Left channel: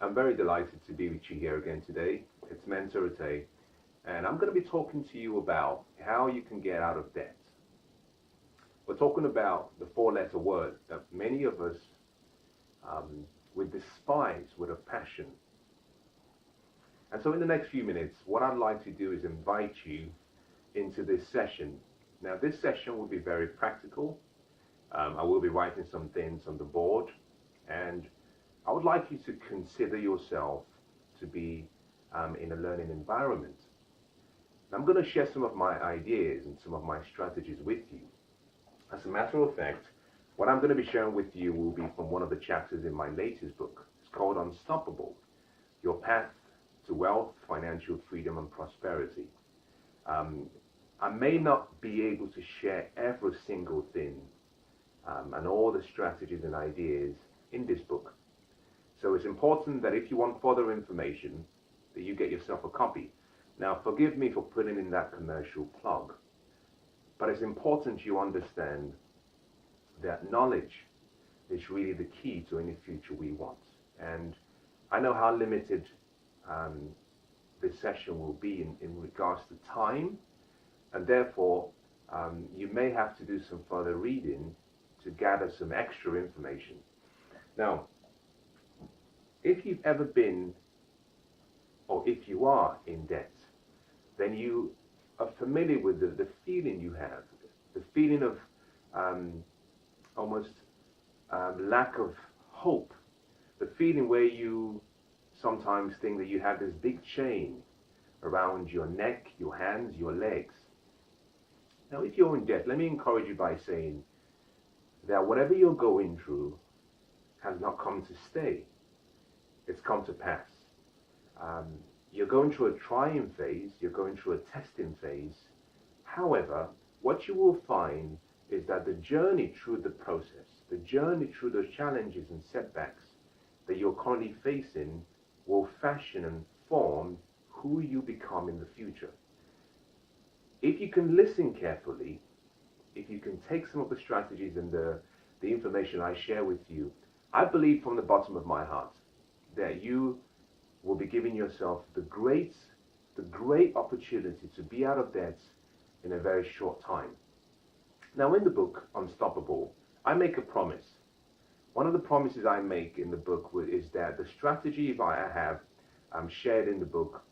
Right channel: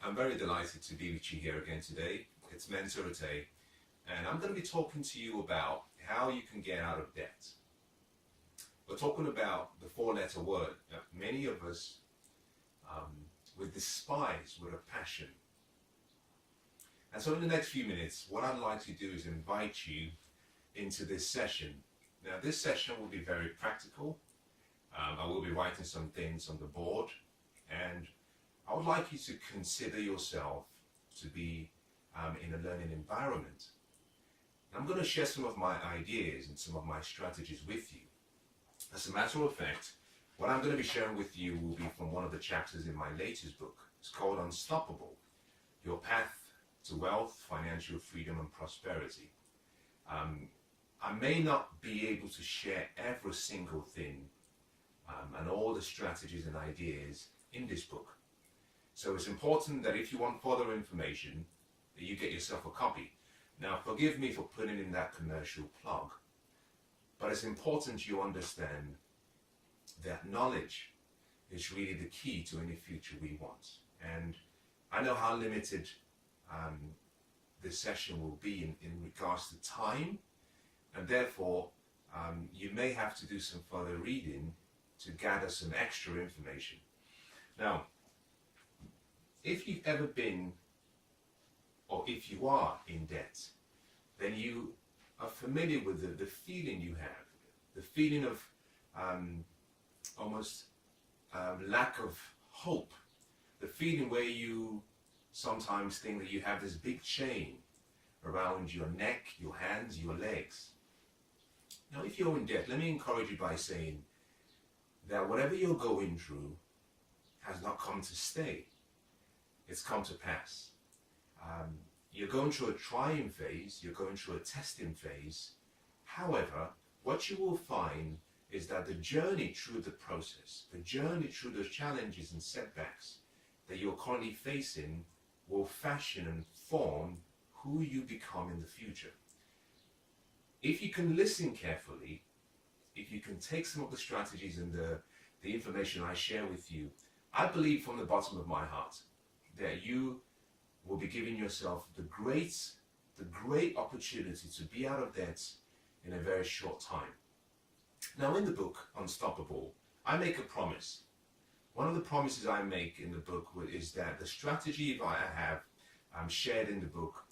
I'm very delighted to be with you here again today. It's Mensah Oteh, and I'm going to be talking to you about how you can get out of debt. We're talking about the four-letter word that many of us would despise with a passion. And so in the next few minutes, what I'd like to do is invite you into this session. Now, this session will be very practical. I will be writing some things on the board, and I would like you to consider yourself to be in a learning environment. And I'm going to share some of my ideas and some of my strategies with you. As a matter of fact, what I'm going to be sharing with you will be from one of the chapters in my latest book. It's called Unstoppable: Your Path to Wealth, Financial Freedom and Prosperity. I may not be able to share every single thing and all the strategies and ideas in this book. So it's important that if you want further information, that you get yourself a copy. Now, forgive me for putting in that commercial plug, but it's important you understand that knowledge is really the key to any future we want. And I know how limited this session will be in regards to time, and therefore you may have to do some further reading to gather some extra information. Now, if you've ever been, or if you are in debt, then you are familiar with the feeling you have, the feeling of almost lack of hope, the feeling where you sometimes think that you have this big chain around your neck, your hands, your legs. Now, if you're in debt, let me encourage you by saying that whatever you're going through has not come to stay. It's come to pass. You're going through a trying phase, you're going through a testing phase. However, what you will find is that the journey through the process, the journey through those challenges and setbacks that you're currently facing will fashion and form who you become in the future. If you can listen carefully, if you can take some of the strategies and the information I share with you, I believe from the bottom of my heart that you will be giving yourself the great opportunity to be out of debt in a very short time. Now, in the book Unstoppable, I make a promise. One of the promises I make in the book is that the strategy I have shared in the book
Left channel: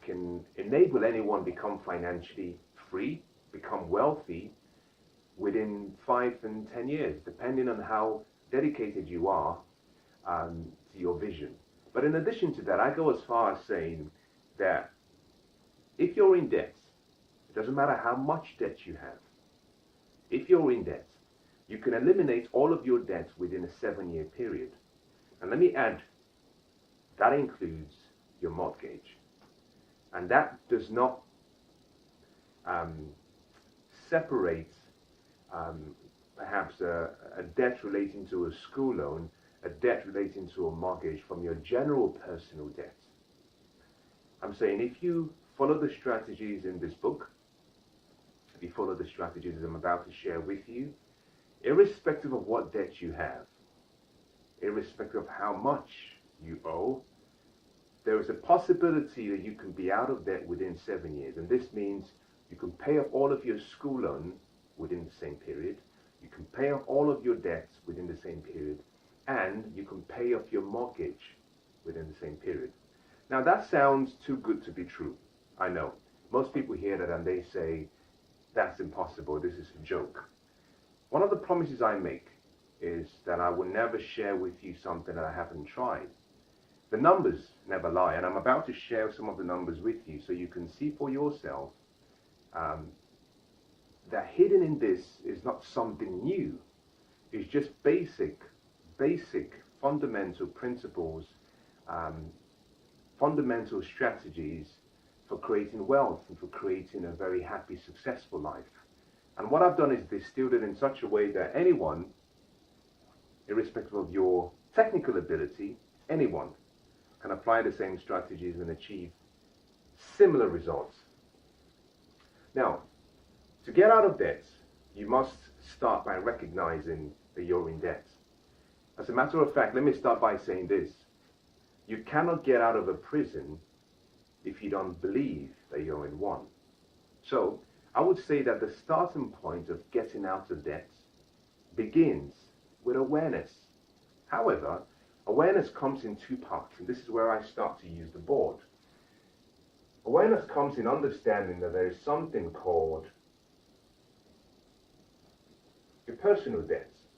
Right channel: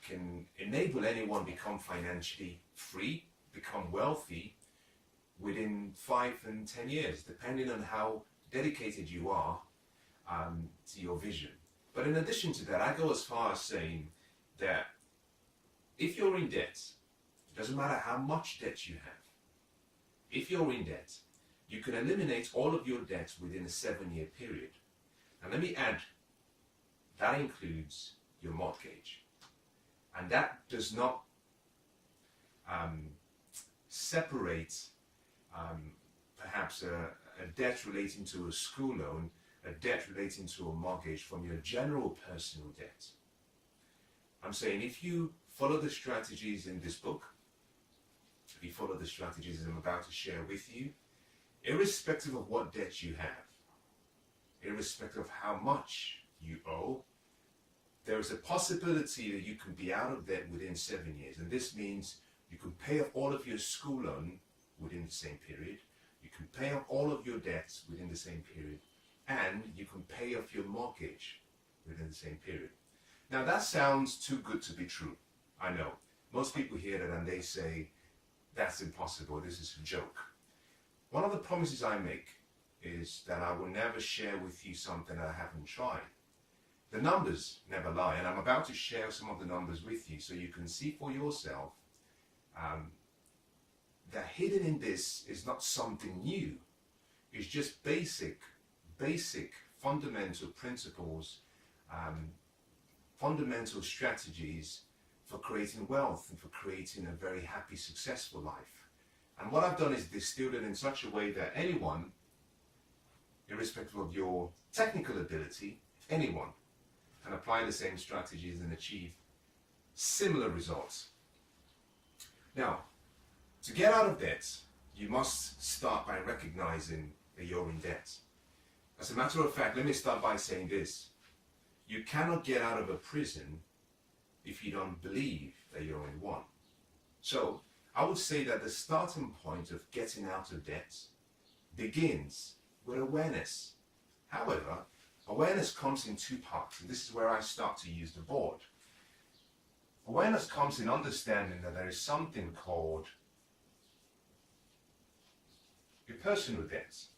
can enable anyone become financially free, become wealthy within 5 and 10 years, depending on how dedicated you are to your vision. But in addition to that, I go as far as saying that if you're in debt, it doesn't matter how much debt you have. If you're in debt, you can eliminate all of your debts within a 7-year period. And let me add, that includes your mortgage. And that does not separate perhaps a debt relating to a school loan, a debt relating to a mortgage from your general personal debt. I'm saying if you follow the strategies in this book, if you follow the strategies I'm about to share with you, irrespective of what debt you have, irrespective of how much you owe, there is a possibility that you can be out of debt within 7 years. And this means you can pay off all of your school loan within the same period, you can pay off all of your debts within the same period, and you can pay off your mortgage within the same period. Now, that sounds too good to be true. I know. Most people hear that and they say, that's impossible, this is a joke. One of the promises I make is that I will never share with you something that I haven't tried. The numbers never lie, and I'm about to share some of the numbers with you so you can see for yourself that hidden in this is not something new. It's just basic, fundamental principles, fundamental strategies for creating wealth and for creating a very happy, successful life. And what I've done is distilled it in such a way that anyone, irrespective of your technical ability, anyone can apply the same strategies and achieve similar results. Now, to get out of debt, you must start by recognizing that you're in debt. As a matter of fact, let me start by saying this. You cannot get out of a prison if you don't believe that you're in one. So I would say that the starting point of getting out of debt begins with awareness. However, awareness comes in two parts, and this is where I start to use the board. Awareness comes in understanding that there is something called your personal debts.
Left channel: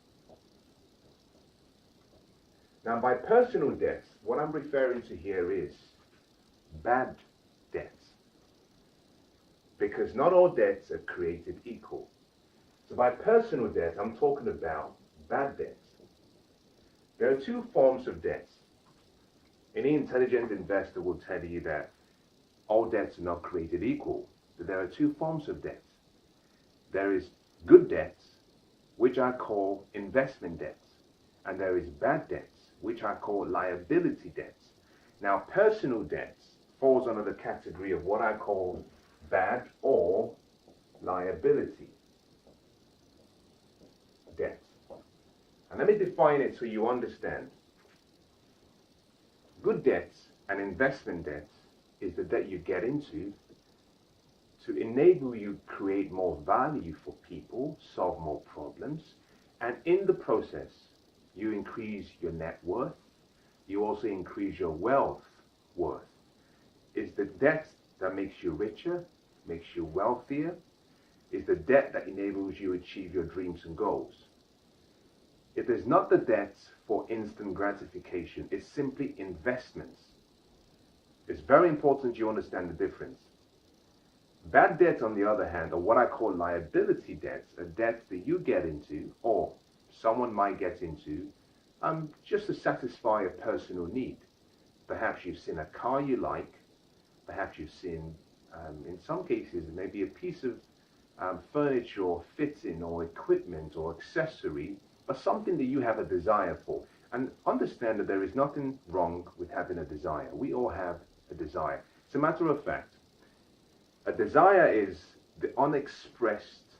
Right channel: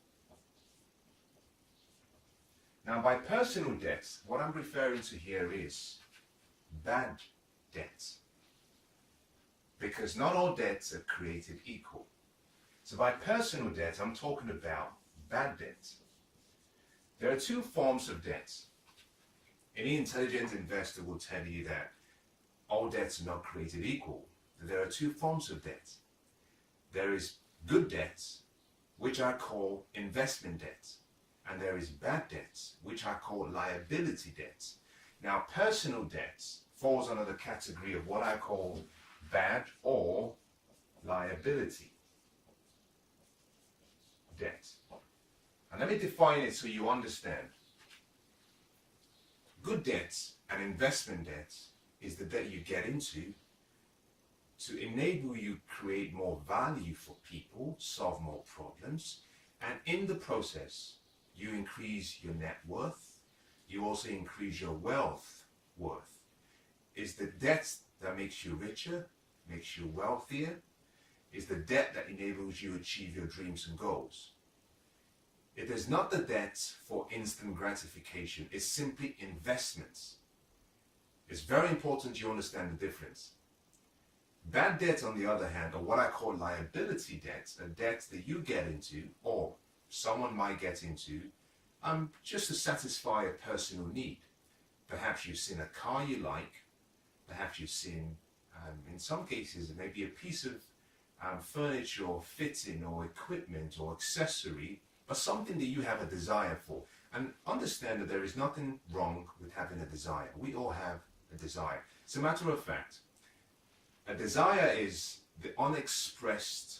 Now, by personal debts, what I'm referring to here is bad debts. Because not all debts are created equal. So by personal debt, I'm talking about bad debts. There are two forms of debts. Any intelligent investor will tell you that all debts are not created equal. That there are two forms of debt. There is good debts, which I call investment debts. And there is bad debts, which I call liability debts. Now, personal debts falls under the category of what I call bad or liability debt. And let me define it so you understand. Good debts and investment debts is the debt you get into to enable you create more value for people, solve more problems, and in the process, you increase your net worth. You also increase your wealth worth. It's the debt that makes you richer, makes you wealthier. It's the debt that enables you to achieve your dreams and goals. It is not the debt for instant gratification. It's simply investments. It's very important you understand the difference. Bad debt, on the other hand, are what I call liability debts, are debts that you get into, or someone might get into, just to satisfy a personal need. Perhaps you've seen a car you like, perhaps you've seen, in some cases, maybe a piece of furniture or fitting or equipment or accessory, or something that you have a desire for. And understand that there is nothing wrong with having a desire. We all have a desire. As a matter of fact, a desire is the unexpressed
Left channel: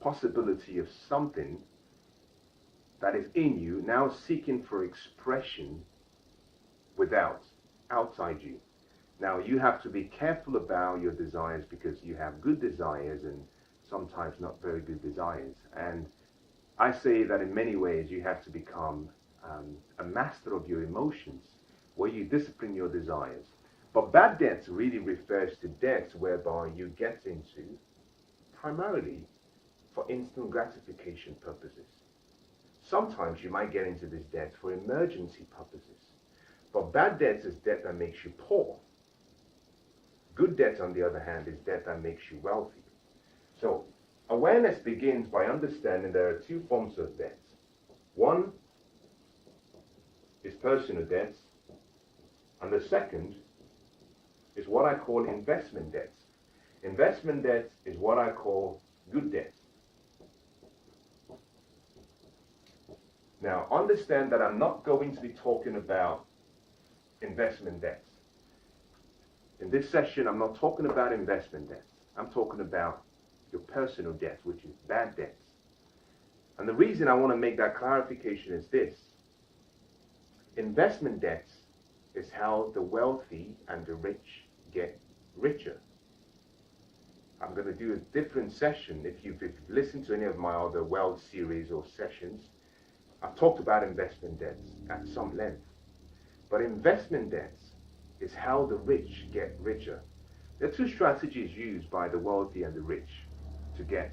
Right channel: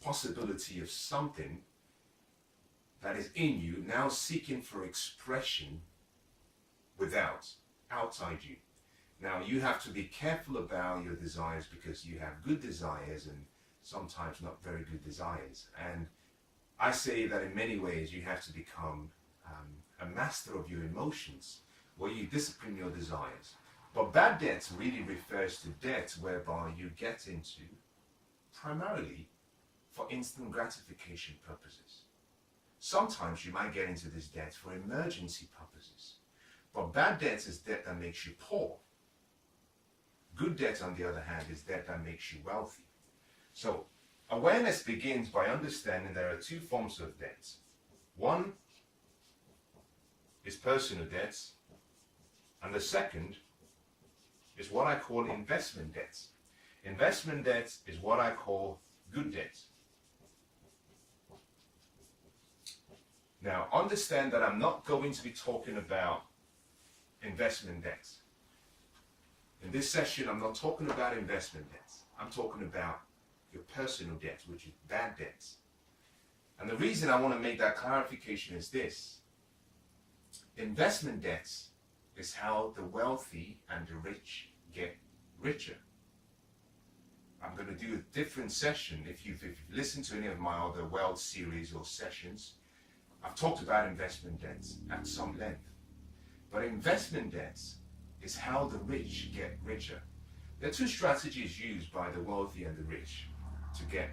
possibility of something that is in you now seeking for expression outside you. Now, you have to be careful about your desires because you have good desires and sometimes not very good desires. And I say that in many ways you have to become a master of your emotions, where you discipline your desires. But bad debts really refers to debts whereby you get into primarily for instant gratification purposes. Sometimes you might get into this debt for emergency purposes. But bad debt is debt that makes you poor. Good debt, on the other hand, is debt that makes you wealthy. So awareness begins by understanding there are two forms of debts. One is personal debts, and the second is what I call investment debts. Investment debts is what I call good debts. Now, understand that I'm not going to be talking about investment debts. In this session, I'm not talking about investment debts. I'm talking about your personal debts, which is bad debts. And the reason I want to make that clarification is this. Investment debts is how the wealthy and the rich get richer. I'm going to do a different session. If you've listened to any of my other Wealth series or sessions, I've talked about investment debts at some length. But investment debts is how the rich get richer. There are two strategies used by the wealthy and the rich to get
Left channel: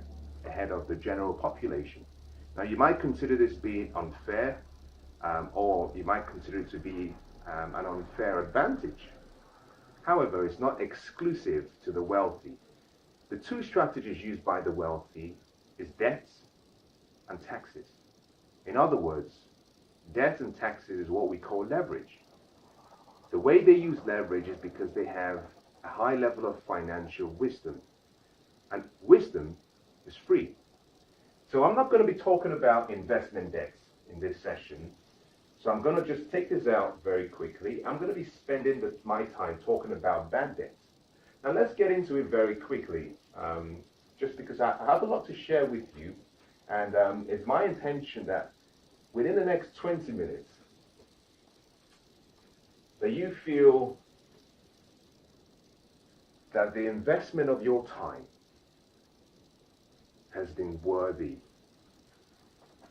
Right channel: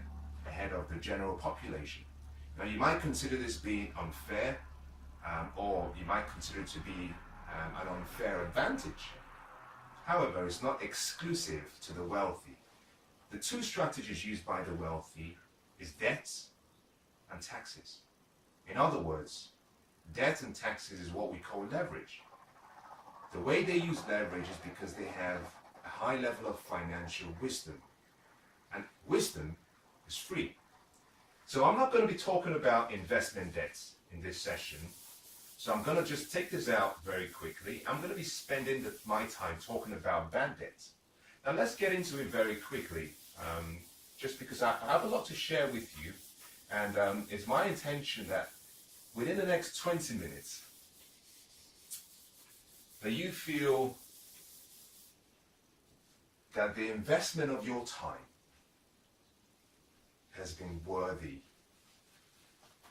ahead of the general population. Now, you might consider this being unfair, or you might consider it to be an unfair advantage. However, it's not exclusive to the wealthy. The two strategies used by the wealthy is debts and taxes. In other words, debt and taxes is what we call leverage. The way they use leverage is because they have a high level of financial wisdom. And wisdom is free. So I'm not going to be talking about investment debts in this session. So I'm going to just take this out very quickly. I'm going to be spending my time talking about bad debts. Now let's get into it very quickly, just because I have a lot to share with you. And it's my intention that within the next 20 minutes, that you feel that the investment of your time has been worthy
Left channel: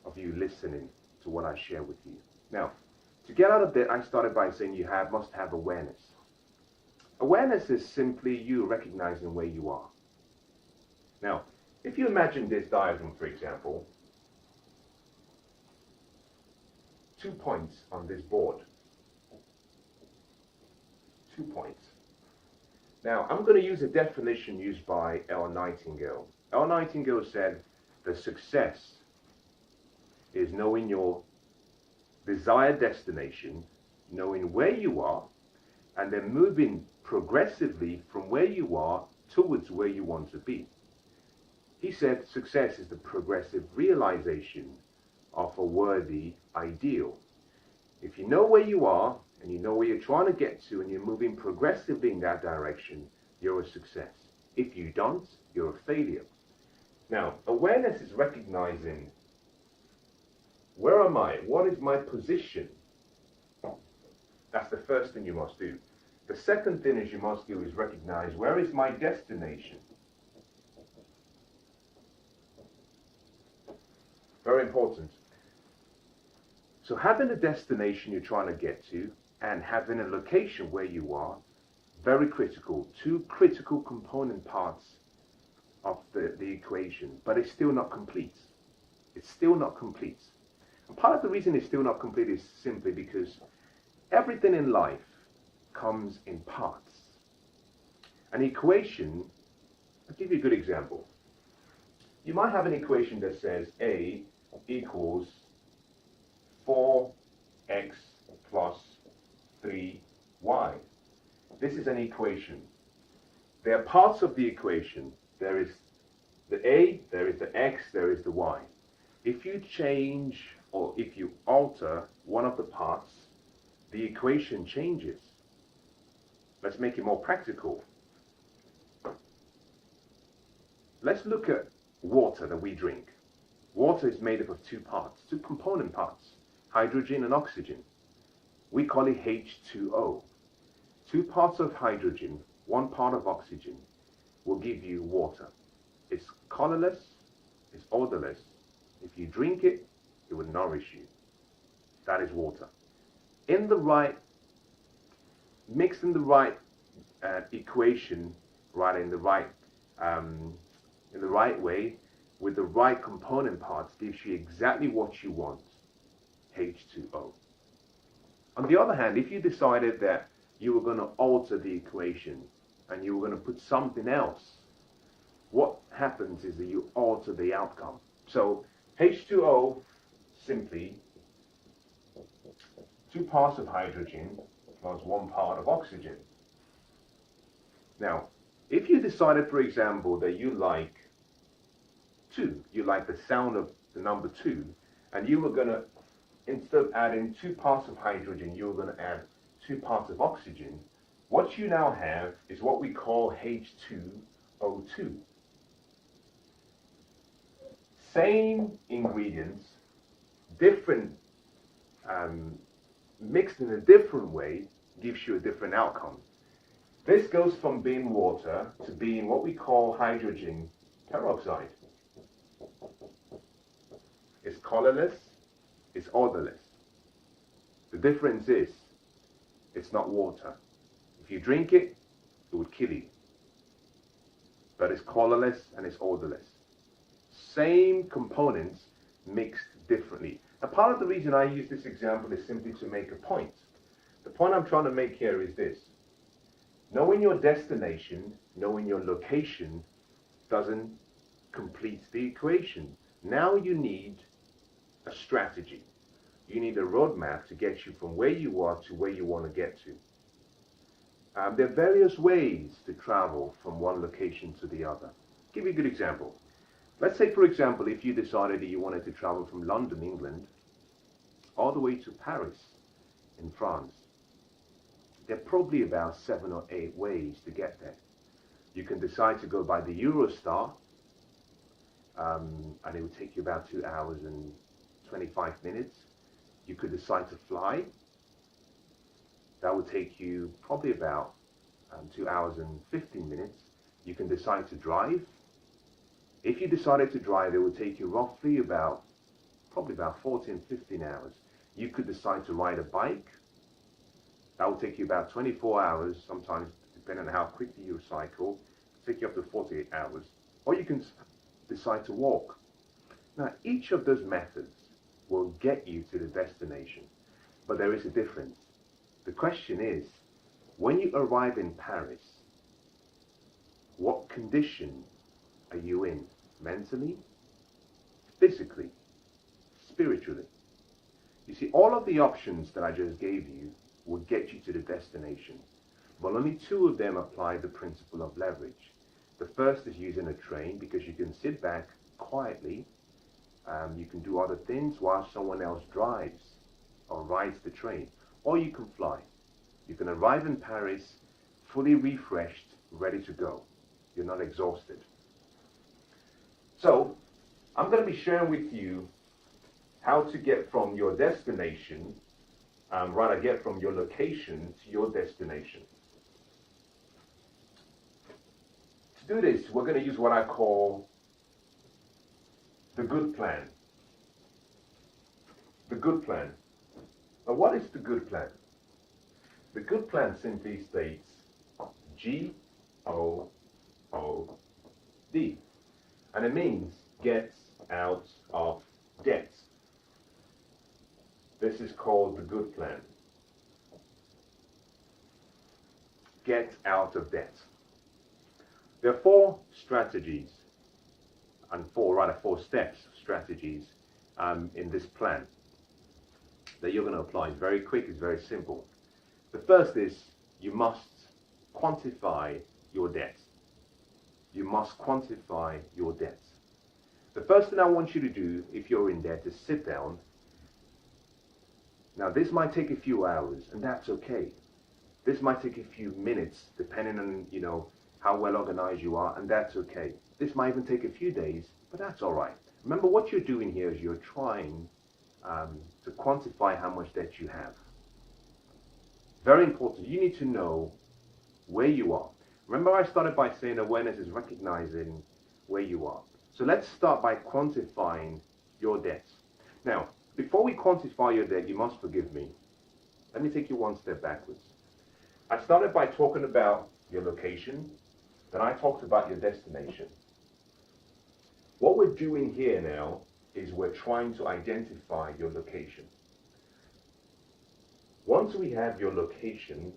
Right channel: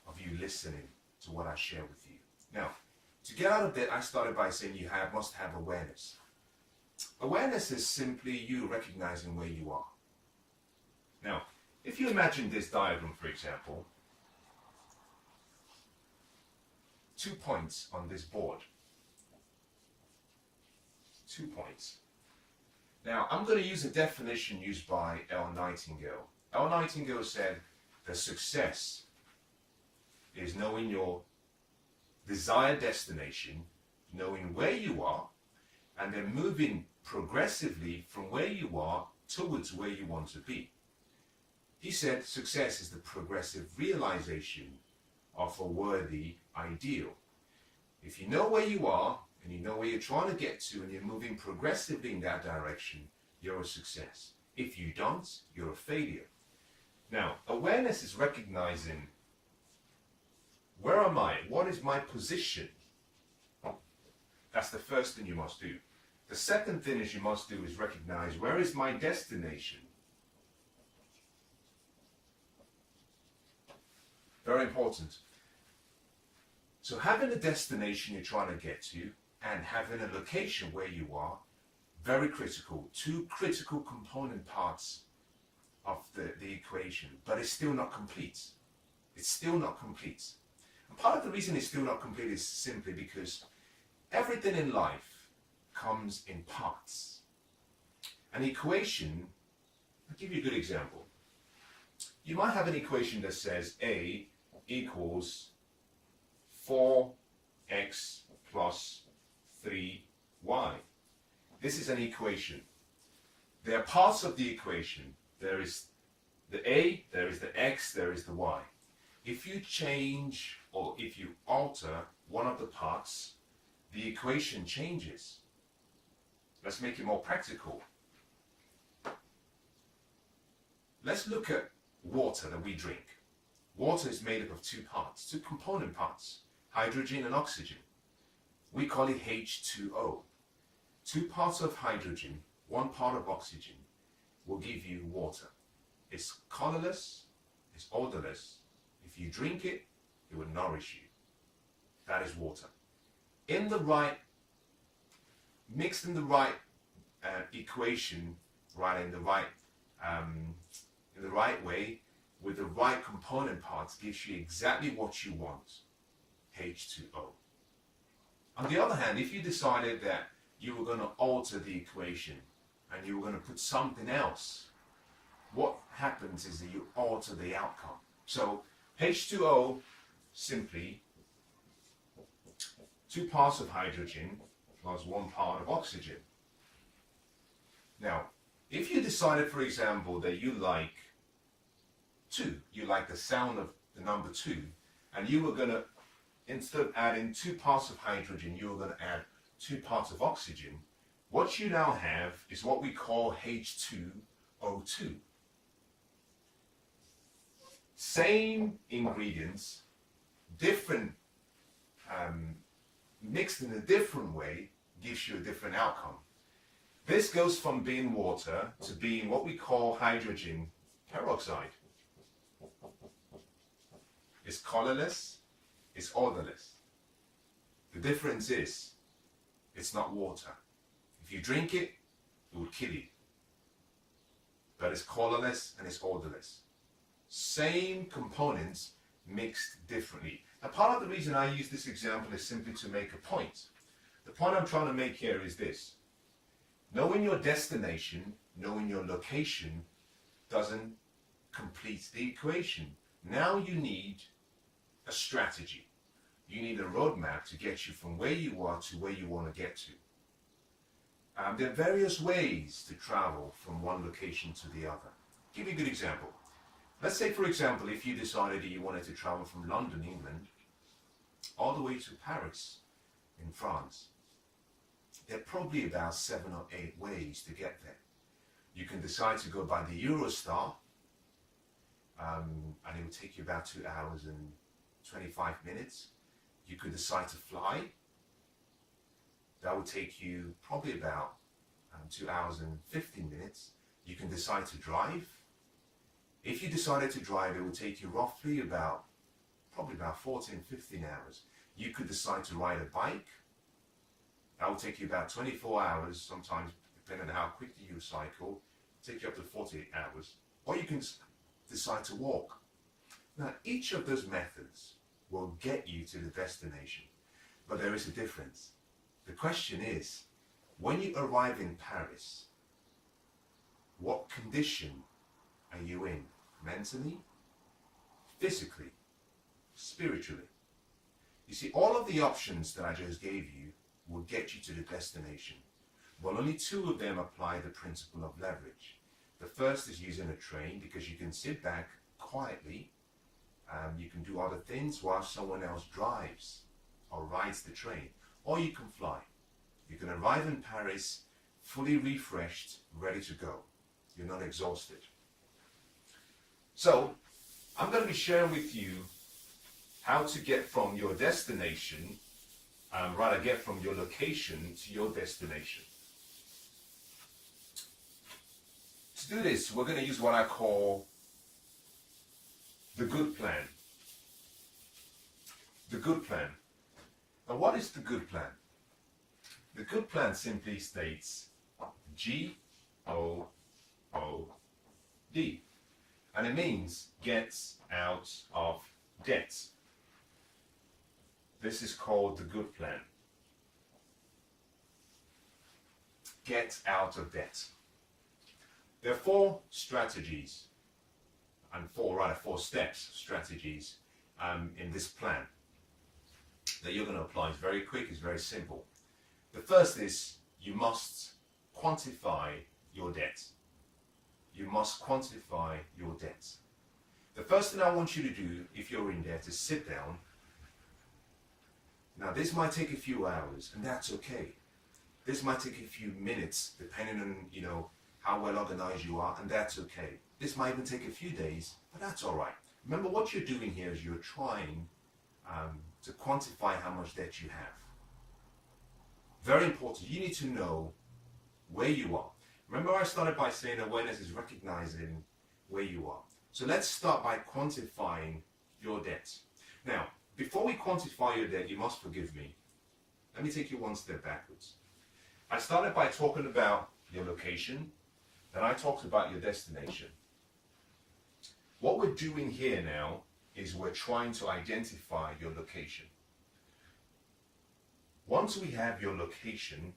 of you listening to what I share with you. Now, to get out of that, I started by saying you must have awareness. Awareness is simply you recognizing where you are. Now, if you imagine this diagram, for example, 2 points on this board. 2 points. Now, I'm going to use a definition used by L. Nightingale. L. Nightingale said that success is knowing your desired destination, knowing where you are, and then moving progressively from where you are towards where you want to be. He said success is the progressive realization of a worthy ideal. If you know where you are and you know where you're trying to get to and you're moving progressively in that direction, you're a success. If you don't, you're a failure. Now, awareness is recognizing, where am I? What is my position? That's the first thing you must do. The second thing you must do is recognize, where is my destination? Very important. So having a destination you're trying to get to and having a location where you are, very critical. Two critical component parts of the equation, but it's still not complete. It's still not complete. And part of the reason it's still not complete is simply because everything in life comes in parts. An equation, I'll give you a good example. You might have an equation that says A equals 4x plus 3y. This is an equation. There are parts of the equation. There is the A, there is the x, there is the y. If you change or if you alter one of the parts, the equation changes. Let's make it more practical. Let's look at water that we drink. Water is made up of two parts, two component parts, hydrogen and oxygen. We call it H2O. Two parts of hydrogen, one part of oxygen will give you water. It's colorless, it's odorless. If you drink it, it will nourish you. That is water. In the right, mixed in the right equation, right in the right way, with the right component parts, gives you exactly what you want, H2O. On the other hand, if you decided that you were going to alter the equation and you were going to put something else, what happens is that you alter the outcome. So H2O, simply two parts of hydrogen plus one part of oxygen. Now, if you decided, for example, that you like 2, you like the sound of the number 2, and you were going to, instead of adding 2 parts of hydrogen, you were going to add 2 parts of oxygen, what you now have is what we call H2O2. Same ingredients, different, mixed in a different way, gives you a different outcome. This goes from being water to being what we call hydrogen peroxide. It's colorless, it's odorless. The difference is, it's not water. If you drink it, it would kill you. But it's colorless and it's odorless. Same components mixed differently. Now, part of the reason I use this example is simply to make a point. The point I'm trying to make here is this. Knowing your destination, knowing your location, doesn't complete the equation. Now you need a strategy. You need a roadmap to get you from where you are to where you want to get to. There are various ways to travel from one location to the other. I'll give you a good example. Let's say, for example, if you decided that you wanted to travel from London, England, all the way to Paris in France. There are probably about 7 or 8 ways to get there. You can decide to go by the Eurostar, and it would take you about 2 hours and 25 minutes. You could decide to fly. That will take you probably about 2 hours and 15 minutes. You can decide to drive. If you decided to drive, it would take you roughly probably about 14, 15 hours. You could decide to ride a bike. That will take you about 24 hours, sometimes depending on how quickly you cycle, take you up to 48 hours. Or you can decide to walk. Now, each of those methods will get you to the destination, but there is a difference. The question is, when you arrive in Paris, what condition are you in? Mentally, physically, spiritually? You see, all of the options that I just gave you will get you to the destination, but only two of them apply the principle of leverage. The first is using a train, because you can sit back quietly. You can do other things while someone else drives or rides the train. Or you can fly. You can arrive in Paris fully refreshed, ready to go. You're not exhausted. So, I'm going to be sharing with you how to get from your destination, get from your location to your destination. To do this, we're going to use what I call the good plan. The good plan. Now, what is the good plan? The good plan simply states G-O-O-D. And it means gets out of debt. This is called the good plan. Get out of debt. There are four strategies, and four steps, strategies in this plan that you're going to apply. It's very quick, it's very simple. The first is you must quantify your debt. You must quantify your debt. The first thing I want you to do if you're in debt is sit down. Now, this might take a few hours, and that's okay. This might take a few minutes, depending on, how well organized you are, and that's okay. This might even take a few days, but that's all right. Remember, what you're doing here is you're trying to quantify how much debt you have. Very important. You need to know where you are. Remember, I started by saying awareness is recognizing where you are. So let's start by quantifying your debt. Now, before we quantify your debt, you must forgive me. Let me take you one step backwards. I started by talking about your location, then I talked about your destination. What we're doing here now is we're trying to identify your location. Once we have your location,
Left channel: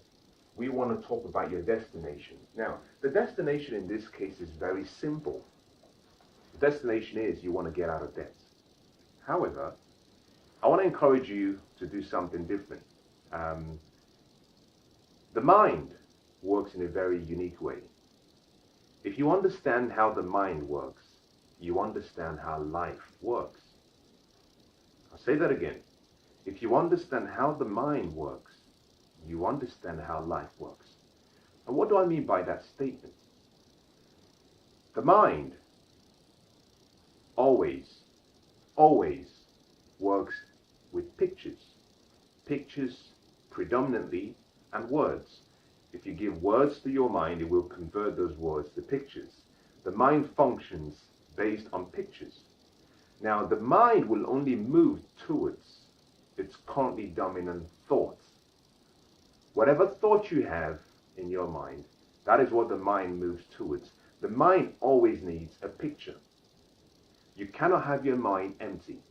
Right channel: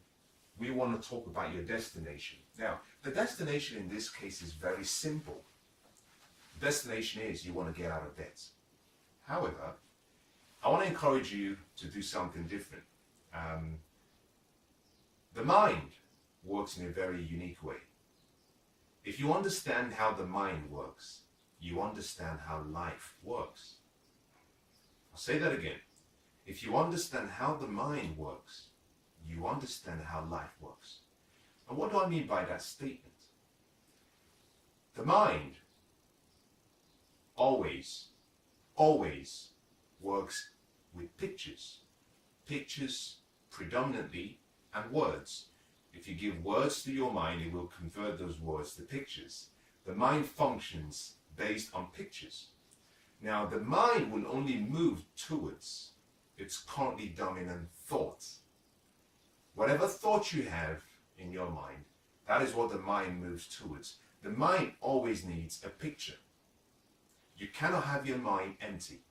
we want to talk about your destination. Now, the destination in this case is very simple. The destination is you want to get out of debt. However, I want to encourage you to do something different. The mind works in a very unique way. If you understand how the mind works, you understand how life works. I'll say that again. If you understand how the mind works, you understand how life works. And what do I mean by that statement? The mind always works with pictures. Pictures predominantly and words. If you give words to your mind, it will convert those words to pictures. The mind functions based on pictures. Now, the mind will only move towards its currently dominant thoughts. Whatever thought you have in your mind, that is what the mind moves towards. The mind always needs a picture. You cannot have your mind empty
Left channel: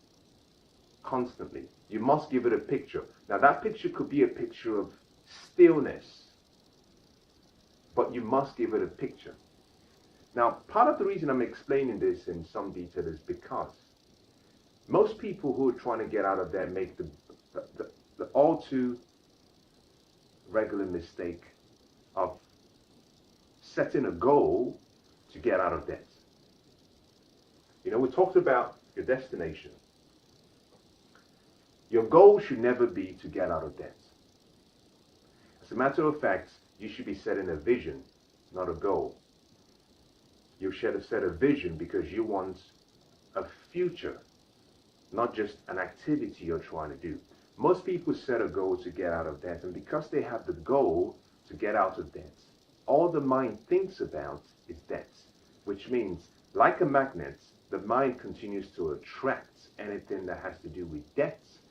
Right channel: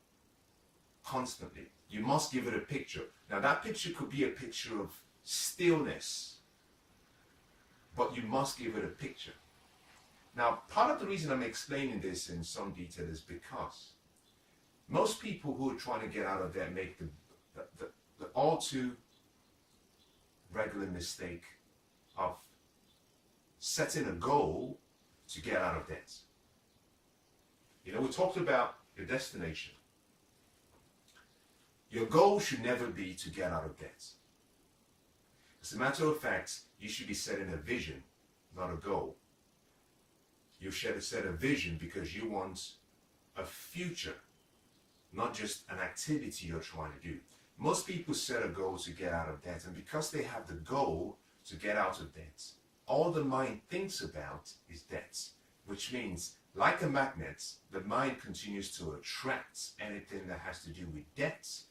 constantly. You must give it a picture. Now, that picture could be a picture of stillness, but you must give it a picture. Now, part of the reason I'm explaining this in some detail is because most people who are trying to get out of debt make the all too regular mistake of setting a goal to get out of debt. We talked about your destination. Your goal should never be to get out of debt. As a matter of fact, you should be setting a vision, not a goal. You should set a vision because you want a future, not just an activity you're trying to do. Most people set a goal to get out of debt, and because they have the goal to get out of debt, all the mind thinks about is debts, which means, like a magnet, the mind continues to attract anything that has to do with debts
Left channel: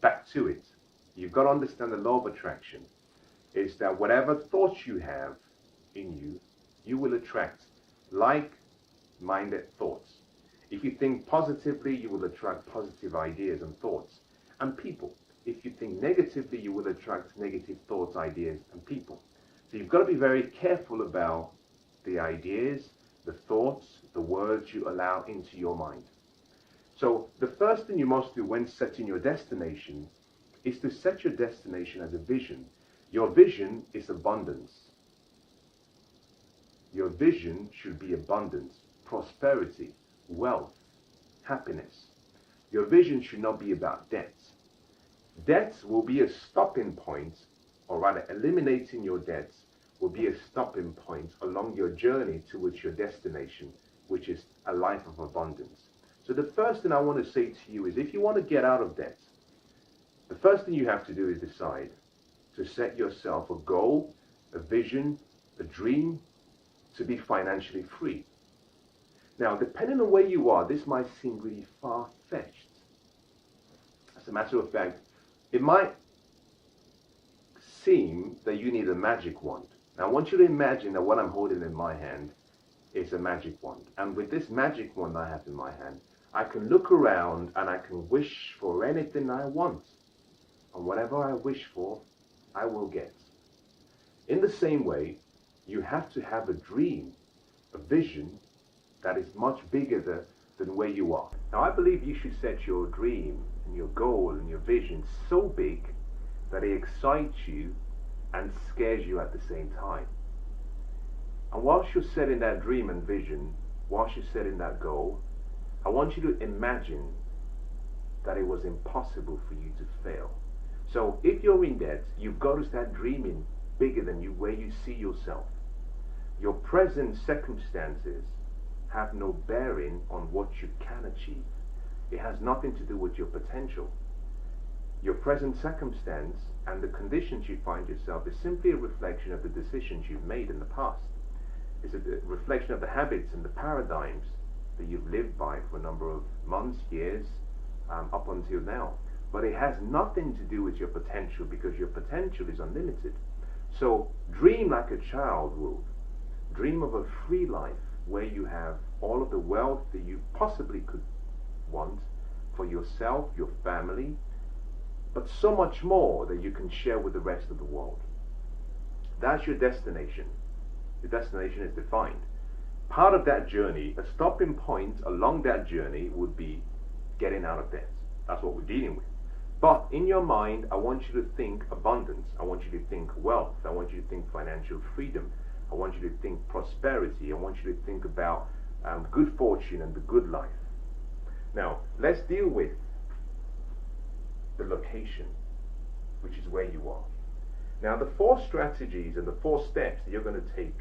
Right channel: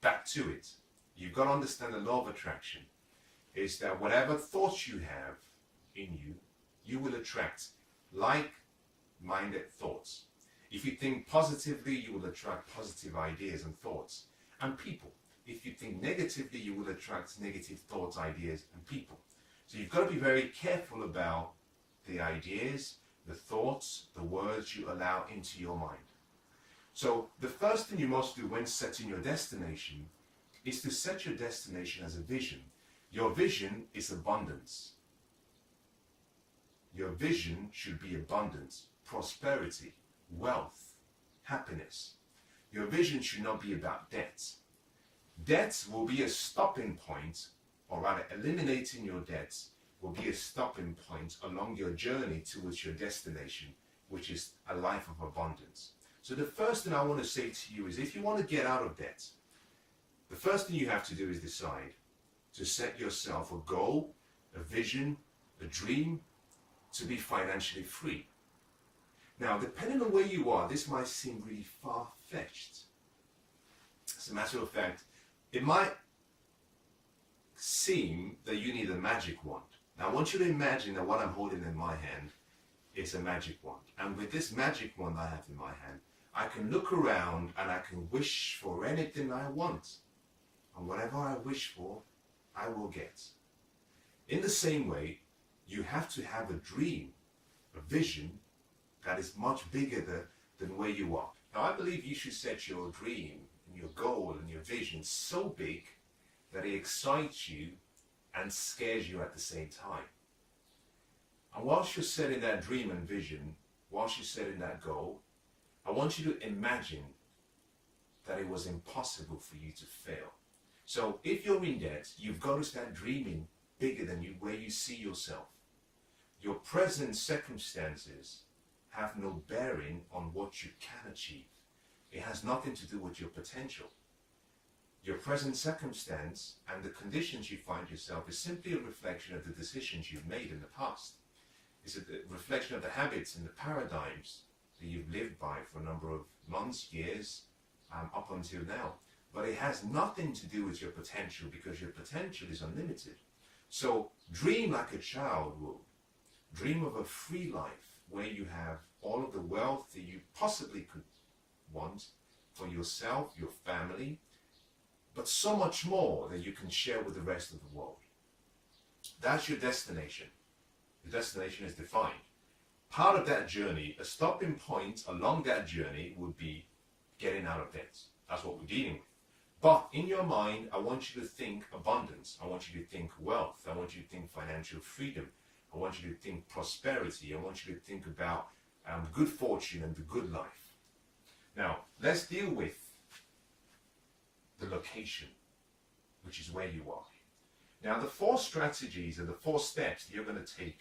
back to it. You've got to understand the law of attraction is that whatever thoughts you have in you, you will attract like-minded thoughts. If you think positively, you will attract positive ideas and thoughts and people. If you think negatively, you will attract negative thoughts, ideas, and people. So you've got to be very careful about the ideas, the thoughts, the words you allow into your mind. So the first thing you must do when setting your destination is to set your destination as a vision. Your vision is abundance. Your vision should be abundance, prosperity, wealth, happiness. Your vision should not be about debts. Debts will be a stopping point, or rather eliminating your debts will be a stopping point along your journey towards your destination, which is a life of abundance. So the first thing I want to say to you is, if you want to get out of debt, the first thing you have to do is decide to set yourself a goal, a vision, a dream to be financially free. Now, depending on where you are, this might seem really far-fetched. As a matter of fact, it might seem that you need a magic wand. Now, I want you to imagine that what I'm holding in my hand is a magic wand. And with this magic wand I have in my hand, I can look around and I can wish for anything I want. And whatever I wish for, I will get. In the same way, you have to have a dream, a vision that is much bigger than where you are. Now, I believe you should set your dream and your goal and your vision so big that it excites you and scares you at the same time. And whilst you're setting that dream and vision, whilst you're setting that goal, I want you to imagine that it was impossible for you to fail. So if you're in debt, you've got to start dreaming bigger than where you see yourself. Your present circumstances have no bearing on what you can achieve. It has nothing to do with your potential. Your present circumstance and the conditions you find yourself is simply a reflection of the decisions you've made in the past. It's a reflection of the habits and the paradigms that you've lived by for a number of months, years, up until now. But it has nothing to do with your potential, because your potential is unlimited. So dream like a child would. Dream of a free life where you have all of the wealth that you possibly could want for yourself, your family, but so much more that you can share with the rest of the world. That's your destination. Your destination is defined. Part of that journey, a stopping point along that journey would be getting out of debt. That's what we're dealing with. But in your mind, I want you to think abundance. I want you to think wealth. I want you to think financial freedom. I want you to think prosperity. I want you to think about good fortune and the good life. Now, let's deal with the location, which is where you are. Now, the 4 strategies and the 4 steps that you're going to take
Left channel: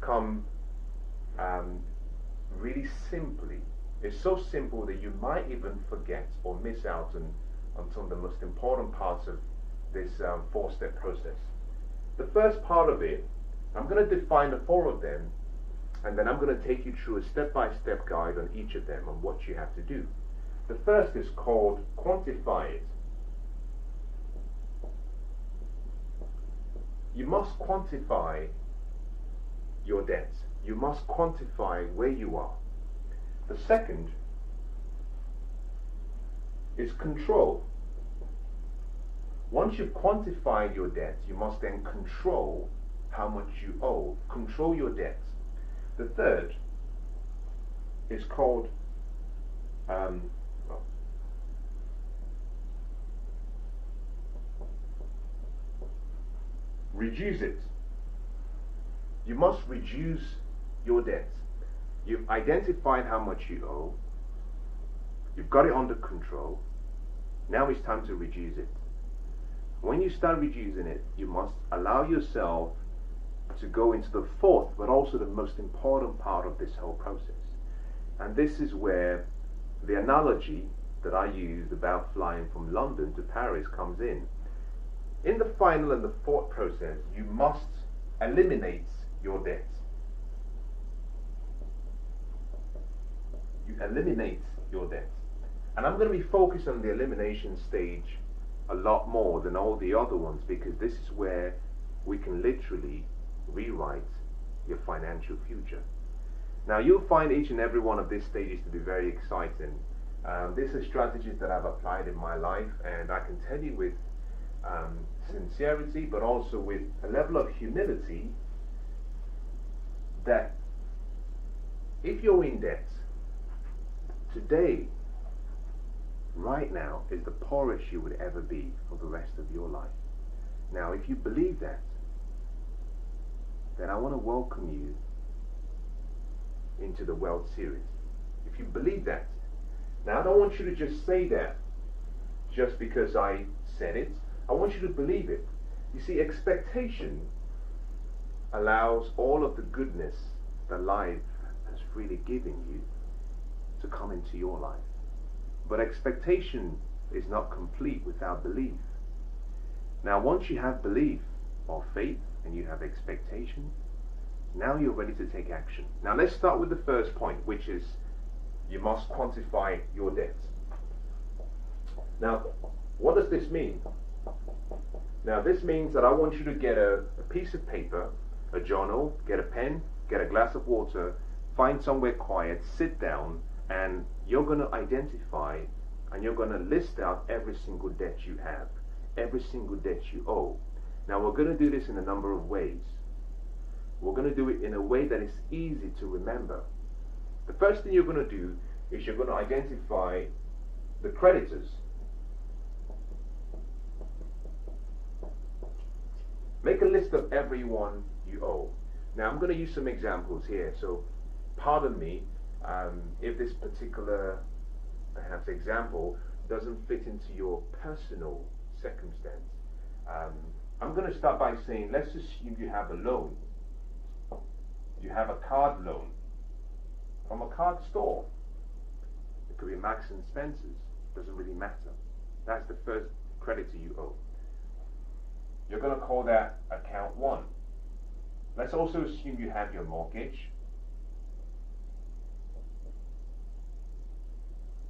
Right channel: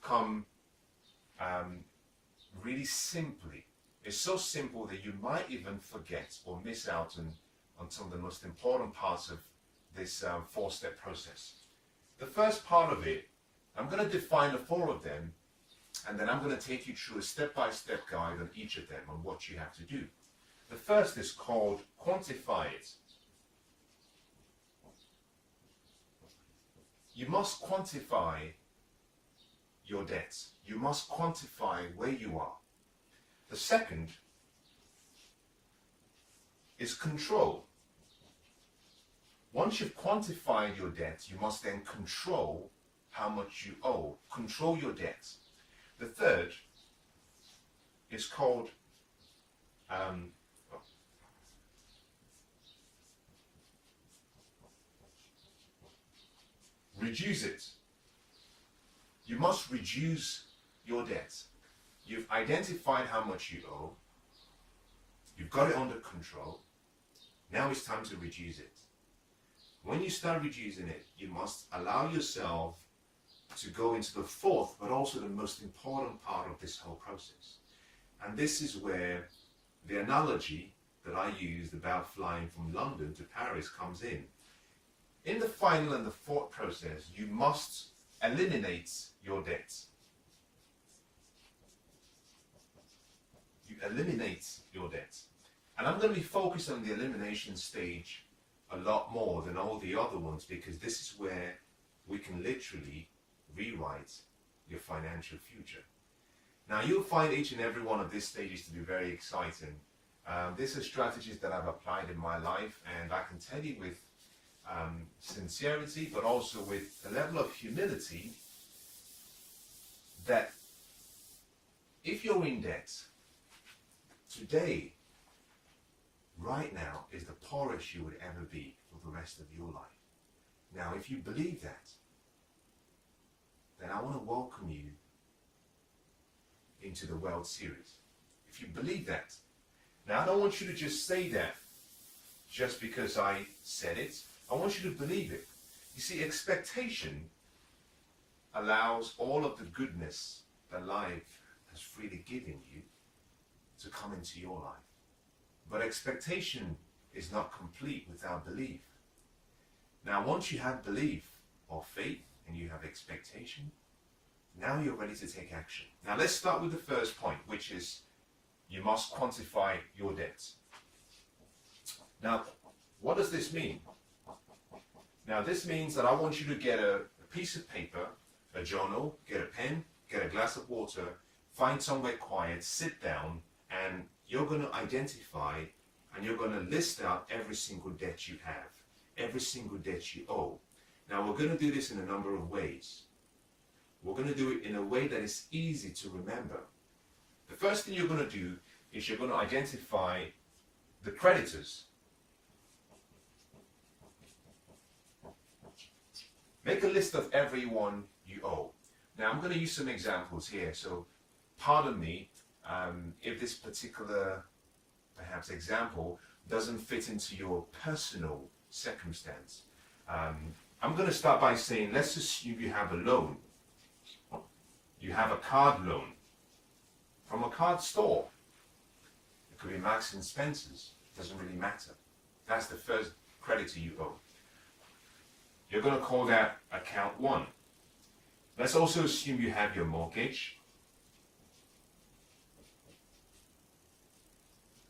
come really simply. It's so simple that you might even forget or miss out on some of the most important parts of this 4-step process. The first part of it, I'm going to define the 4 of them, and then I'm going to take you through a step-by-step guide on each of them on what you have to do. The first is called Quantify it. You must quantify your debt. You must quantify where you are. The second is control. Once you've quantified your debt, you must then control how much you owe. Control your debt. The third is called reduce it. You must reduce your debt. You've identified how much you owe. You've got it under control. Now it's time to reduce it. When you start reducing it, you must allow yourself to go into the 4th, but also the most important part of this whole process. And this is where the analogy, that I used about flying from London to Paris comes in. In the final and the thought process, you must eliminate your debts. You eliminate your debts. And I'm going to be focused on the elimination stage a lot more than all the other ones, because this is where we can literally rewrite your financial future. Now, you'll find each and every one of these stages to be very exciting. These are strategies that I've applied in my life, and I can tell you with sincerity, but also with a level of humility, that if you're in debt, today, right now, is the poorest you would ever be for the rest of your life. Now, if you believe that, then I want to welcome you into the World Series. If you believe that, now I don't want you to just say that just because I said it. I want you to believe it. You see, expectation allows all of the goodness that life has freely given you to come into your life. But expectation is not complete without belief. Now, once you have belief or faith and you have expectation, now you're ready to take action. Now, let's start with the first point, which is you must quantify your debts. Now, what does this mean? Now, this means that I want you to get a piece of paper, a journal, get a pen, get a glass of water, find somewhere quiet, sit down, and you're going to identify and you're going to list out every single debt you have, every single debt you owe. Now, we're going to do this in a number of ways. We're going to do it in a way that is easy to remember. The first thing you're going to do is you're going to identify the creditors. Make a list of everyone you owe. Now, I'm going to use some examples here, so pardon me if this particular, perhaps, example doesn't fit into your personal circumstance. I'm going to start by saying, let's assume you have a loan. You have a card loan from a card store. It could be Marks and Spencer's. Doesn't really matter. That's the first creditor you owe. You're going to call that account 1. Let's also assume you have your mortgage.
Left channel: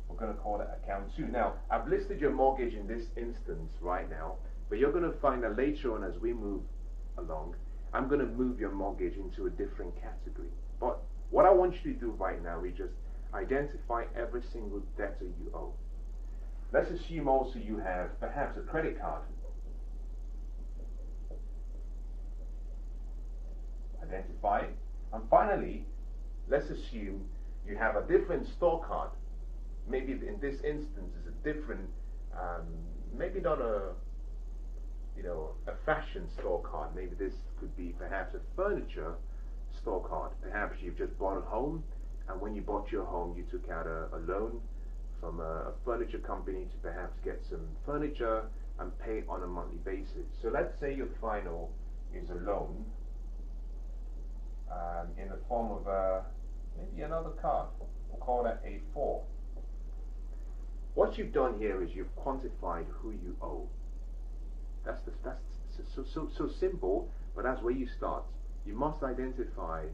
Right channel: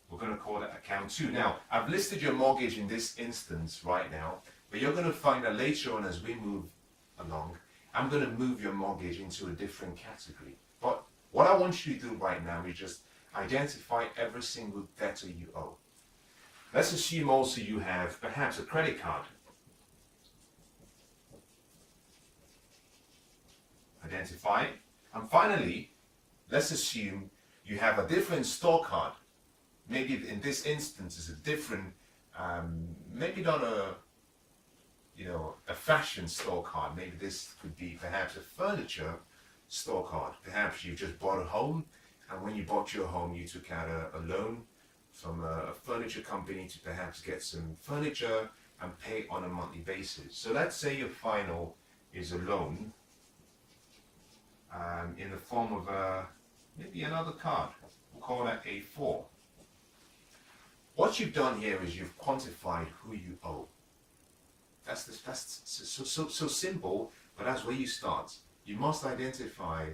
We're going to call that account 2. Now, I've listed your mortgage in this instance right now, but you're going to find that later on as we move along, I'm going to move your mortgage into a different category. But what I want you to do right now is just identify every single debtor you owe. Let's assume also you have perhaps a credit card. Identify. And finally, let's assume you have a different store card. Maybe in this instance it's a different, maybe not a fashion store card. Maybe this could be perhaps a furniture store card. Perhaps you've just bought a home, and when you bought your home, you took out a loan from a furniture company to perhaps get some furniture and pay on a monthly basis. So let's say your final is a loan in the form of maybe another card. We'll call that A4. What you've done here is you've quantified who you owe. That's so simple, but that's where you start. You must identify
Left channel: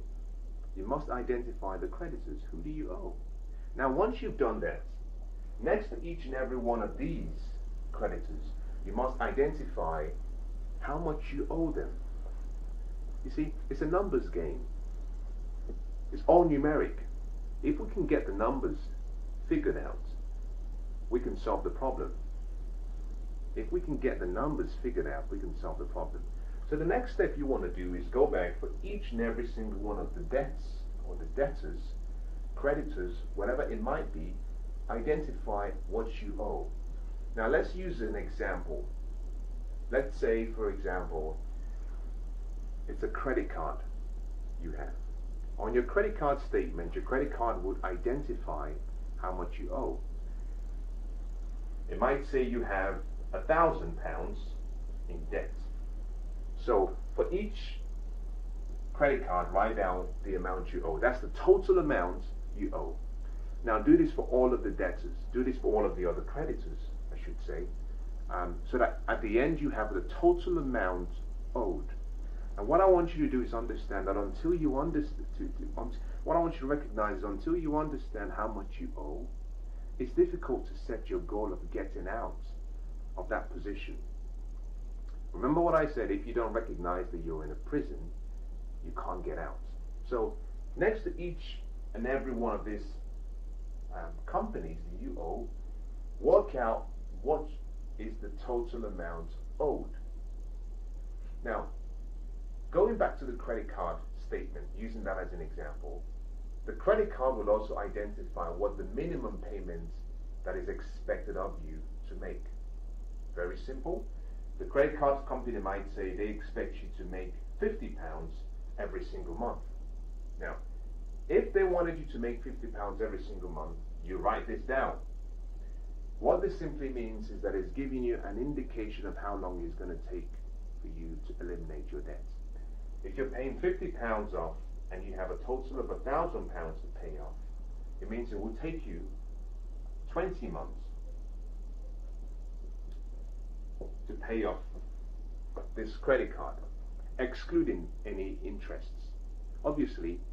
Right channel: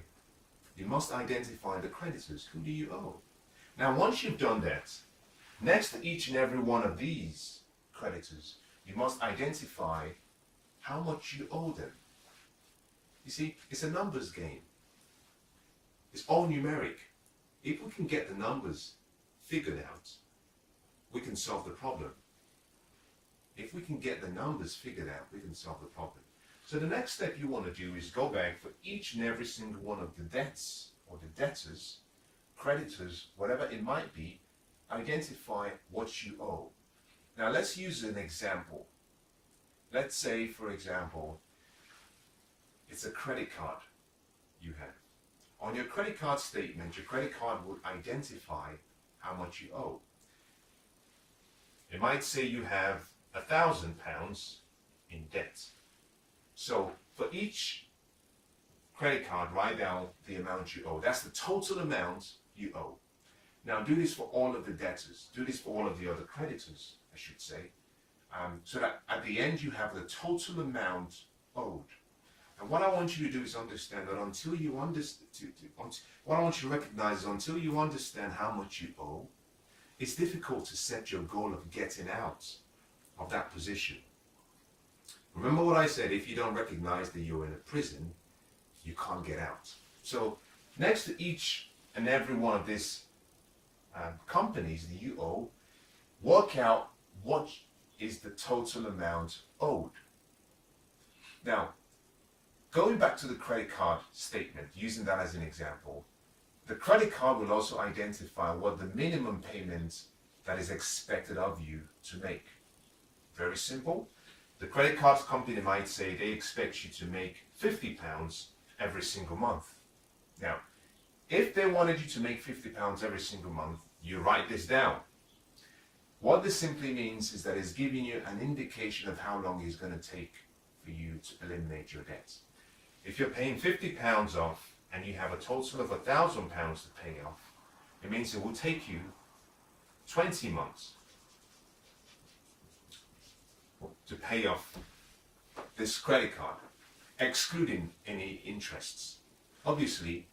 the creditors. Who do you owe? Now, once you've done that, next to each and every one of these creditors, you must identify how much you owe them. You see, it's a numbers game. It's all numeric. If we can get the numbers figured out, we can solve the problem. If we can get the numbers figured out, we can solve the problem. So the next step you want to do is go back for each and every single one of the debts or the debtors, creditors, whatever it might be, identify what you owe. Now let's use an example. Let's say, for example, it's a credit card you have. On your credit card statement, your credit card would identify how much you owe. It might say you have £1,000 in debt. So for each credit card, write down the amount you owe. That's the total amount you owe. Now do this for all of the debtors. Do this for all of the other creditors, I should say. So that at the end you have the total amount owed. And what I want you to do is understand that until you understand, what I want you to recognize is until you understand how much you owe, it's difficult to set your goal of getting out of that position. Remember what I said, if you don't recognize that you're in a prison, you can't get out. So next to each and every one of these companies that you owe, work out what is the total amount owed. Now, going back to the credit card statement, using that as an example, the credit card will also identify what the minimum payment that is expected of you to make. Very simple. The credit card company might say they expect you to make £50 every single month. Now, if they wanted you to make £50 every single month, you write this down. What this simply means is that it's giving you an indication of how long it's going to take for you to eliminate your debts. If you're paying £50 off and you have a total of £1,000 to pay off, it means it will take you 20 months to pay off this credit card, excluding any interests. Obviously,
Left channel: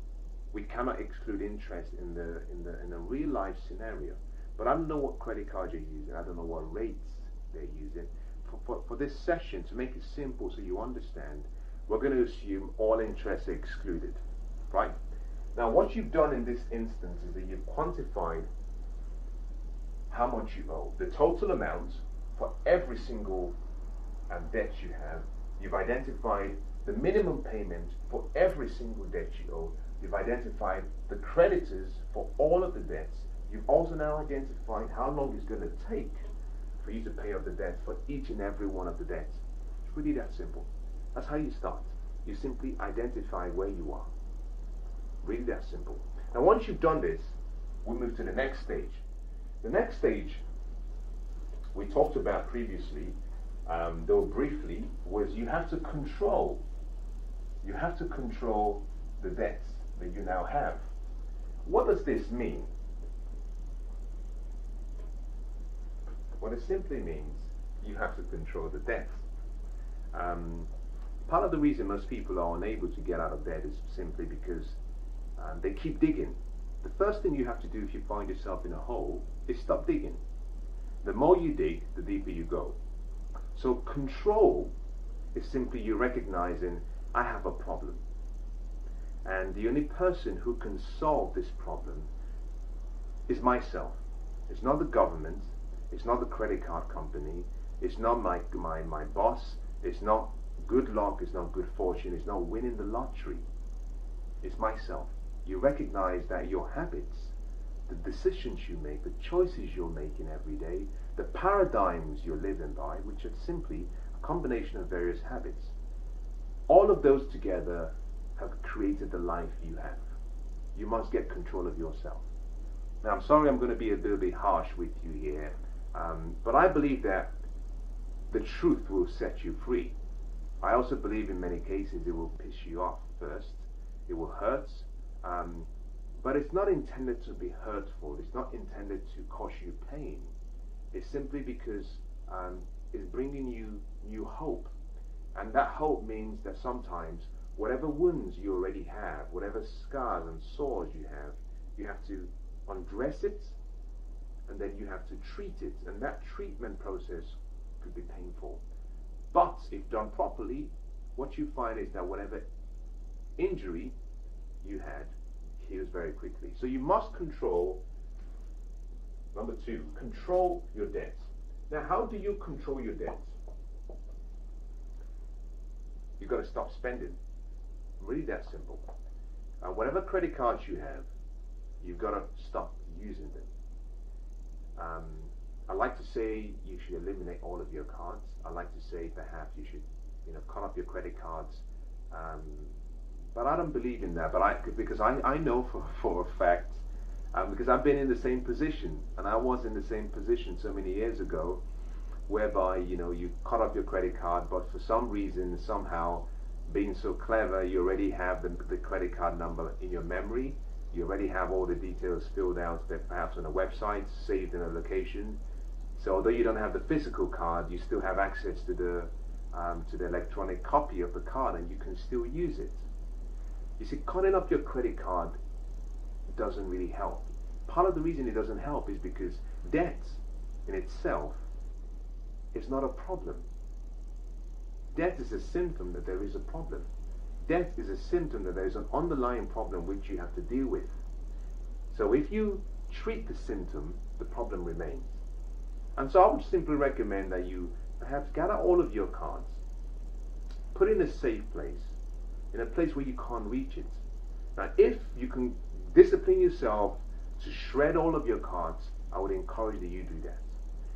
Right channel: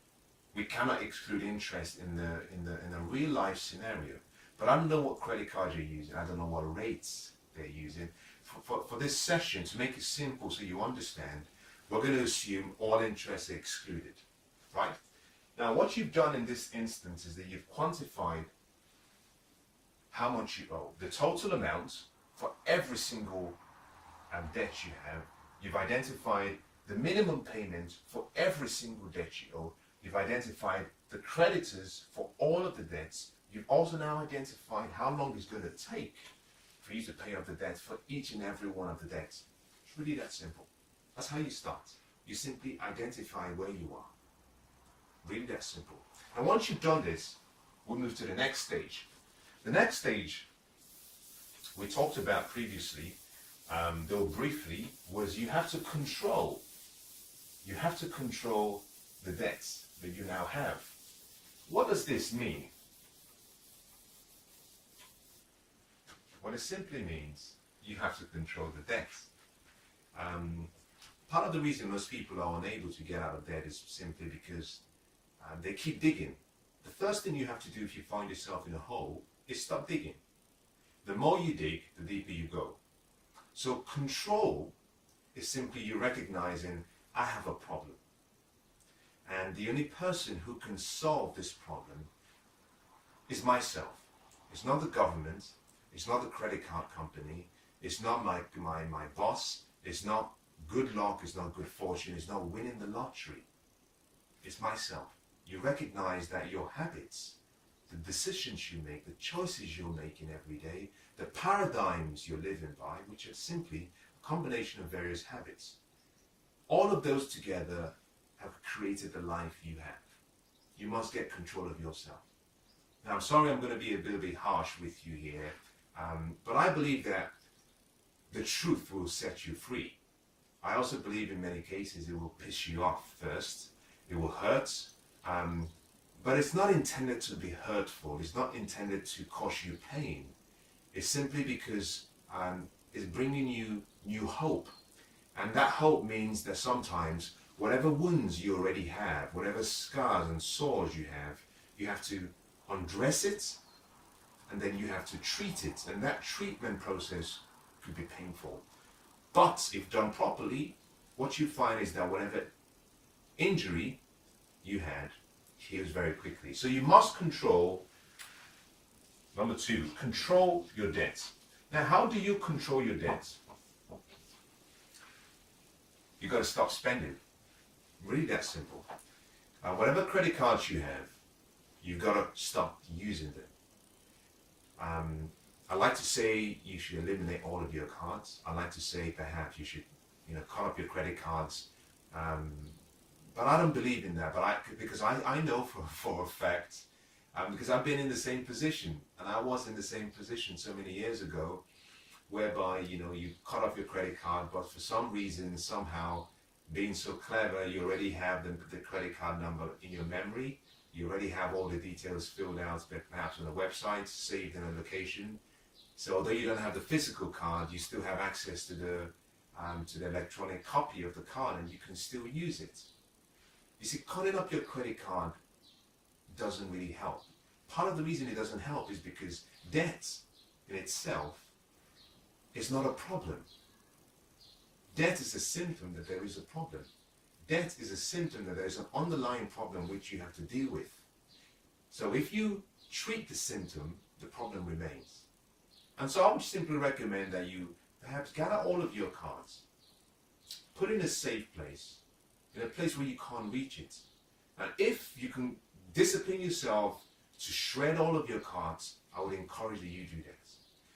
we cannot exclude interest in the real life scenario. But I don't know what credit card you're using. I don't know what rates they're using. For this session, to make it simple so you understand, we're going to assume all interests are excluded, right? Now, what you've done in this instance is that you've quantified how much you owe, the total amount for every single debt you have. You've identified the minimum payment for every single debt you owe. You've identified the creditors for all of the debts. You've also now identified how long it's going to take for you to pay off the debt for each and every one of the debts. It's really that simple. That's how you start. You simply identify where you are. Really that simple. Now once you've done this, we'll move to the next stage. The next stage we talked about previously, though briefly, was you have to control the debts that you now have. What does this mean? What it simply means, you have to control the debts. Part of the reason most people are unable to get out of debt is simply because they keep digging. The first thing you have to do if you find yourself in a hole is stop digging. The more you dig, the deeper you go. So control is simply you recognizing, I have a problem. And the only person who can solve this problem is myself. It's not the government. It's not the credit card company. It's not my boss. It's not good luck. It's not good fortune. It's not winning the lottery. It's myself. You recognize that your habits, the decisions you make, the choices you're making every day, the paradigms you're living by, which are simply a combination of various habits, all of those together have created the life you have. You must get control of yourself. Now, I'm sorry I'm going to be a little bit harsh with you here, but I believe that the truth will set you free. I also believe in many cases it will piss you off first. It will hurt, but it's not intended to be hurtful. It's not intended to cause you pain. It's simply because it's bringing you new hope. And that hope means that sometimes whatever wounds you already have, whatever scars and sores you have to undress it, and then you have to treat it. And that treatment process could be painful. But if done properly, what you find is that whatever injury you had heals very quickly. So you must control, number 2, control your debt. Now, how do you control your debt? You got to stop spending. Really that simple. Whatever credit cards you have, you've got to stop using them. I like to say you should eliminate all of your cards. I like to say perhaps you should, cut off your credit cards. But I don't believe in that. Because I know for a fact, because I've been in the same position, and I was in the same position so many years ago, whereby you cut off your credit card, but for some reason, somehow, being so clever, you already have the credit card number in your memory, You already have all the details filled out, perhaps on a website, saved in a location. So although you don't have the physical card, you still have access to the electronic copy of the card, and you can still use it. You see, calling up your credit card doesn't really help. Part of the reason it doesn't help is because debt in itself is not a problem. Debt is a symptom that there is a problem. Debt is a symptom that there is an underlying problem which you have to deal with. So if you treat the symptom, the problem remains. And so I would simply recommend that you perhaps gather all of your cards, put it in a safe place, in a place where you can't reach it. Now, if you can discipline yourself to shred all of your cards, I would encourage that you do that.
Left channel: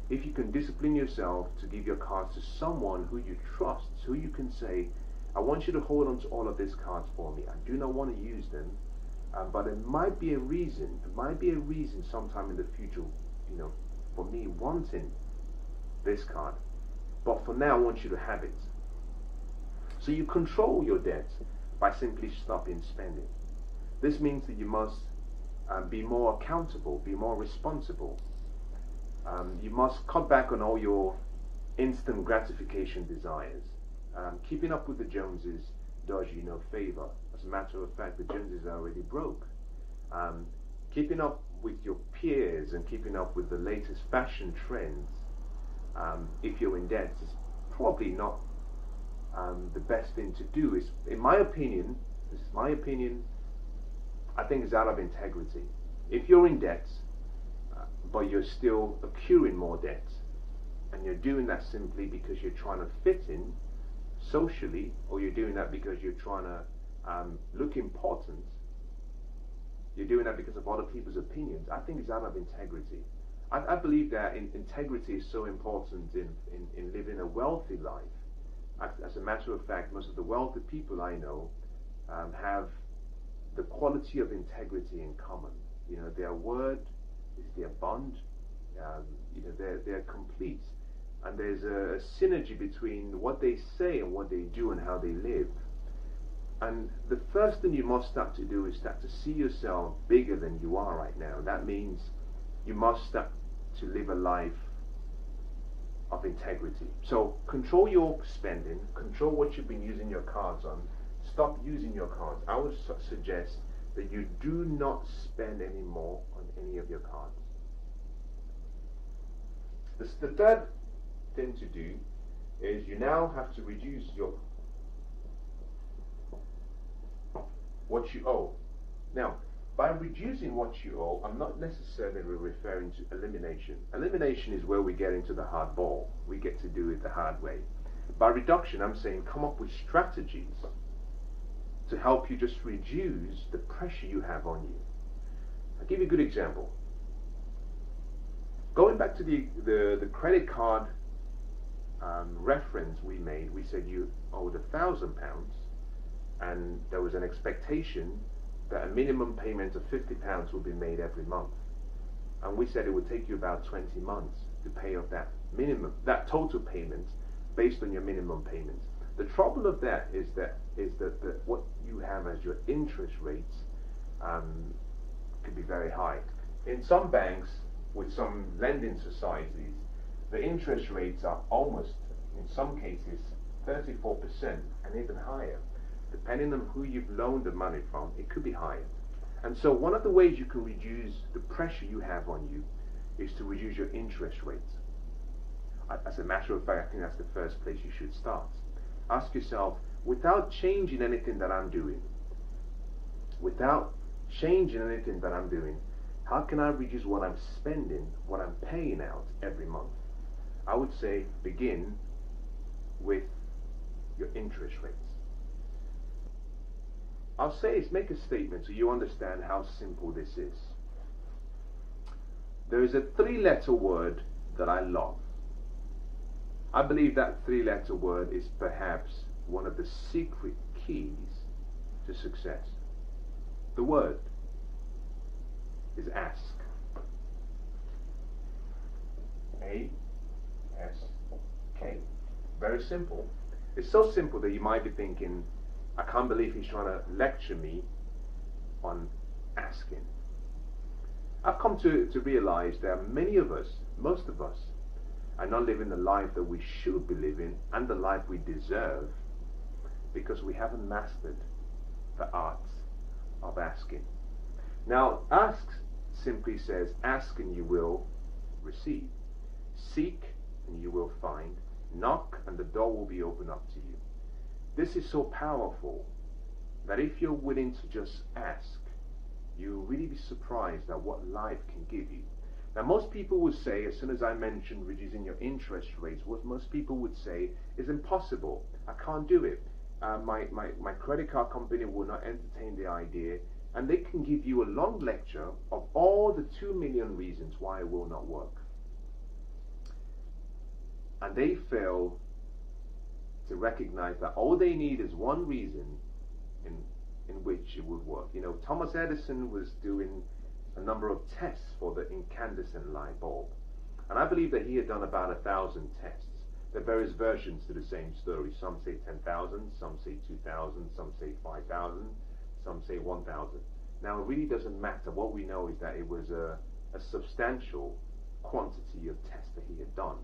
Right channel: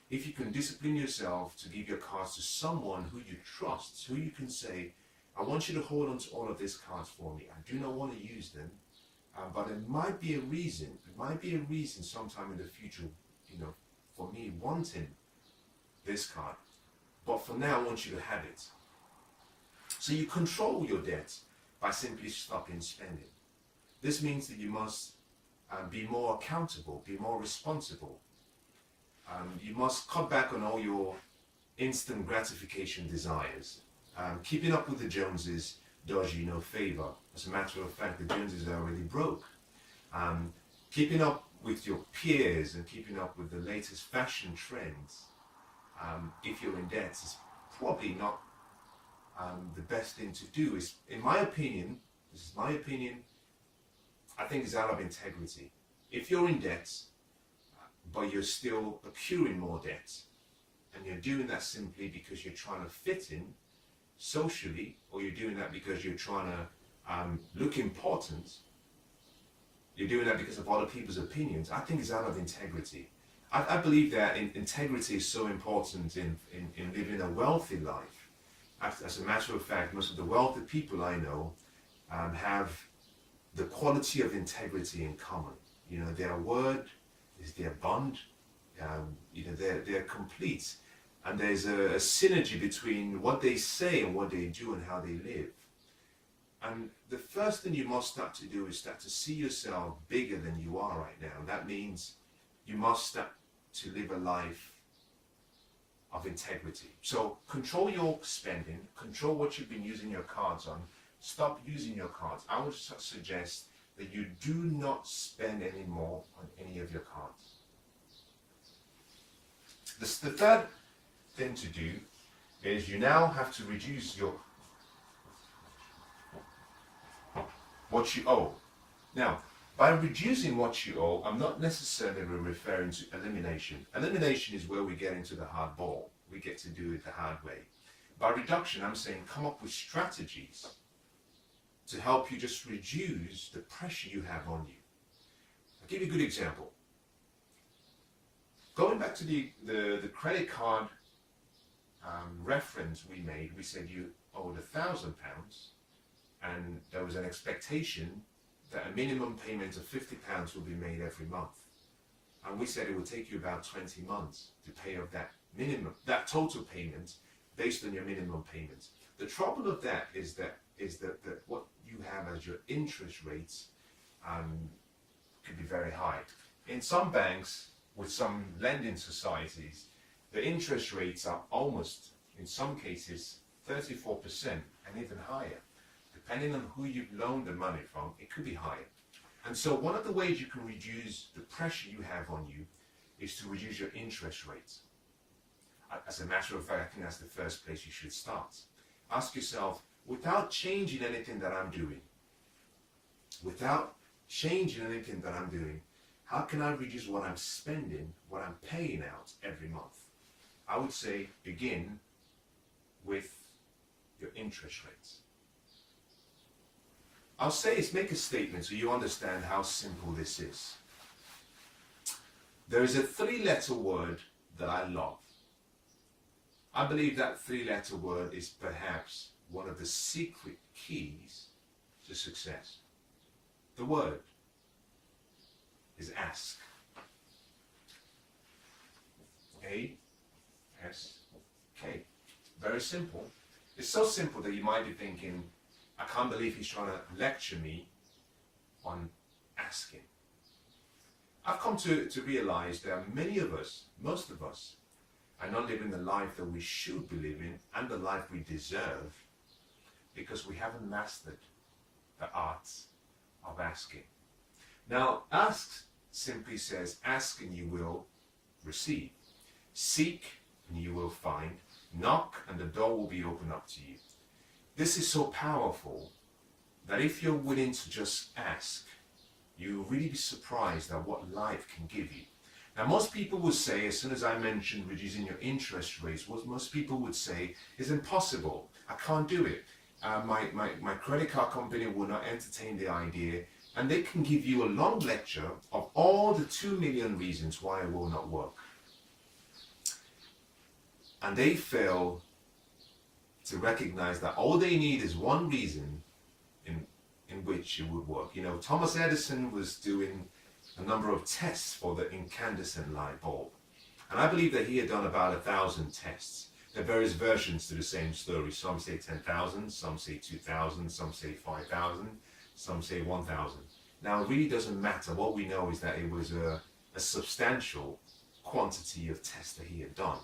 If you can discipline yourself to give your cards to someone who you trust, who you can say, I want you to hold on to all of these cards for me. I do not want to use them, but it might be a reason. It might be a reason sometime in the future, for me wanting this card. But for now, I want you to have it. So you control your debt by simply stopping spending. This means that you must be more accountable, be more responsible. You must cut back on all your instant gratification desires. Keeping up with the Joneses does you no favor. As a matter of fact, the Joneses are already broke. Keeping up with your peers and keeping up with the latest fashion trends, if you're in debt, is probably not the best thing to do. Is, in my opinion, this is my opinion, I think it's out of integrity. If you're in debt, but you're still accruing more debt, and you're doing that simply because you're trying to fit in socially, or you're doing that because you're trying to look important, you're doing that because of other people's opinions, I think it's out of integrity. I believe that integrity is so important in living a wealthy life. As a matter of fact, most of the wealthy people I know have the quality of integrity in common. Their word is their bond. They're complete, and there's a synergy between what they say and what they do and how they live. And the first thing you must start to do is start to see yourself bigger than you are right now. And that means you must start to live a life of integrity. So control your spending, control what you've been using your cards on, stop using your cards. I would suggest that you do not spend any more on any of your cards. The third thing to do is you now have to reduce what you owe. Now, by reducing what you owe, I'm not necessarily referring to elimination. Elimination is where we get into the hard ball. We get to do it the hard way. By reduction, I'm saying come up with strategies to help you just reduce the pressure you have on you. I'll give you a good example. Going back to the credit card reference we made, we said you owed £1,000, and there was an expectation that a minimum payment of £50 would be made every month. And we said it would take you about 20 months to pay off that total payment based on your minimum payment. The trouble of that is that what you have as your interest rates could be very high. In some banks, with some lending societies, the interest rates are almost, in some cases, 34% and even higher. Depending on who you've loaned the money from, it could be higher. And so one of the ways you can reduce the pressure you have on you is to reduce your interest rates. As a matter of fact, I think that's the first place you should start. Ask yourself, without changing anything that I'm doing, how can I reduce what I'm spending, what I'm paying out every month? I would say begin with your interest rates. I'll say is make a statement so you understand how simple this is. There is a 3-letter word that I love. I believe that 3-letter word is perhaps one of the secret keys to success. The word is ask. A-S-K. Very simple. It's so simple that you might be thinking, I can't believe he's trying to lecture me on asking. I've come to realize that many of us, most of us, are not living the life that we should be living and the life we deserve because we haven't mastered the art of asking. Now, ask simply says, ask and you will receive. Seek and you will find. Knock and the door will be opened up to you. This is so powerful that if you're willing to just ask, you'll really be surprised at what life can give you. Now, most people would say, as soon as I mentioned reducing your interest rates, what most people would say is impossible. I can't do it. My credit card company will not entertain the idea, and they can give you a long lecture of all the 2 million reasons why it will not work. And they fail to recognize that all they need is one reason in which it would work. You know, Thomas Edison was doing a number of tests for the incandescent light bulb. And I believe that he had done about 1,000 tests. There are various versions to the same story. Some say 10,000, some say 2,000, some say 5,000, some say 1,000. Now, it really doesn't matter. What we know is that it was a substantial quantity of tests that he had done.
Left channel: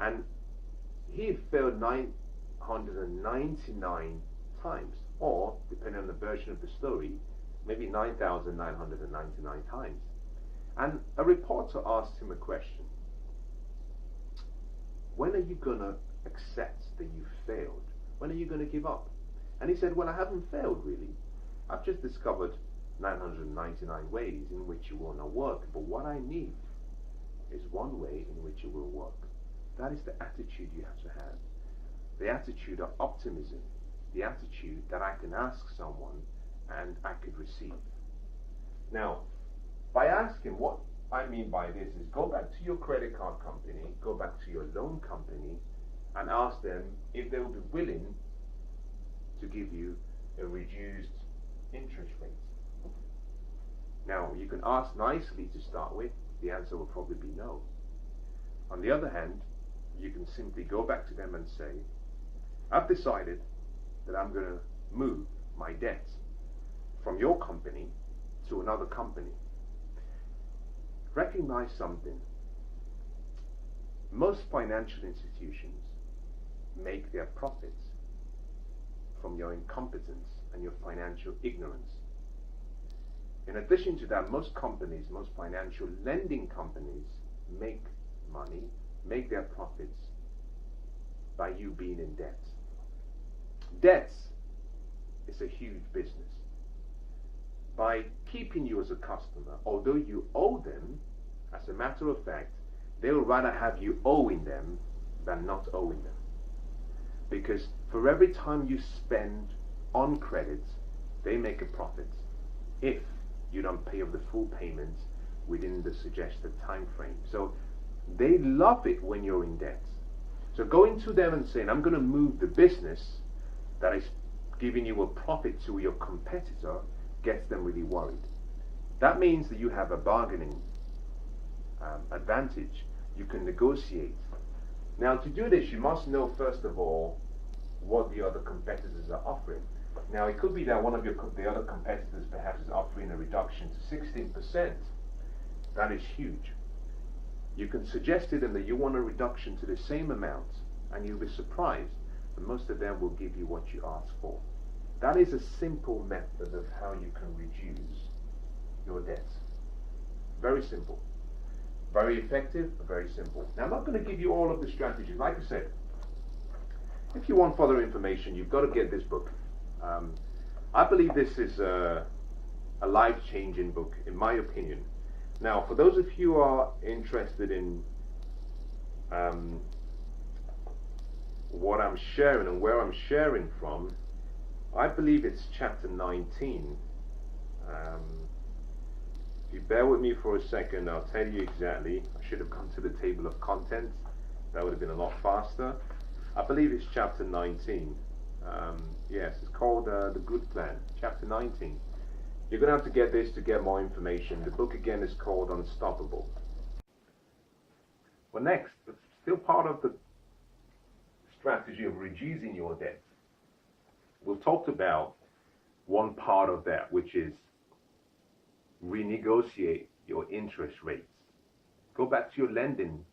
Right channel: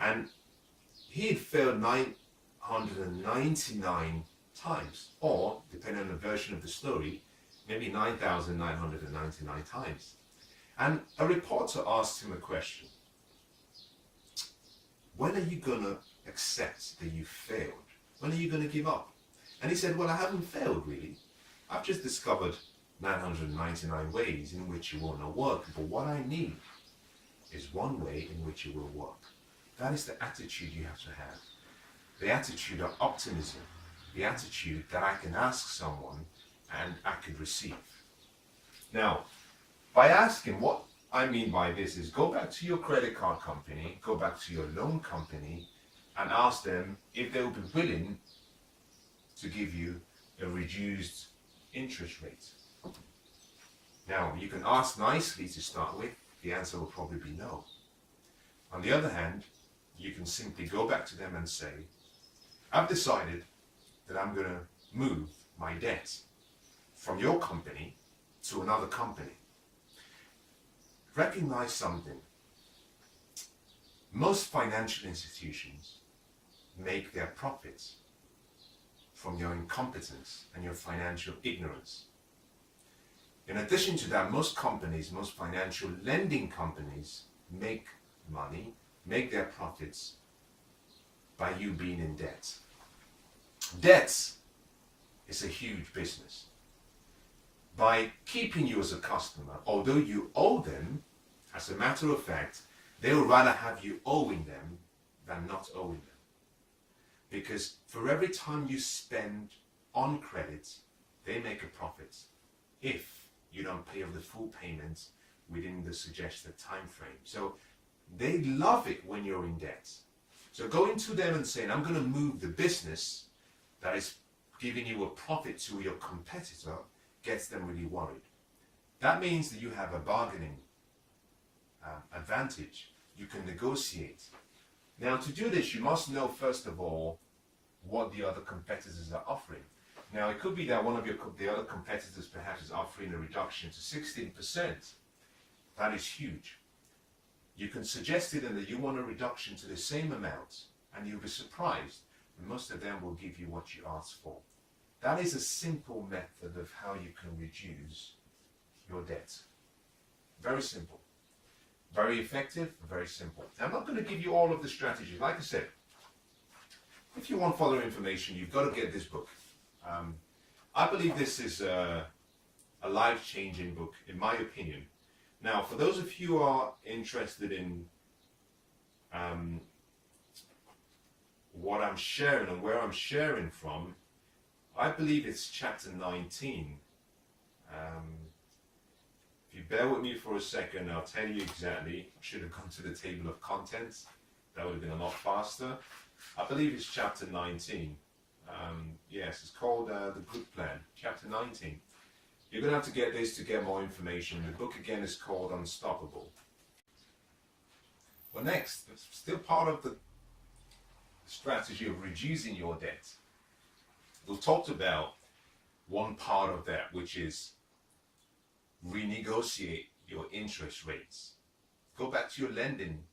And he had failed 999 times, or, depending on the version of the story, maybe 9,999 times. And a reporter asked him a question. When are you going to accept that you failed? When are you going to give up? And he said, well, I haven't failed really. I've just discovered 999 ways in which it will not work. But what I need is one way in which it will work. That is the attitude you have to have. The attitude of optimism. The attitude that I can ask someone and I could receive. Now, by asking, what I mean by this is go back to your credit card company, go back to your loan company and ask them if they will be willing to give you a reduced interest rate. Now, you can ask nicely to start with. The answer will probably be no. On the other hand, you can simply go back to them and say, I've decided that I'm going to move my debt from your company to another company. Recognize something. Most financial institutions make their profits from your incompetence and your financial ignorance. In addition to that, most companies, most financial lending companies make money, make their profits by you being in debt. Debt is a huge business. By keeping you as a customer, although you owe them, as a matter of fact, they would rather have you owing them than not owing them. Because for every time you spend on credit, they make a profit if you don't pay off the full payment within the suggested time frame. So they love it when you're in debt. So going to them and saying, I'm going to move the business that is giving you a profit to your competitor gets them really worried. That means that you have a bargaining advantage. You can negotiate. Now, to do this, you must know, first of all, what the other competitors are offering. Now, it could be that one of the other competitors perhaps is offering a reduction to 16%. That is huge. You can suggest to them that you want a reduction to the same amount, and you'll be surprised that most of them will give you what you ask for. That is a simple method of how you can reduce your debt. Very simple. Very effective, very simple. Now, I'm not going to give you all of the strategies. Like I said, if you want further information, you've got to get this book. I believe this is a life-changing book, in my opinion. Now, for those of you who are interested in what I'm sharing and where I'm sharing from, I believe it's chapter 19. If you bear with me for a second, I'll tell you exactly. I should have gone to the table of contents. That would have been a lot faster. I believe it's chapter 19. Yes, it's called The Good Plan, chapter 19. You're going to have to get this to get more information. The book again is called Unstoppable. Well, next, still part of the strategy of reducing your debt. We've talked about one part of that, which is renegotiate your interest rates. Go back to your lending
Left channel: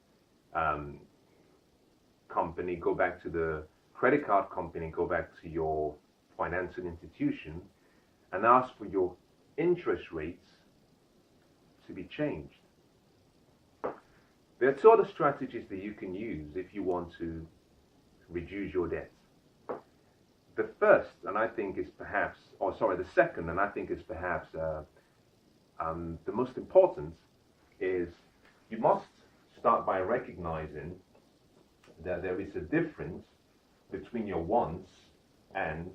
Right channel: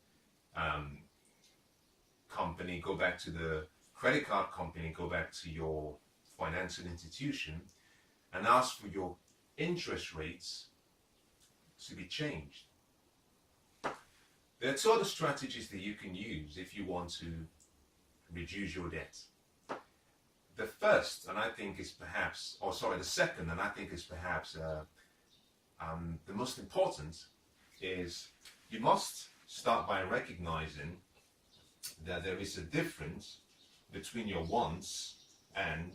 company, go back to the credit card company, go back to your financial institution and ask for your interest rates to be changed. There are two other strategies that you can use if you want to reduce your debt. The first, and I think is perhaps, the second, and I think is perhaps the most important, is you must start by recognizing that there is a difference between your wants and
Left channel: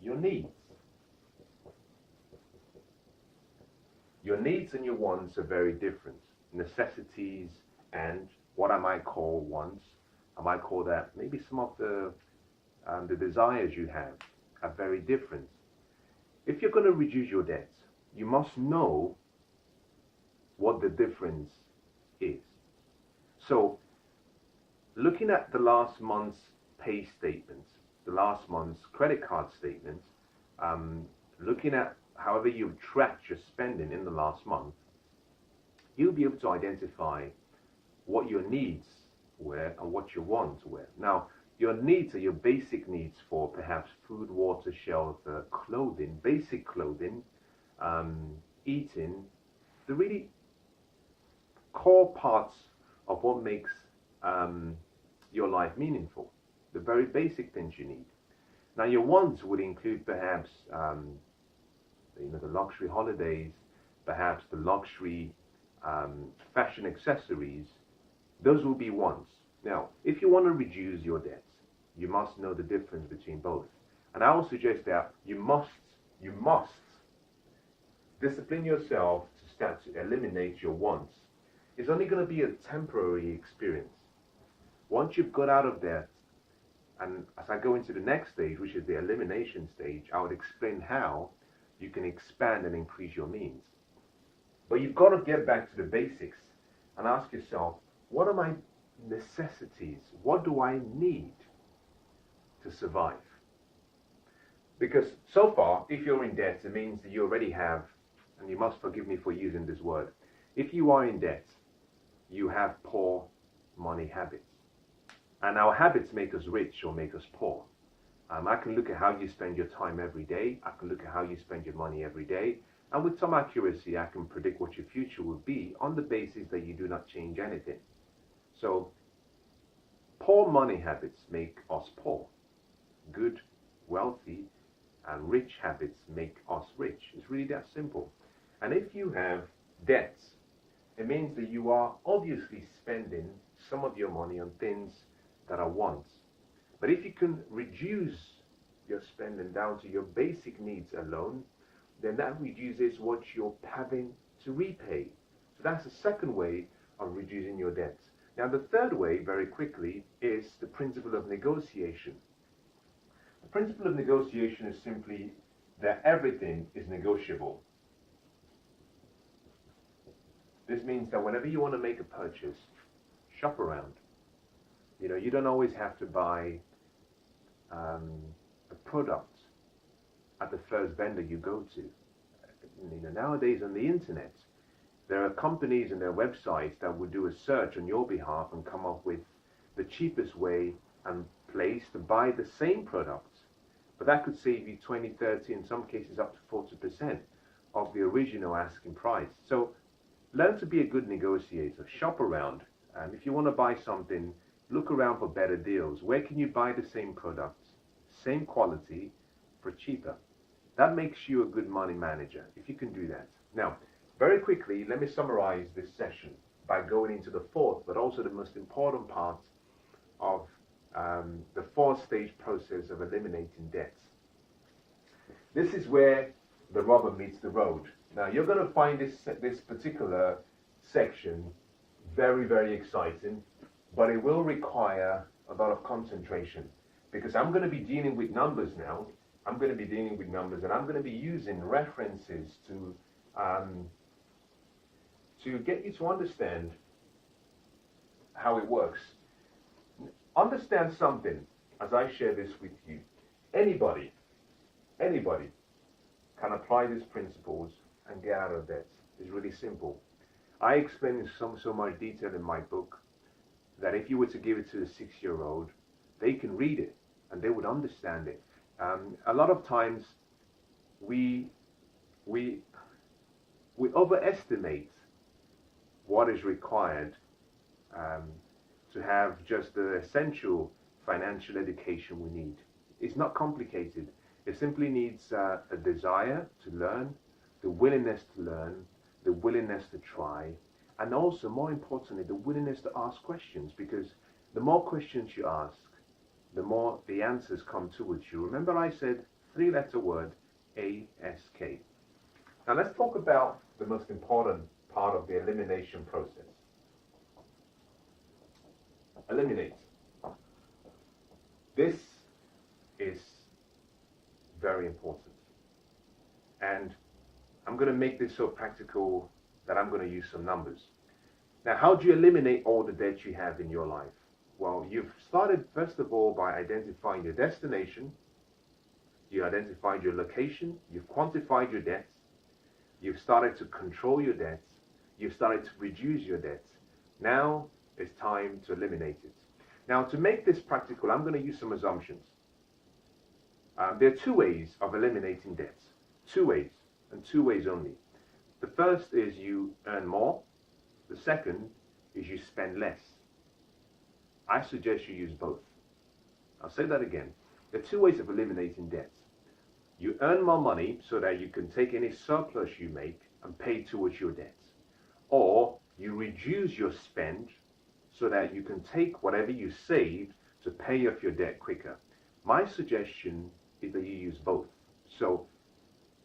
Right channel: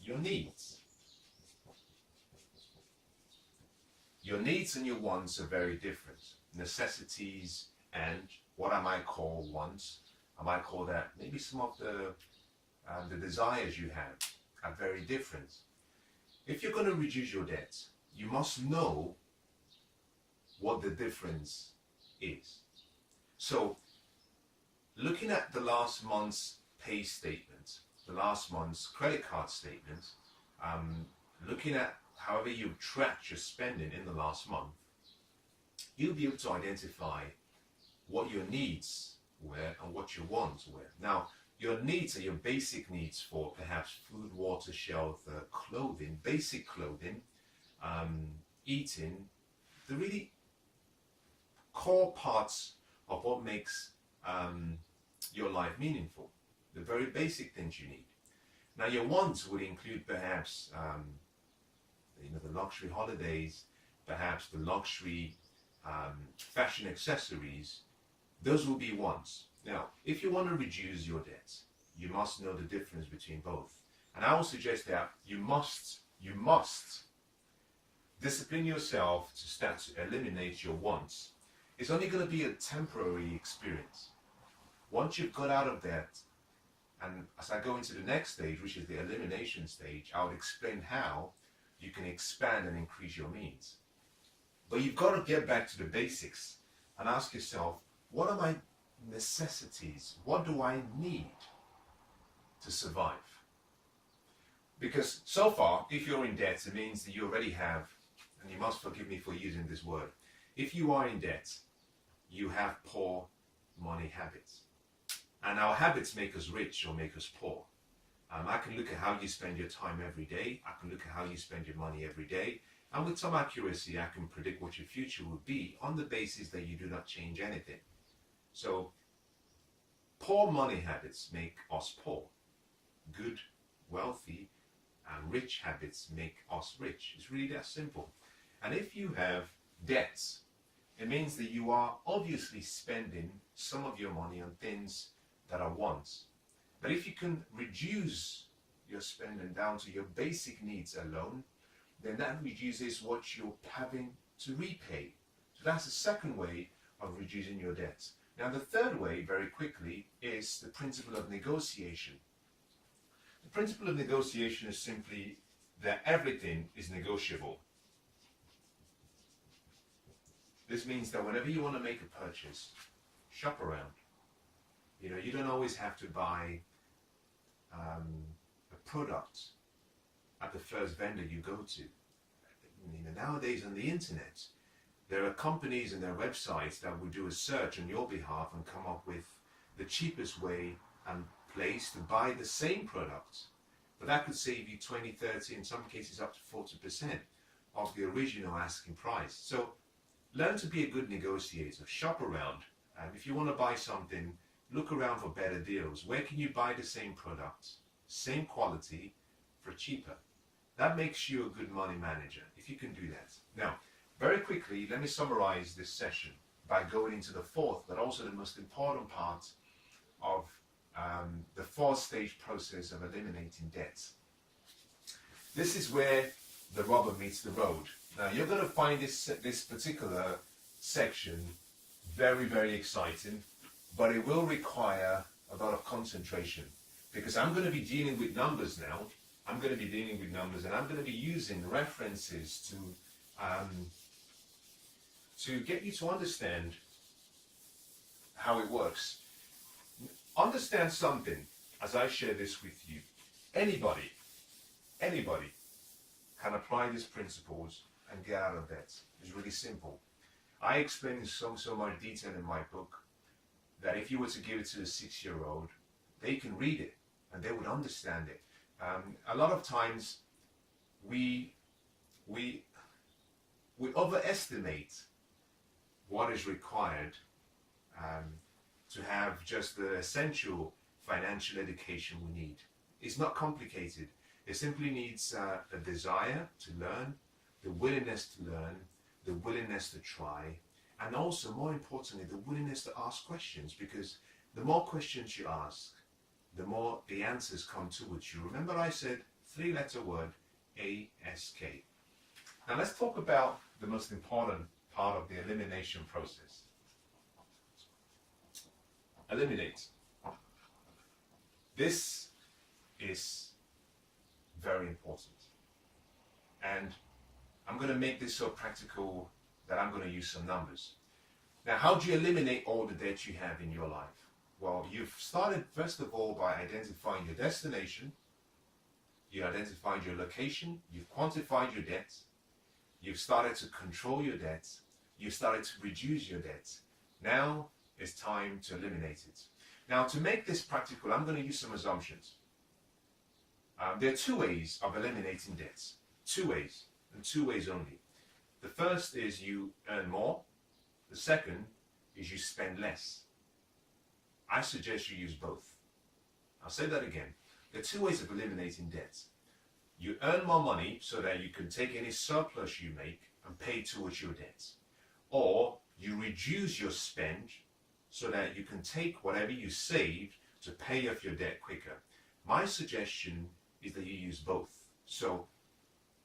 your needs. Your needs and your wants are very different. Necessities and what I might call wants, I might call that maybe some of the desires you have are very different. If you're going to reduce your debt, you must know what the difference is. So, looking at the last month's pay statement, the last month's credit card statement, looking at however you've tracked your spending in the last month, you'll be able to identify what your needs were and what your wants were. Now, your needs are your basic needs for perhaps food, water, shelter, clothing, basic clothing, eating, the really core parts of what makes your life meaningful, the very basic things you need. Now, your wants would include perhaps the luxury holidays, perhaps the luxury fashion accessories. Those will be wants. Now, if you want to reduce your debt, you must know the difference between both. And I will suggest that you must discipline yourself to start to eliminate your wants. It's only going to be a temporary experience. Once you've got out of debt, and as I go into the next stage, which is the elimination stage, I would explain how you can expand and increase your means. But you've got to get back to the basics and ask yourself, what are my necessities? What do I need to survive? Because so far, if you're in debt, it means that you already have, and you must forgive me for using this word, if you are in debt, you have poor money habits. And our habits make us rich or make us poor. I can look at how you spend your time every day. I can look at how you spend your money every day. And with some accuracy, I can predict what your future will be on the basis that you do not change anything. So, poor money habits make us poor. Good, wealthy, and rich habits make us rich. It's really that simple. And if you have debts, it means that you are obviously spending some of your money on things that are wants. But if you can reduce your spending down to your basic needs alone, then that reduces what you're having to repay. So that's the second way of reducing your debt. Now, the third way, very quickly, is the principle of negotiation. The principle of negotiation is simply that everything is negotiable. This means that whenever you want to make a purchase, shop around. You don't always have to buy a product at the first vendor you go to. Nowadays on the internet, there are companies and their websites that would do a search on your behalf and come up with the cheapest way and place to buy the same product. But that could save you 20, 30, in some cases up to 40% of the original asking price. So learn to be a good negotiator. Shop around. If you want to buy something, look around for better deals. Where can you buy the same product, same quality, for cheaper? That makes you a good money manager, if you can do that. Now, very quickly, let me summarize this session by going into the fourth, but also the most important part of the four-stage process of eliminating debt. This is where the rubber meets the road. Now, you're going to find this particular section very, very exciting, but it will require a lot of concentration because I'm going to be dealing with numbers now. I'm going to be dealing with numbers and I'm going to be using references to get you to understand how it works. Understand something as I share this with you. Anybody can apply these principles and get out of debt. It's really simple. I explain in so much detail in my book that if you were to give it to a 6-year-old, they can read it and they would understand it. A lot of times we overestimate what is required to have just the essential financial education we need. It's not complicated. It simply needs a desire to learn, the willingness to learn, the willingness to try, and also, more importantly, the willingness to ask questions, because the more questions you ask, the more the answers come towards you. Remember I said 3-letter word, ASK. Now let's talk about the most important part of the elimination process. Eliminate. This is very important. And I'm going to make this so practical that I'm going to use some numbers. Now, how do you eliminate all the debt you have in your life? Well, you've started first of all by identifying your destination. You identified your location. You've quantified your debt. You've started to control your debt. You've started to reduce your debt. Now it's time to eliminate it. Now, to make this practical, I'm going to use some assumptions. There are 2 ways of eliminating debts. 2 ways, and 2 ways only. The first is you earn more. The second is you spend less. I suggest you use both. I'll say that again. There are 2 ways of eliminating debt. You earn more money so that you can take any surplus you make and pay towards your debt. Or you reduce your spend so that you can take whatever you saved to pay off your debt quicker. My suggestion is that you use both. So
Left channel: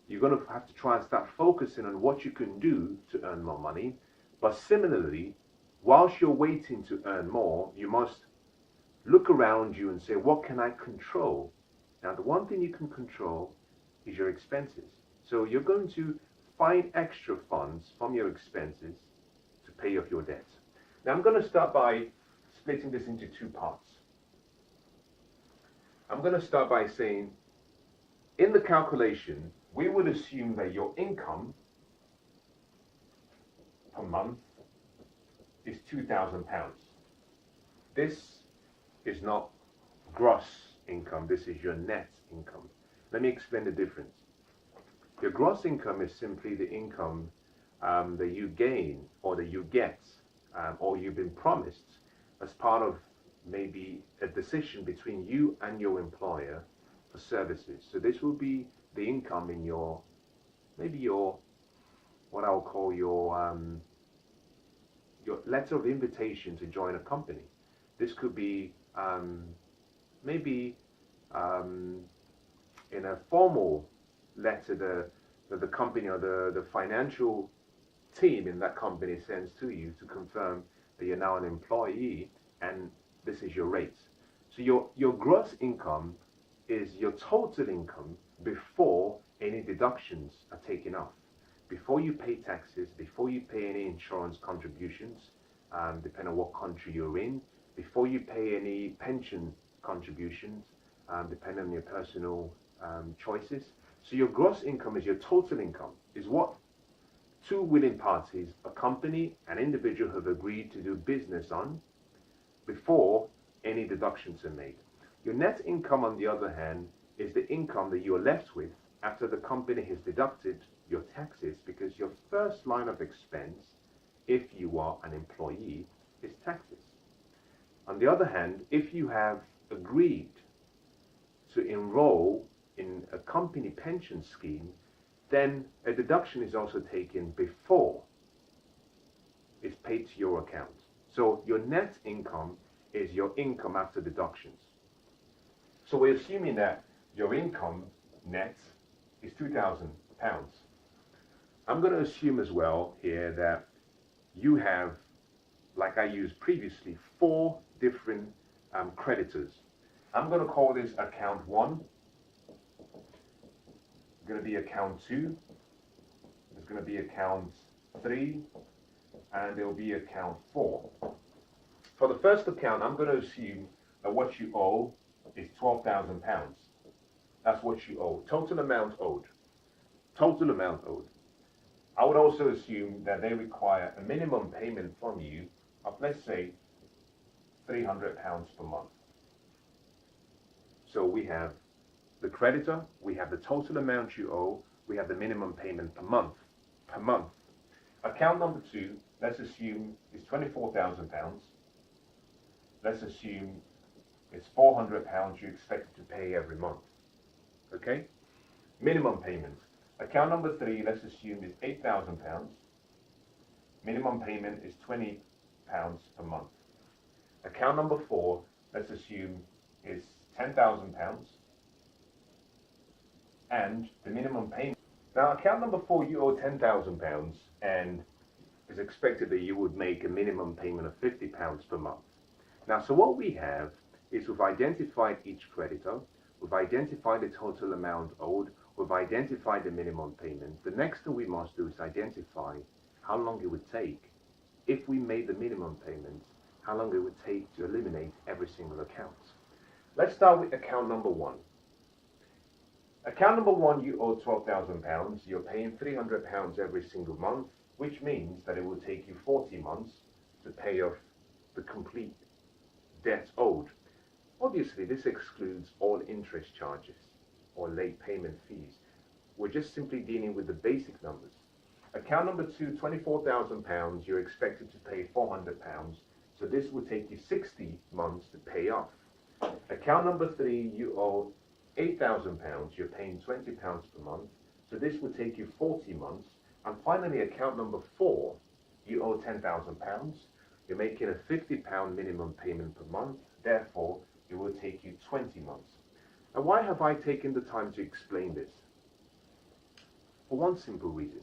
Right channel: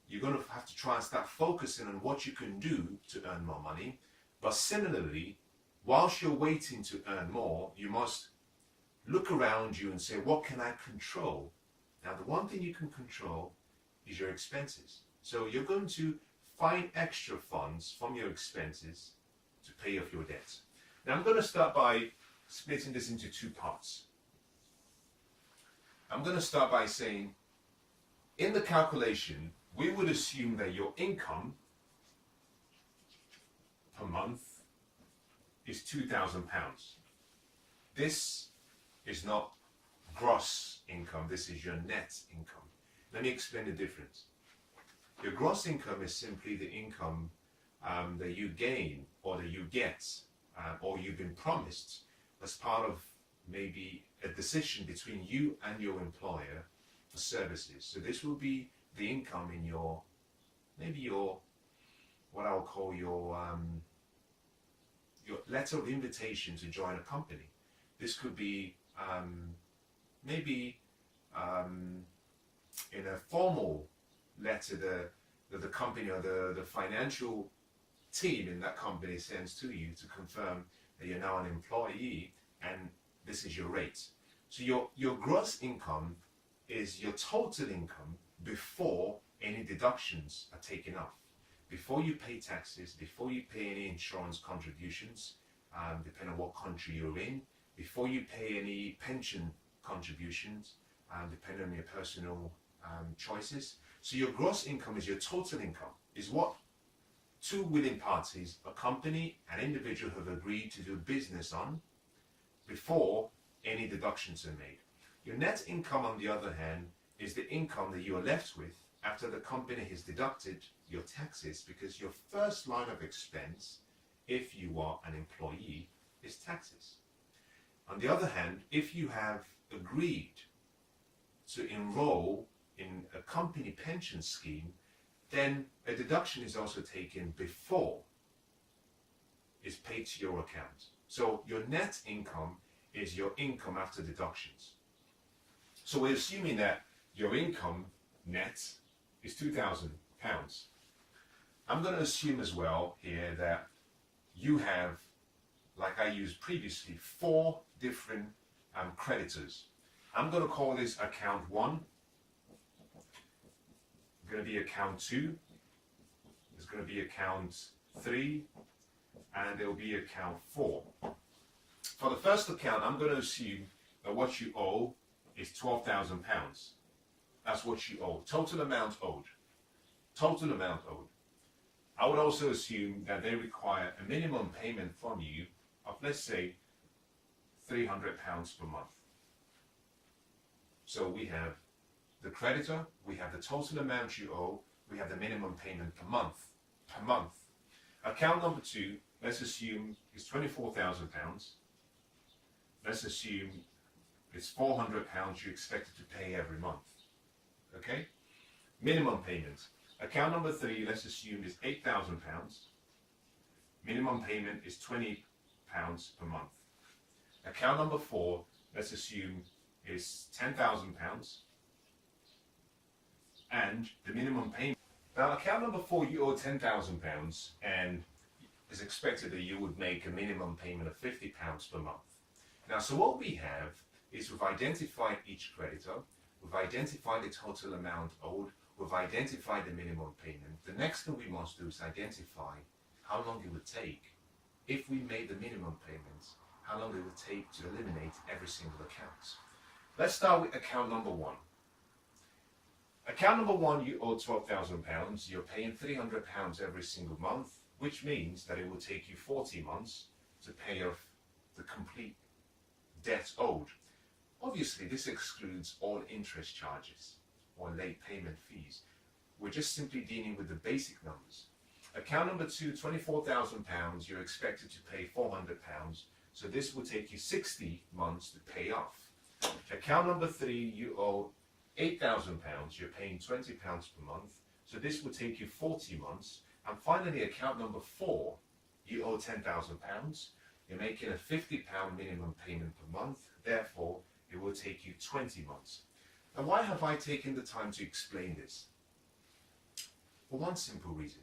you're going to have to try and start focusing on what you can do to earn more money. But similarly, whilst you're waiting to earn more, you must look around you and say, what can I control? Now, the one thing you can control is your expenses. So you're going to find extra funds from your expenses to pay off your debt. Now, I'm going to start by splitting this into 2 parts. I'm going to start by saying, in the calculation, we would assume that your income per month is £2,000. This is not gross income, this is your net income. Let me explain the difference. Your gross income is simply the income that you gain or that you get or you've been promised as part of maybe a decision between you and your employer for services. So this will be the income in your, maybe your, what I will call your letter of invitation to join a company. This could be maybe in a formal letter the company or the financial team in that company sends to you to confirm that you're now an employee and this is your rate. So your gross income is your total income before any deductions are taken off. Before you pay taxes, before you pay any insurance contributions, depending on what country you're in, before you pay any pension contributions, depending on your personal choices. So your gross income is your total income, is what 2 willing parties, a company, an individual, have agreed to do business on before any deductions are made. Your net income, on the other hand, is the income that you are left with after the company has deducted your taxes, because your first line of expense, if you are an employee, is taxes. On the other hand, if you have agreed to enroll in a company pension scheme, then a deduction is also taken before it's paid to your account. So your net income is your income after deductions. So we're assuming that your income net is £2,000. I'm going to assume as well here that you have, like I used previously, 4 different creditors. I'm going to call this account 1. Going to be account 2. There's going to be account 3, and there will be account 4. For the first account, I'm going to assume that what you owe is £12,000. That's what you owe. Total amount owed. Total amount owed. I would also assume that they require a minimum payment from you of, let's say, £300 per month. So we have the creditor, we have the total amount you owe, we have the minimum payment per month. Account number 2, let's assume is £24,000. Let's assume it's £400 you're expected to pay every month. Okay? Minimum payment. Account number 3, let's assume is £8,000. Minimum payment is £20 per month. Account number 4, let's assume is £10,000. And the minimum payment. Now, account number 4, you owe £10,000 and it's expected that you would make a minimum payment of £50 per month. Now, so what we have is we've identified each creditor, we've identified the total amount owed, we've identified the minimum payment. The next thing we must do is identify how long it would take if we made the minimum payments, how long it would take to eliminate every single account. Let's start with account number 1. Account number 1, you owe £12,000. You're paying £300 every single month, which means that it will take you 40 months to pay off the complete debt owed. Obviously, this excludes all interest charges or late payment fees. We're just simply dealing with the basic numbers. Account number 2, £24,000. You're expected to pay £400. So this will take you 60 months to pay off. Account number 3, you owe £8,000, you're paying £20 per month, so this will take you 40 months. And finally, account number 4, you owe £10,000, you're making a £50 minimum payment per month, therefore it will take you 20 months. And why have I taken the time to explain this? For one simple reason.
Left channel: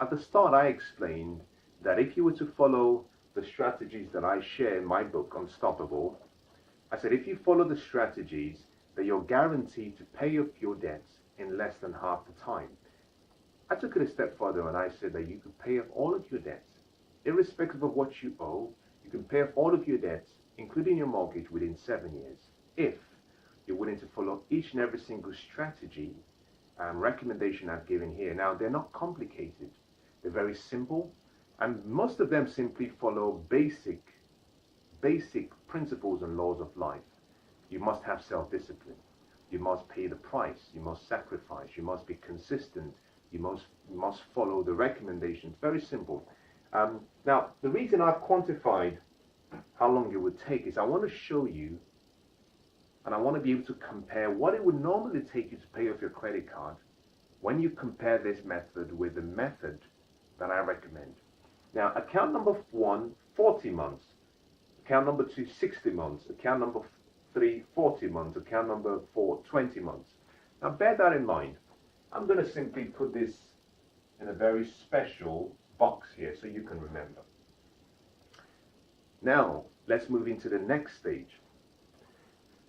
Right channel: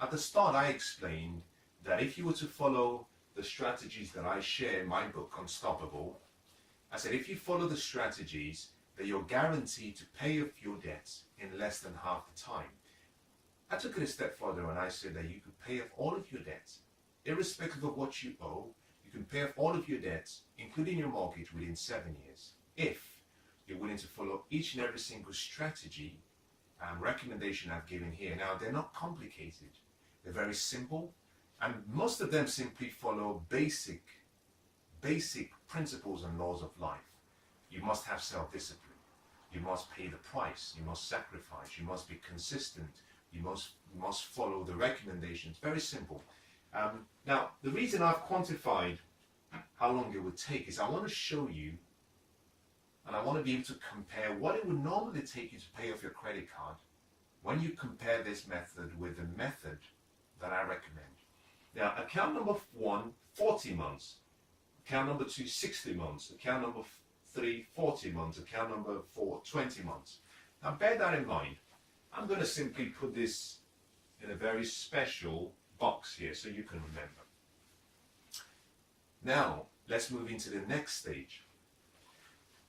At the start, I explained that if you were to follow the strategies that I share in my book, Unstoppable, I said if you follow the strategies, that you're guaranteed to pay off your debts in less than half the time. I took it a step further and I said that you could pay off all of your debts, irrespective of what you owe. You can pay off all of your debts, including your mortgage, within 7 years, if you're willing to follow each and every single strategy and recommendation I've given here. Now, they're not complicated. They're very simple, and most of them simply follow basic principles and laws of life. You must have self-discipline. You must pay the price. You must sacrifice. You must be consistent. You must follow the recommendations. Very simple. Now, the reason I've quantified how long it would take is I want to show you, and I want to be able to compare what it would normally take you to pay off your credit card when you compare this method with the method that I recommend. Now, account number 1, 40 months. Account number 2, 60 months. Account number 3, 40 months. Account number 4, 20 months. Now, bear that in mind. I'm going to simply put this in a very special box here so you can remember. Now, let's move into the next stage.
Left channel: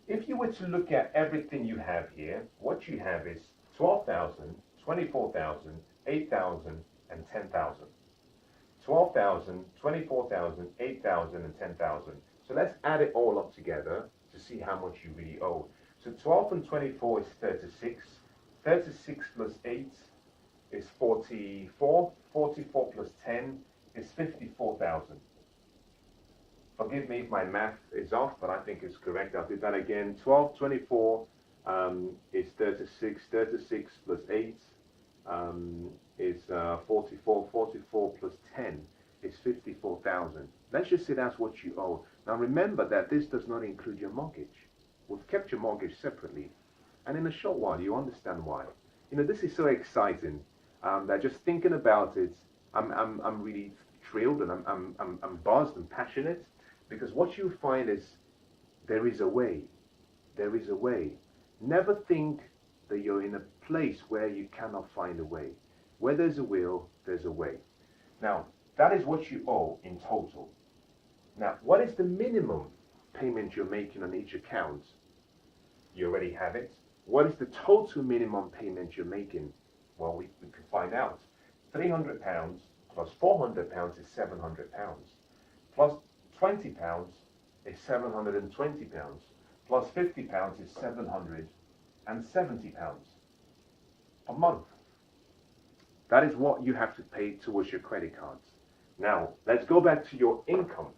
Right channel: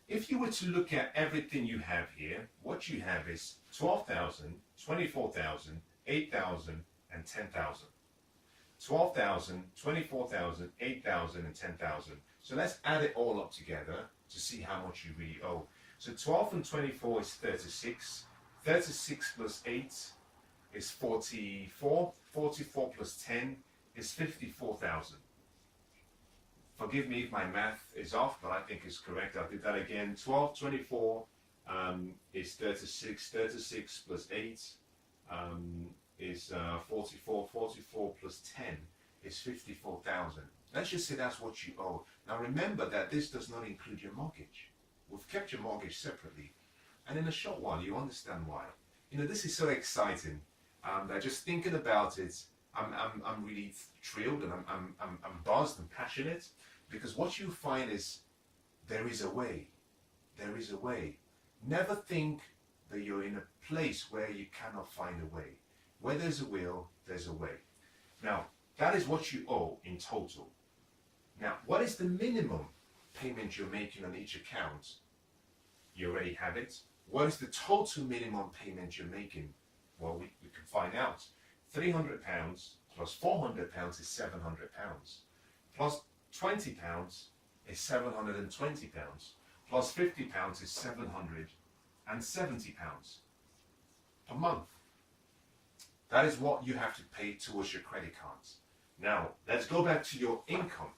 If you were to look at everything you have here, what you have is 12,000, 24,000, 8,000, and 10,000. 12,000, 24,000, 8,000, and 10,000. So let's add it all up together to see how much you really owe. So 12 and 24 is 36. 36 plus 8 is 44. 44 plus 10 is 54,000. Forgive me if my math is off, but I think it's correct. I'll do that again. 12, 24 is 36. 36 plus 8 is 44. 44 plus 10 is 54,000. Let's just say that's what you owe. Now remember that this does not include your mortgage. We've kept your mortgage separately. And in a short while, you understand why. You know, this is so exciting that just thinking about it, I'm really thrilled and I'm buzzed and passionate, because what you find is there is a way. There is a way. Never think that you're in a place where you cannot find a way. Where there's a will, there's a way. Now, that is what you owe in total. Now, what is the minimum payment you're making on each account? You already have it. What is the total minimum payment you're making? Well, we can find out. £300 plus £400 is £700. Plus £20 is £720. Plus £50 is £770 a month. That is what you have to pay towards your credit cards. Now, let's go back to your income.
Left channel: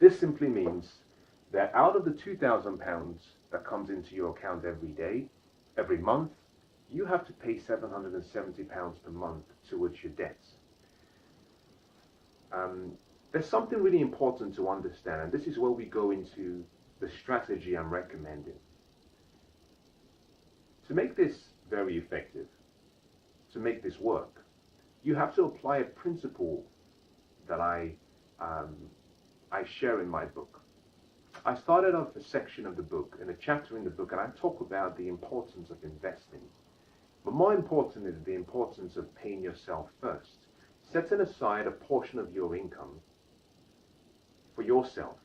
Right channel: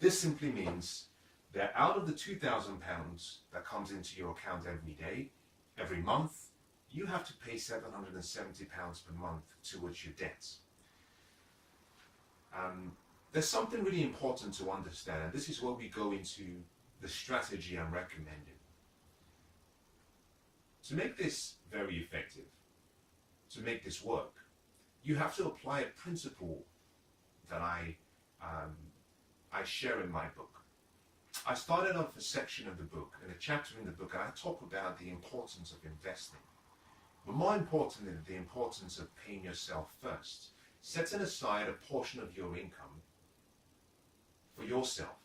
This simply means that out of the £2,000 that comes into your account every day, every month, you have to pay £770 per month towards your debts. There's something really important to understand, and this is where we go into the strategy I'm recommending. To make this very effective, to make this work, you have to apply a principle that I share in my book. I started off a section of the book, in a chapter in the book, and I talk about the importance of investing. But more importantly, the importance of paying yourself first, setting aside a portion of your income for yourself.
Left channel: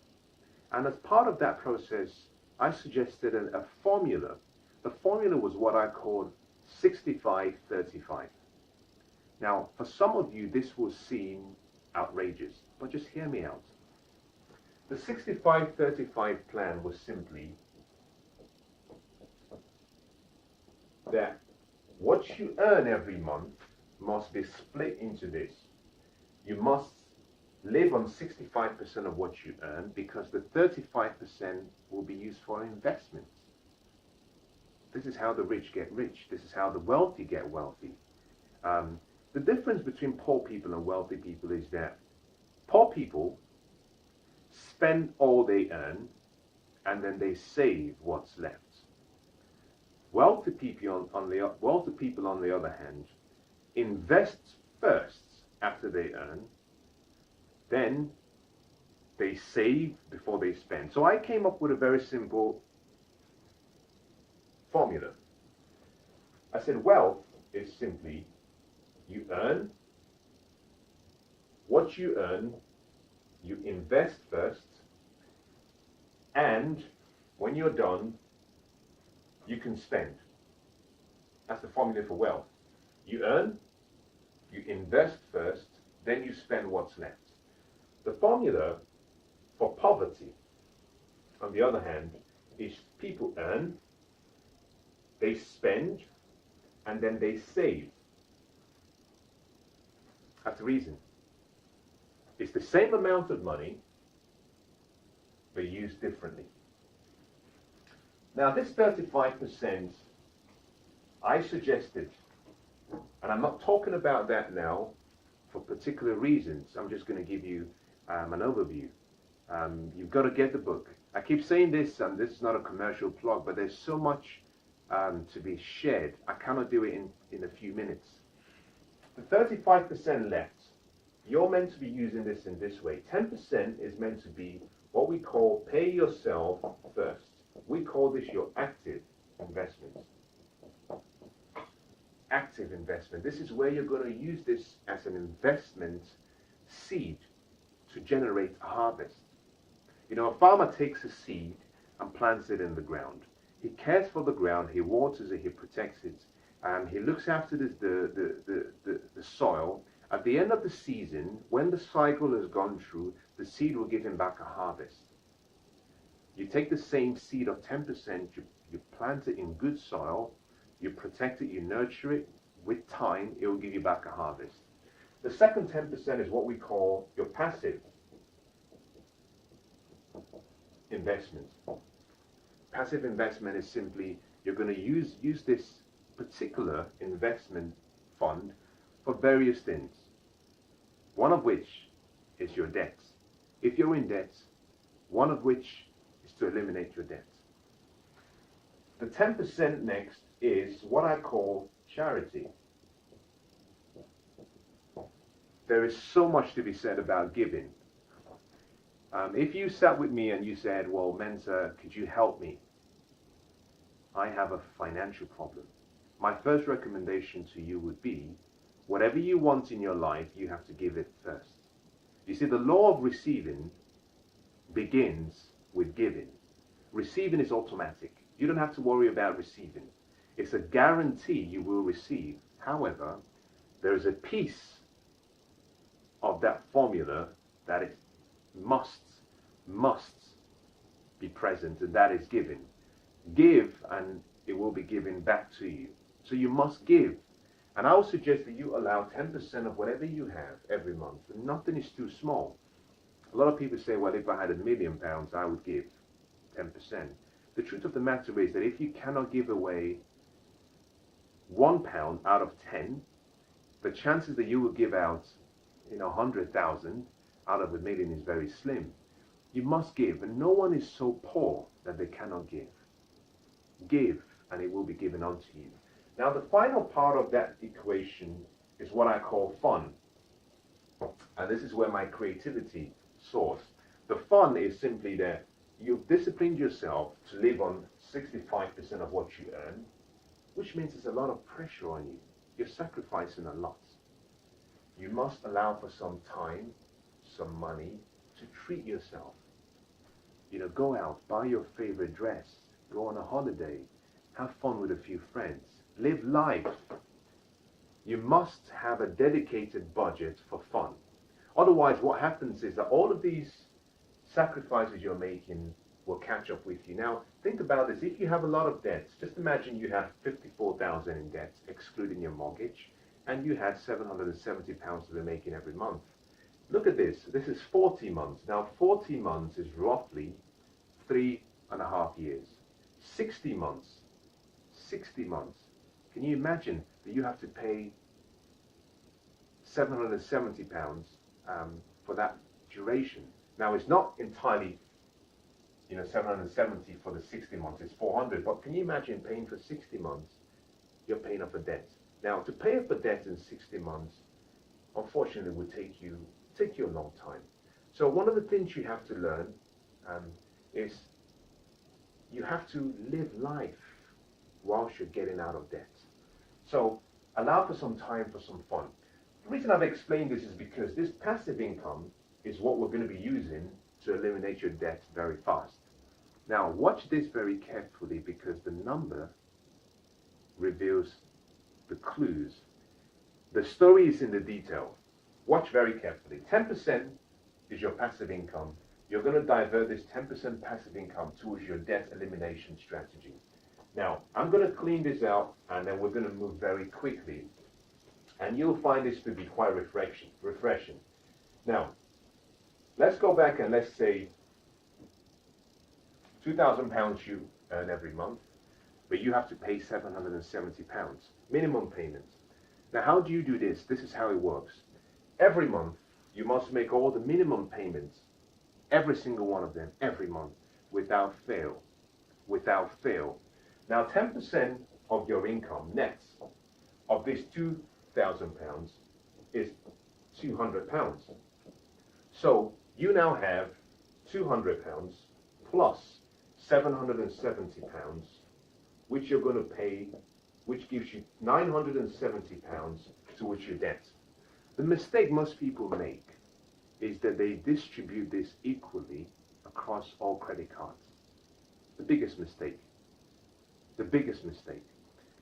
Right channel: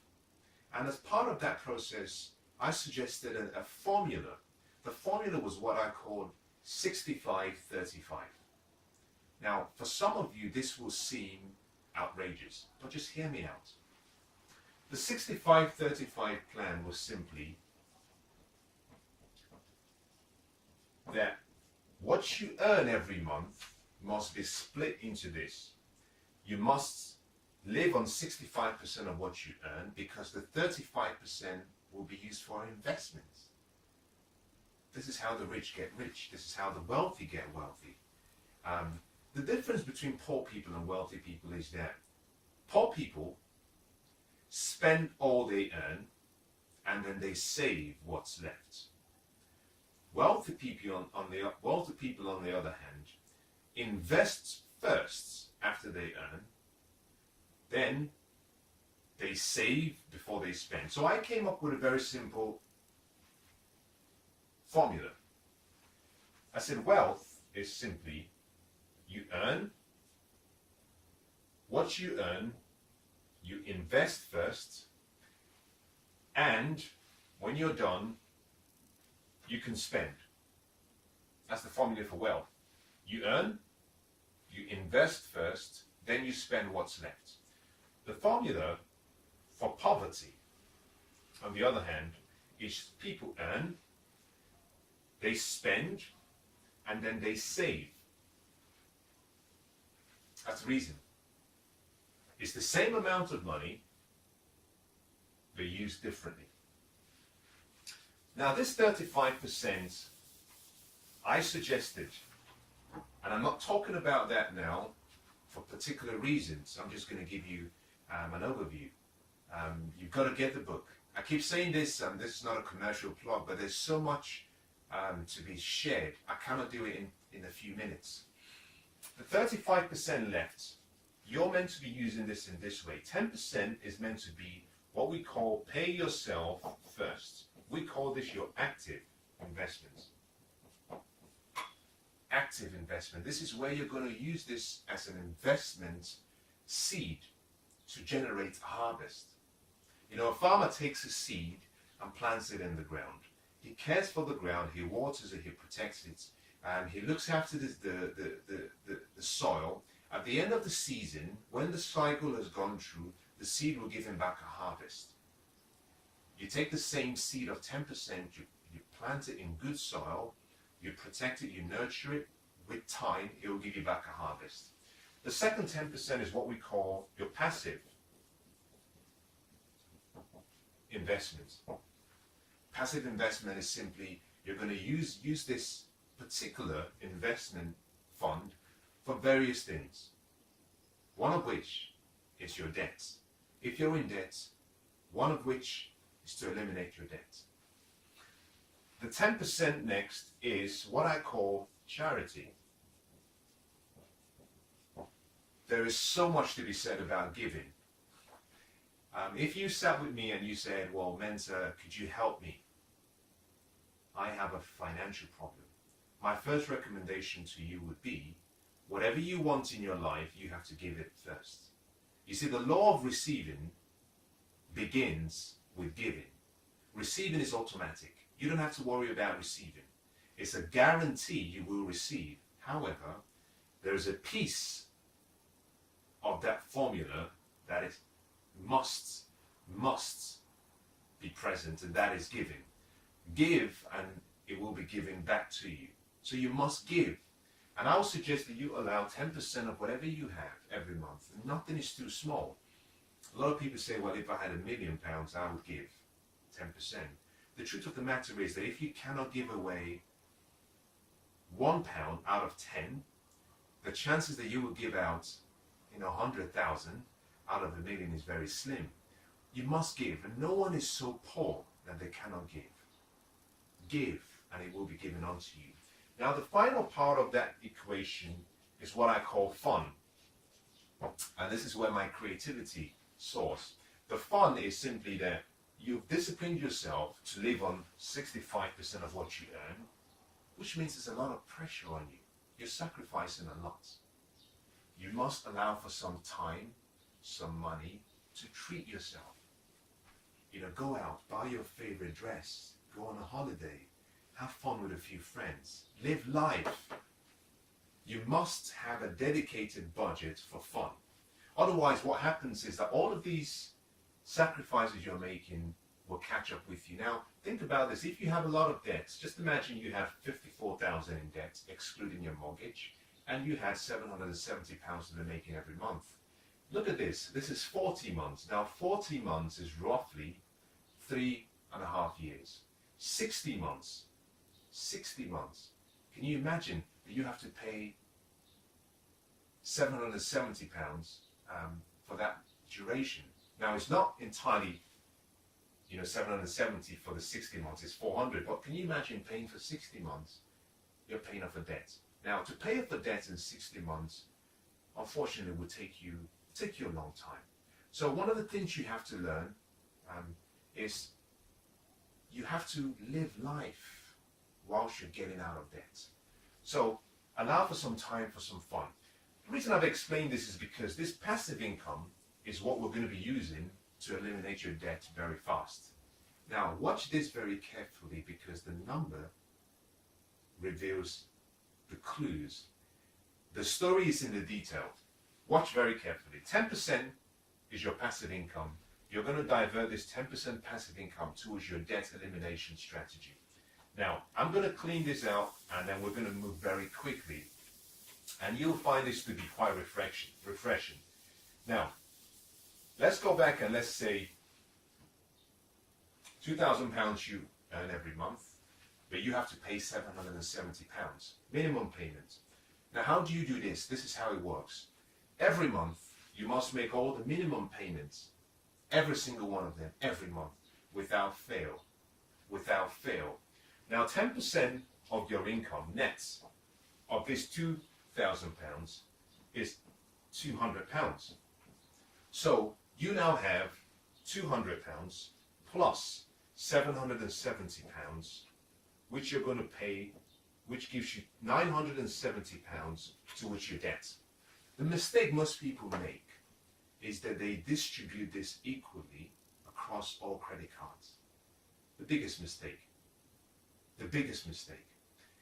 And as part of that process, I suggested a formula. The formula was what I called 65-35. Now, for some of you, this will seem outrageous, but just hear me out. The 65-35 plan was simply that what you earn every month must be split into this. You must live on 65% of what you earn, because the 35% will be used for investments. This is how the rich get rich. This is how the wealthy get wealthy. The difference between poor people and wealthy people is that poor people spend all they earn and then they save what's left. Wealthy people on the other hand, invest first after they earn, then they save before they spend. So I came up with a very simple formula. I said wealth is simply you earn, what you earn, you invest first, and when you're done, you can spend. That's the formula for wealth. You earn, you invest first, then you spend what's left. The formula for poverty, on the other hand, is people earn, they spend, and then they save. That's the reason. It's the same amount of money, but used differently. Now, this 35%, I suggested, and I'm not talking about that now for particular reasons. I'm just going to give you an overview. You've got to get the book. I keep saying this, this is not a commercial plug, but there's so much to be shared. I cannot do it in a few minutes. The 35% left, you're meant to be using this in this way. 10% is meant to be what we call pay yourself first. We call this your active investment. Active investment. This is where you're going to use this as an investment seed to generate a harvest. You know, a farmer takes a seed and plants it in the ground. He cares for the ground, he waters it, he protects it, and he looks after the soil. At the end of the season, when the cycle has gone through, the seed will give him back a harvest. You take the same seed of 10%, you plant it in good soil, you protect it, you nurture it. With time, it will give you back a harvest. The second 10% is what we call your passive investment. Passive investment is simply, you're going to use this particular investment fund for various things, one of which is your debts. If you're in debt, one of which is to eliminate your debt. The 10% next is what I call charity. There is so much to be said about giving. If you sat with me and you said, well, Mensah, could you help me? I have a financial problem. My first recommendation to you would be, whatever you want in your life, you have to give it first. You see, the law of receiving begins with giving. Receiving is automatic. You don't have to worry about receiving. It's a guarantee you will receive. However, there is a piece of that formula that is must be present, and that is giving. Give and it will be given back to you. So you must give. And I would suggest that you allow 10% of whatever you have every month. And nothing is too small. A lot of people say, well, if I had £1,000,000, I would give 10%. The truth of the matter is that if you cannot give away £1 out of 10, the chances that you will give out, 100,000 out of 1,000,000 is very slim. You must give, and no one is so poor that they cannot give. Give, and it will be given unto you. Now, the final part of that equation is what I call fun. And this is where my creativity soars. The fun is simply that you've disciplined yourself to live on 65% of what you earn, which means there's a lot of pressure on you. You're sacrificing a lot. You must allow for some time, some money to treat yourself. Go out, buy your favorite dress, go on a holiday, have fun with a few friends, live life. You must have a dedicated budget for fun. Otherwise, what happens is that all of these sacrifices you're making will catch up with you. Now, think about this. If you have a lot of debts, just imagine you have 54,000 in debt, excluding your mortgage, and you had £770 to be making every month. Look at this. This is 40 months. Now, 40 months is roughly 3.5 years. 60 months. 60 months. Can you imagine that you have to pay £770 for that duration? Now, it's not entirely 770 for the 60 months, it's 400, but can you imagine paying for 60 months? You're paying off a debt. Now, to pay off a debt in 60 months, unfortunately, would take you a long time. So one of the things you have to learn is you have to live life whilst you're getting out of debt. So allow for some time for some fun. The reason I've explained this is because this passive income is what we're going to be using to eliminate your debt very fast. Now, watch this very carefully because the number reveals the clues. The story is in the detail. Watch very carefully. 10% is your passive income. You're going to divert this 10% passive income towards your debt elimination strategy. Now, I'm going to clean this out and then we're going to move very quickly. And you'll find this to be quite refreshing. Now, let's go back and let's say £2,000 you earn every month, but you have to pay £770 minimum payment. Now, how do you do this? This is how it works. Every month, you must make all the minimum payments, every single one of them, every month, without fail. Without fail. Now, 10% of your income nets of this £2,000 is £200. So you now have £200 plus £770, which you're going to pay, which gives you £970 towards your debt. The mistake most people make is that they distribute this equally across all credit cards. The biggest mistake. The biggest mistake.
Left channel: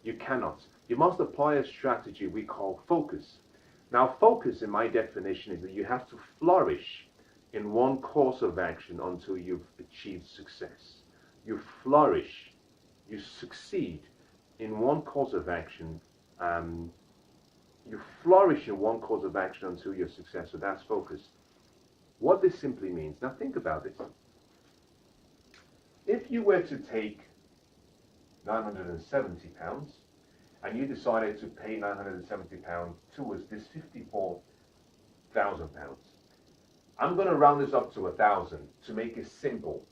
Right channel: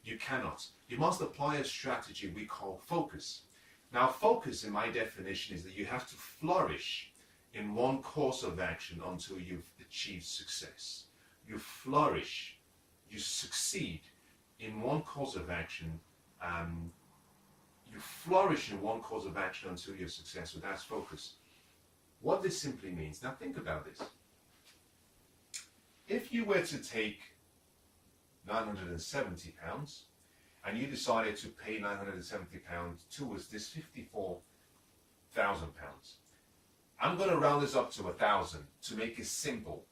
You cannot. You must apply a strategy we call focus. Now, focus, in my definition, is that you have to flourish in one course of action until you've achieved success. You flourish, you succeed in one course of action. You flourish in one course of action until you're successful. That's focus. What this simply means, now think about this. If you were to take £970 and you decided to pay £970 towards this £54,000, I'm going to round this up to 1,000 to make it simple.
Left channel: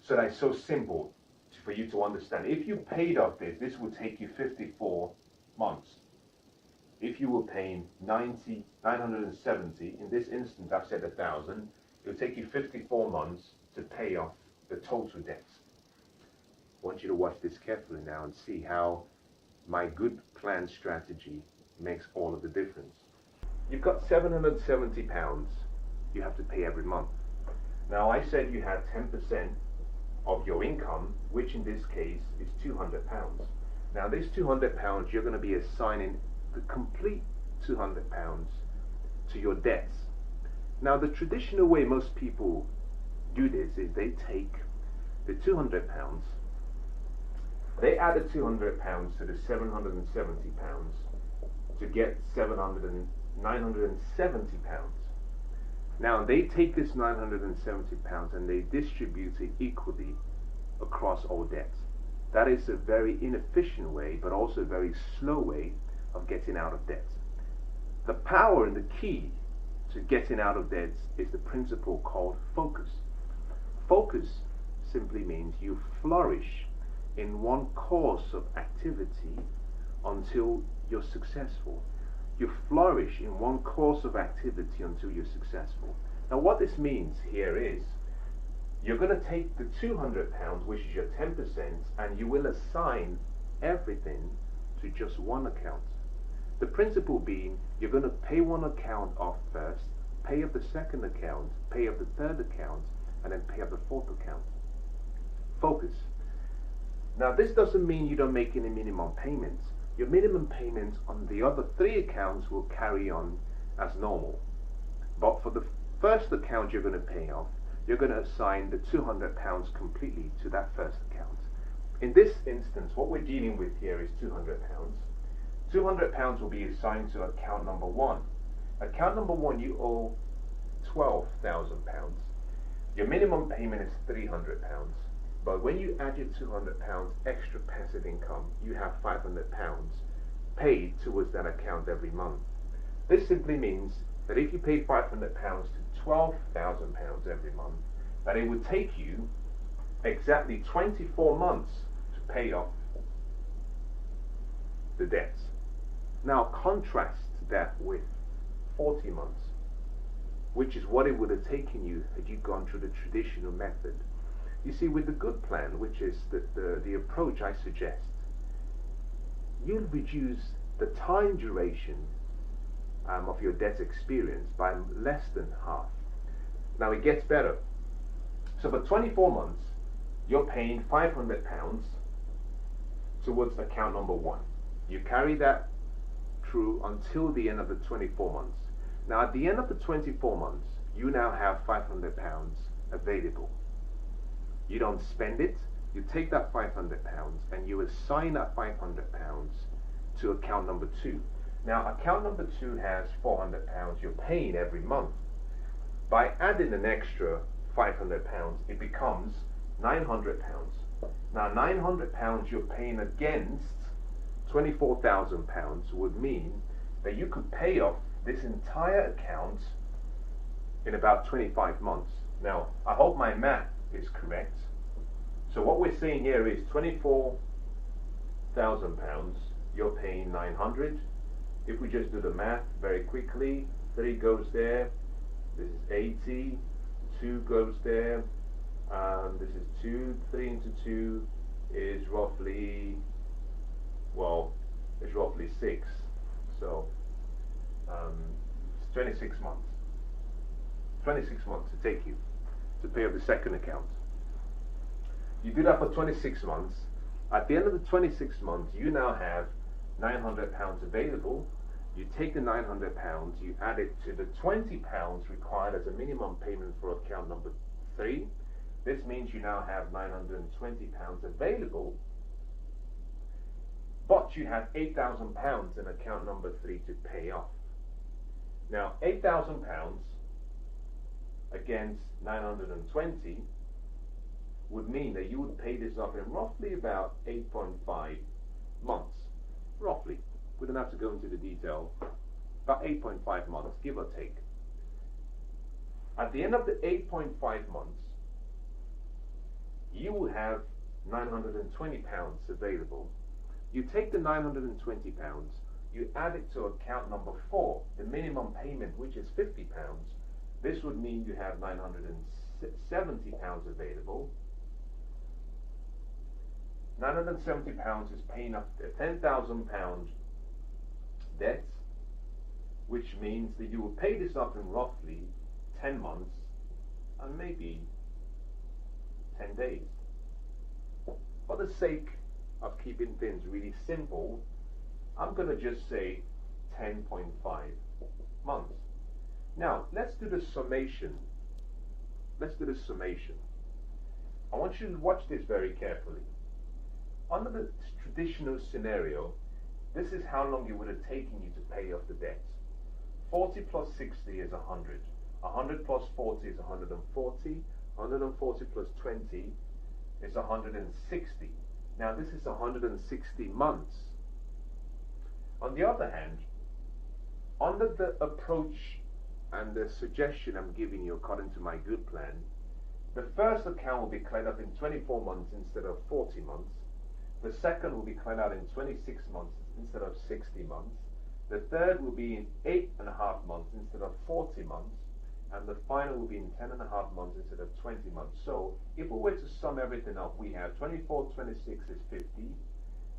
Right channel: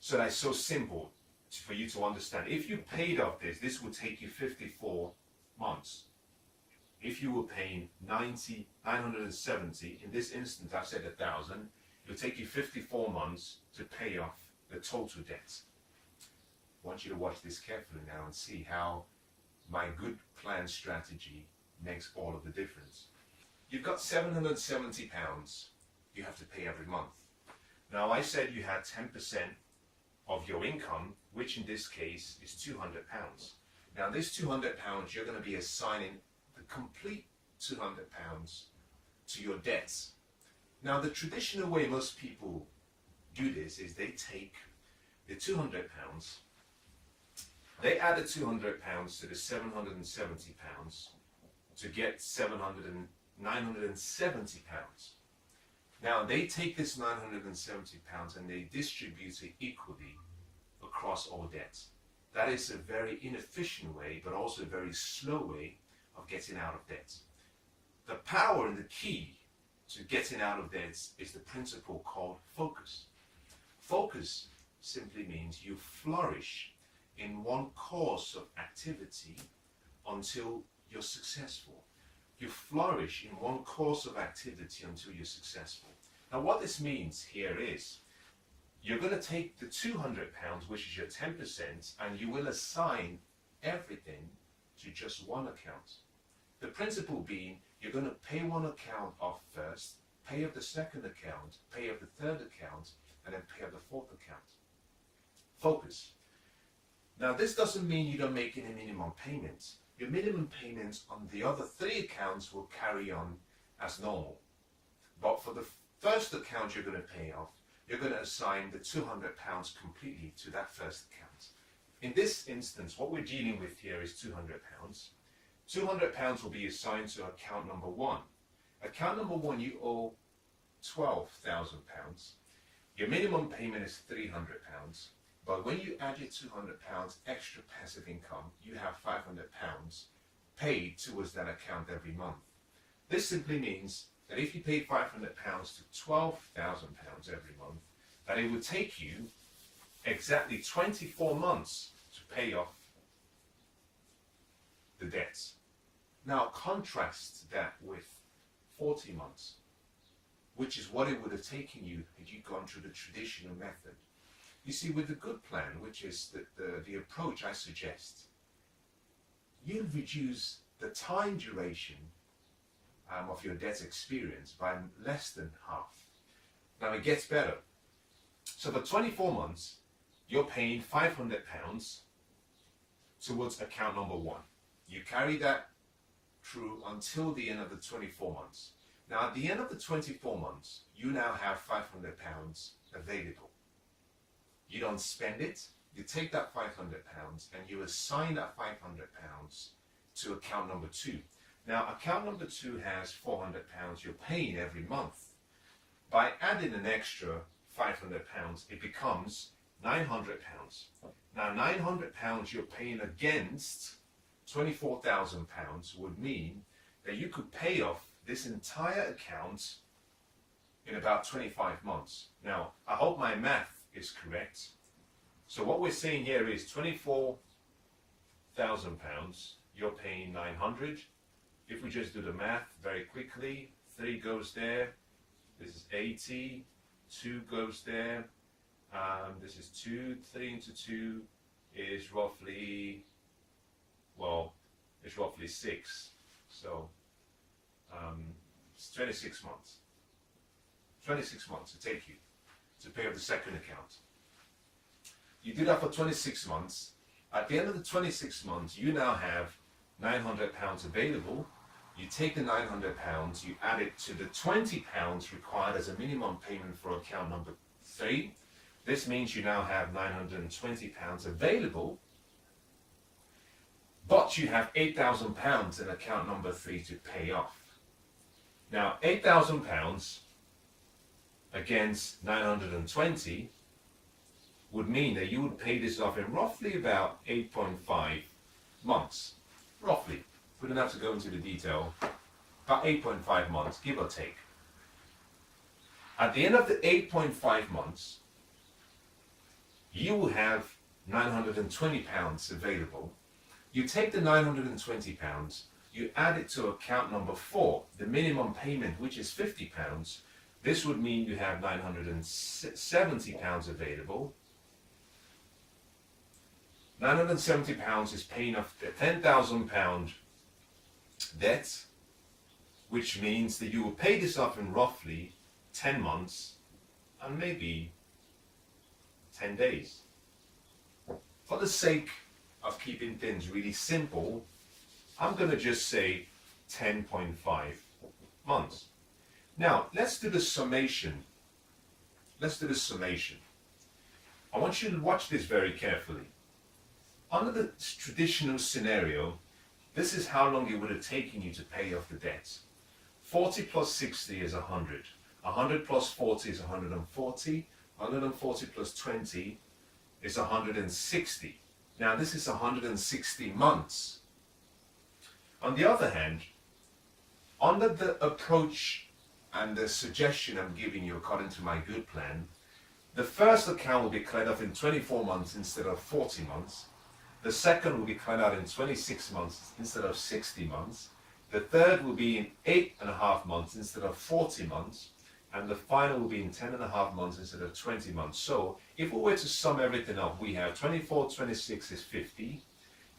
So that it's so simple for you to understand. If you paid off this would take you 54 months. If you were paying 970, in this instance I've said 1,000, it will take you 54 months to pay off the total debt. I want you to watch this carefully now and see how my good plan strategy makes all of the difference. You've got £770 you have to pay every month. Now, I said you had 10% of your income, which in this case is £200. Now, this £200, you're going to be assigning the complete £200 to your debts. Now, the traditional way most people do this is they take the £200, they add the £200 to the £770, to get 970 pounds. Now they take this 970 pounds and they distribute it equally across all debts. That is a very inefficient way, but also a very slow way of getting out of debt. The power and the key to getting out of debt is the principle called focus. Focus simply means you flourish in one course of activity until you're successful. You flourish in one course of activity until you're successful. Now what this means here is you're going to take the £200, which is your 10%, and you will assign everything to just one account. The principle being you're going to pay one account off first, pay off the second account, pay off the third account, and then pay off the fourth account. Focus. Now this doesn't mean you don't make any minimum payments. Your minimum payments on the other three accounts will carry on as normal. But for the first account you're going to pay off, you're going to assign the £200 completely to that first account. In this instance, what we're dealing with here is £200. £200 will be assigned to account number one. Account number one, you owe £12,000. Your minimum payment is £300. But when you add your £200 extra passive income, you have £500 paid towards that account every month. This simply means that if you paid £500 to £12,000 every month, that it would take you exactly 24 months to pay off the debts. Now contrast that with 40 months, which is what it would have taken you had you gone through the traditional method. You see, with the good plan, which is the approach I suggest, you'll reduce the time duration of your debt experience by less than half. Now it gets better. So for 24 months, you're paying £500 towards account number one. You carry that through until the end of the 24 months. Now at the end of the 24 months, you now have £500 available. You don't spend it, you take that £500 and you assign that £500 to account number two. Now account number two has £400 you're paying every month. By adding an extra £500, it becomes £900. Now £900 you're paying against £24,000 would mean that you could pay off this entire account in about 25 months. Now I hope my math is correct. So what we're saying here is £24,000, you're paying 900. If we just do the math very quickly, 3 goes there, this is 80, 2 goes there, this is 2, 3 into 2 is roughly, well, it's roughly 6. So it's 26 months. 26 months to take you to pay off the second account. You do that for 26 months. At the end of the 26 months, you now have £900 available. You take the £900, you add it to the £20 required as a minimum payment for account number 3. This means you now have £920 available, but you have £8,000 in account number 3 to pay off. Now, £8,000 against 920 would mean that you would pay this off in roughly about 8.5 months. Roughly. We don't have to go into the detail. About 8.5 months, give or take. At the end of the 8.5 months, you will have £920 available. You take the £920, you add it to account number 4, the minimum payment, which is £50. This would mean you have £970 available. £970 is paying off the £10,000 debt, which means that you will pay this off in roughly 10 months and maybe 10 days. For the sake of keeping things really simple, I'm going to just say 10.5 months. Now, let's do the summation. I want you to watch this very carefully. Under the traditional scenario, this is how long it would have taken you to pay off the debts. 40 plus 60 is 100. 100 plus 40 is 140. 140 plus 20 is 160. Now this is 160 months. On the other hand, under the approach and the suggestion I'm giving you according to my good plan, the first account will be cleared off in 24 months instead of 40 months. The second will be cleared out in 26 months instead of 60 months. The third will be in 8.5 months instead of 40 months. And the final will be in 10.5 months instead of 20 months. So if we were to sum everything up, we have 24, 26 is 50.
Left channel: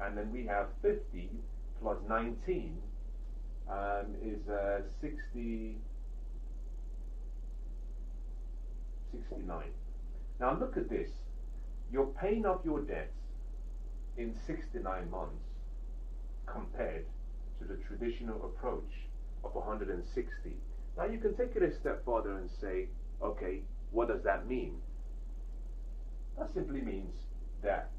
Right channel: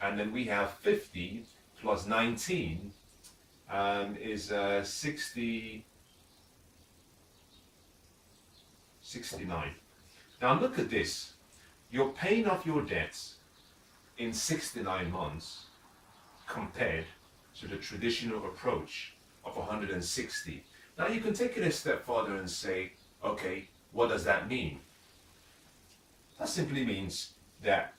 And then we have 50 plus 19 is 69. Now look at this. You're paying off your debts in 69 months compared to the traditional approach of 160. Now you can take it a step further and say, okay, what does that mean? That simply means that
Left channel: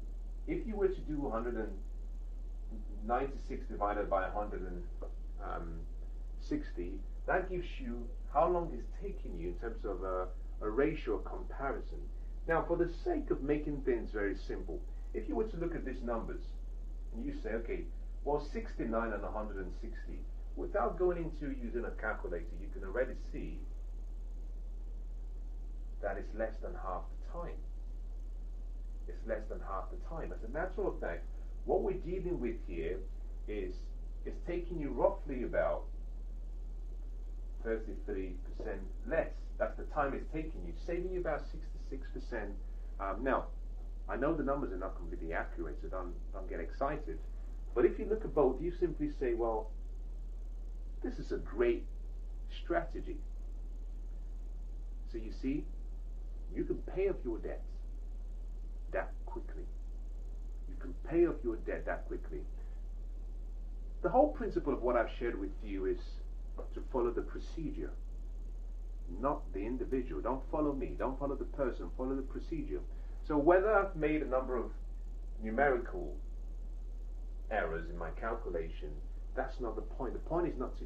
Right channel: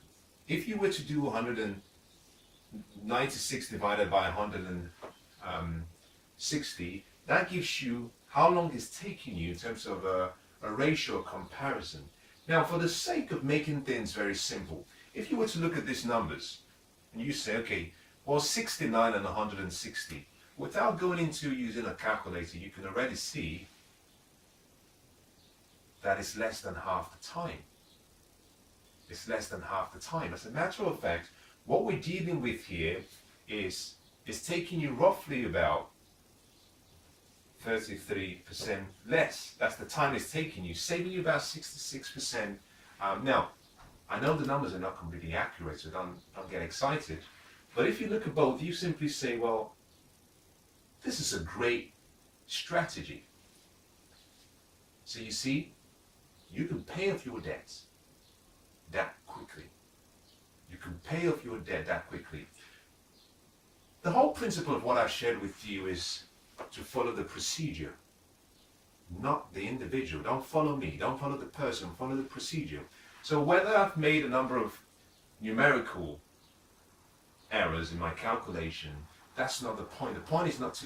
if you were to do 196 divided by 160, that gives you how long it's taking you in terms of a ratio comparison. Now, for the sake of making things very simple, if you were to look at these numbers and you say, okay, well, 69 and 160, without going into using a calculator, you can already see that it's less than half the time. It's less than half the time. As a matter of fact, what we're dealing with here is taking you roughly about 33% less. That's the time it's taking you, saving you about 66%. Now, I know the numbers are not completely accurate, so don't get excited. But if you look at both, you simply say, well, this is a great strategy. So you see, you can pay off your debts that quickly. You can pay off your debt that quickly. The whole principle of what I've shared with you is to follow the procedure, not the individual. Don't follow me, don't follow the person, follow the procedure. So whether I've made a number of numerical errors in my calculation, that's not the point. The point is not to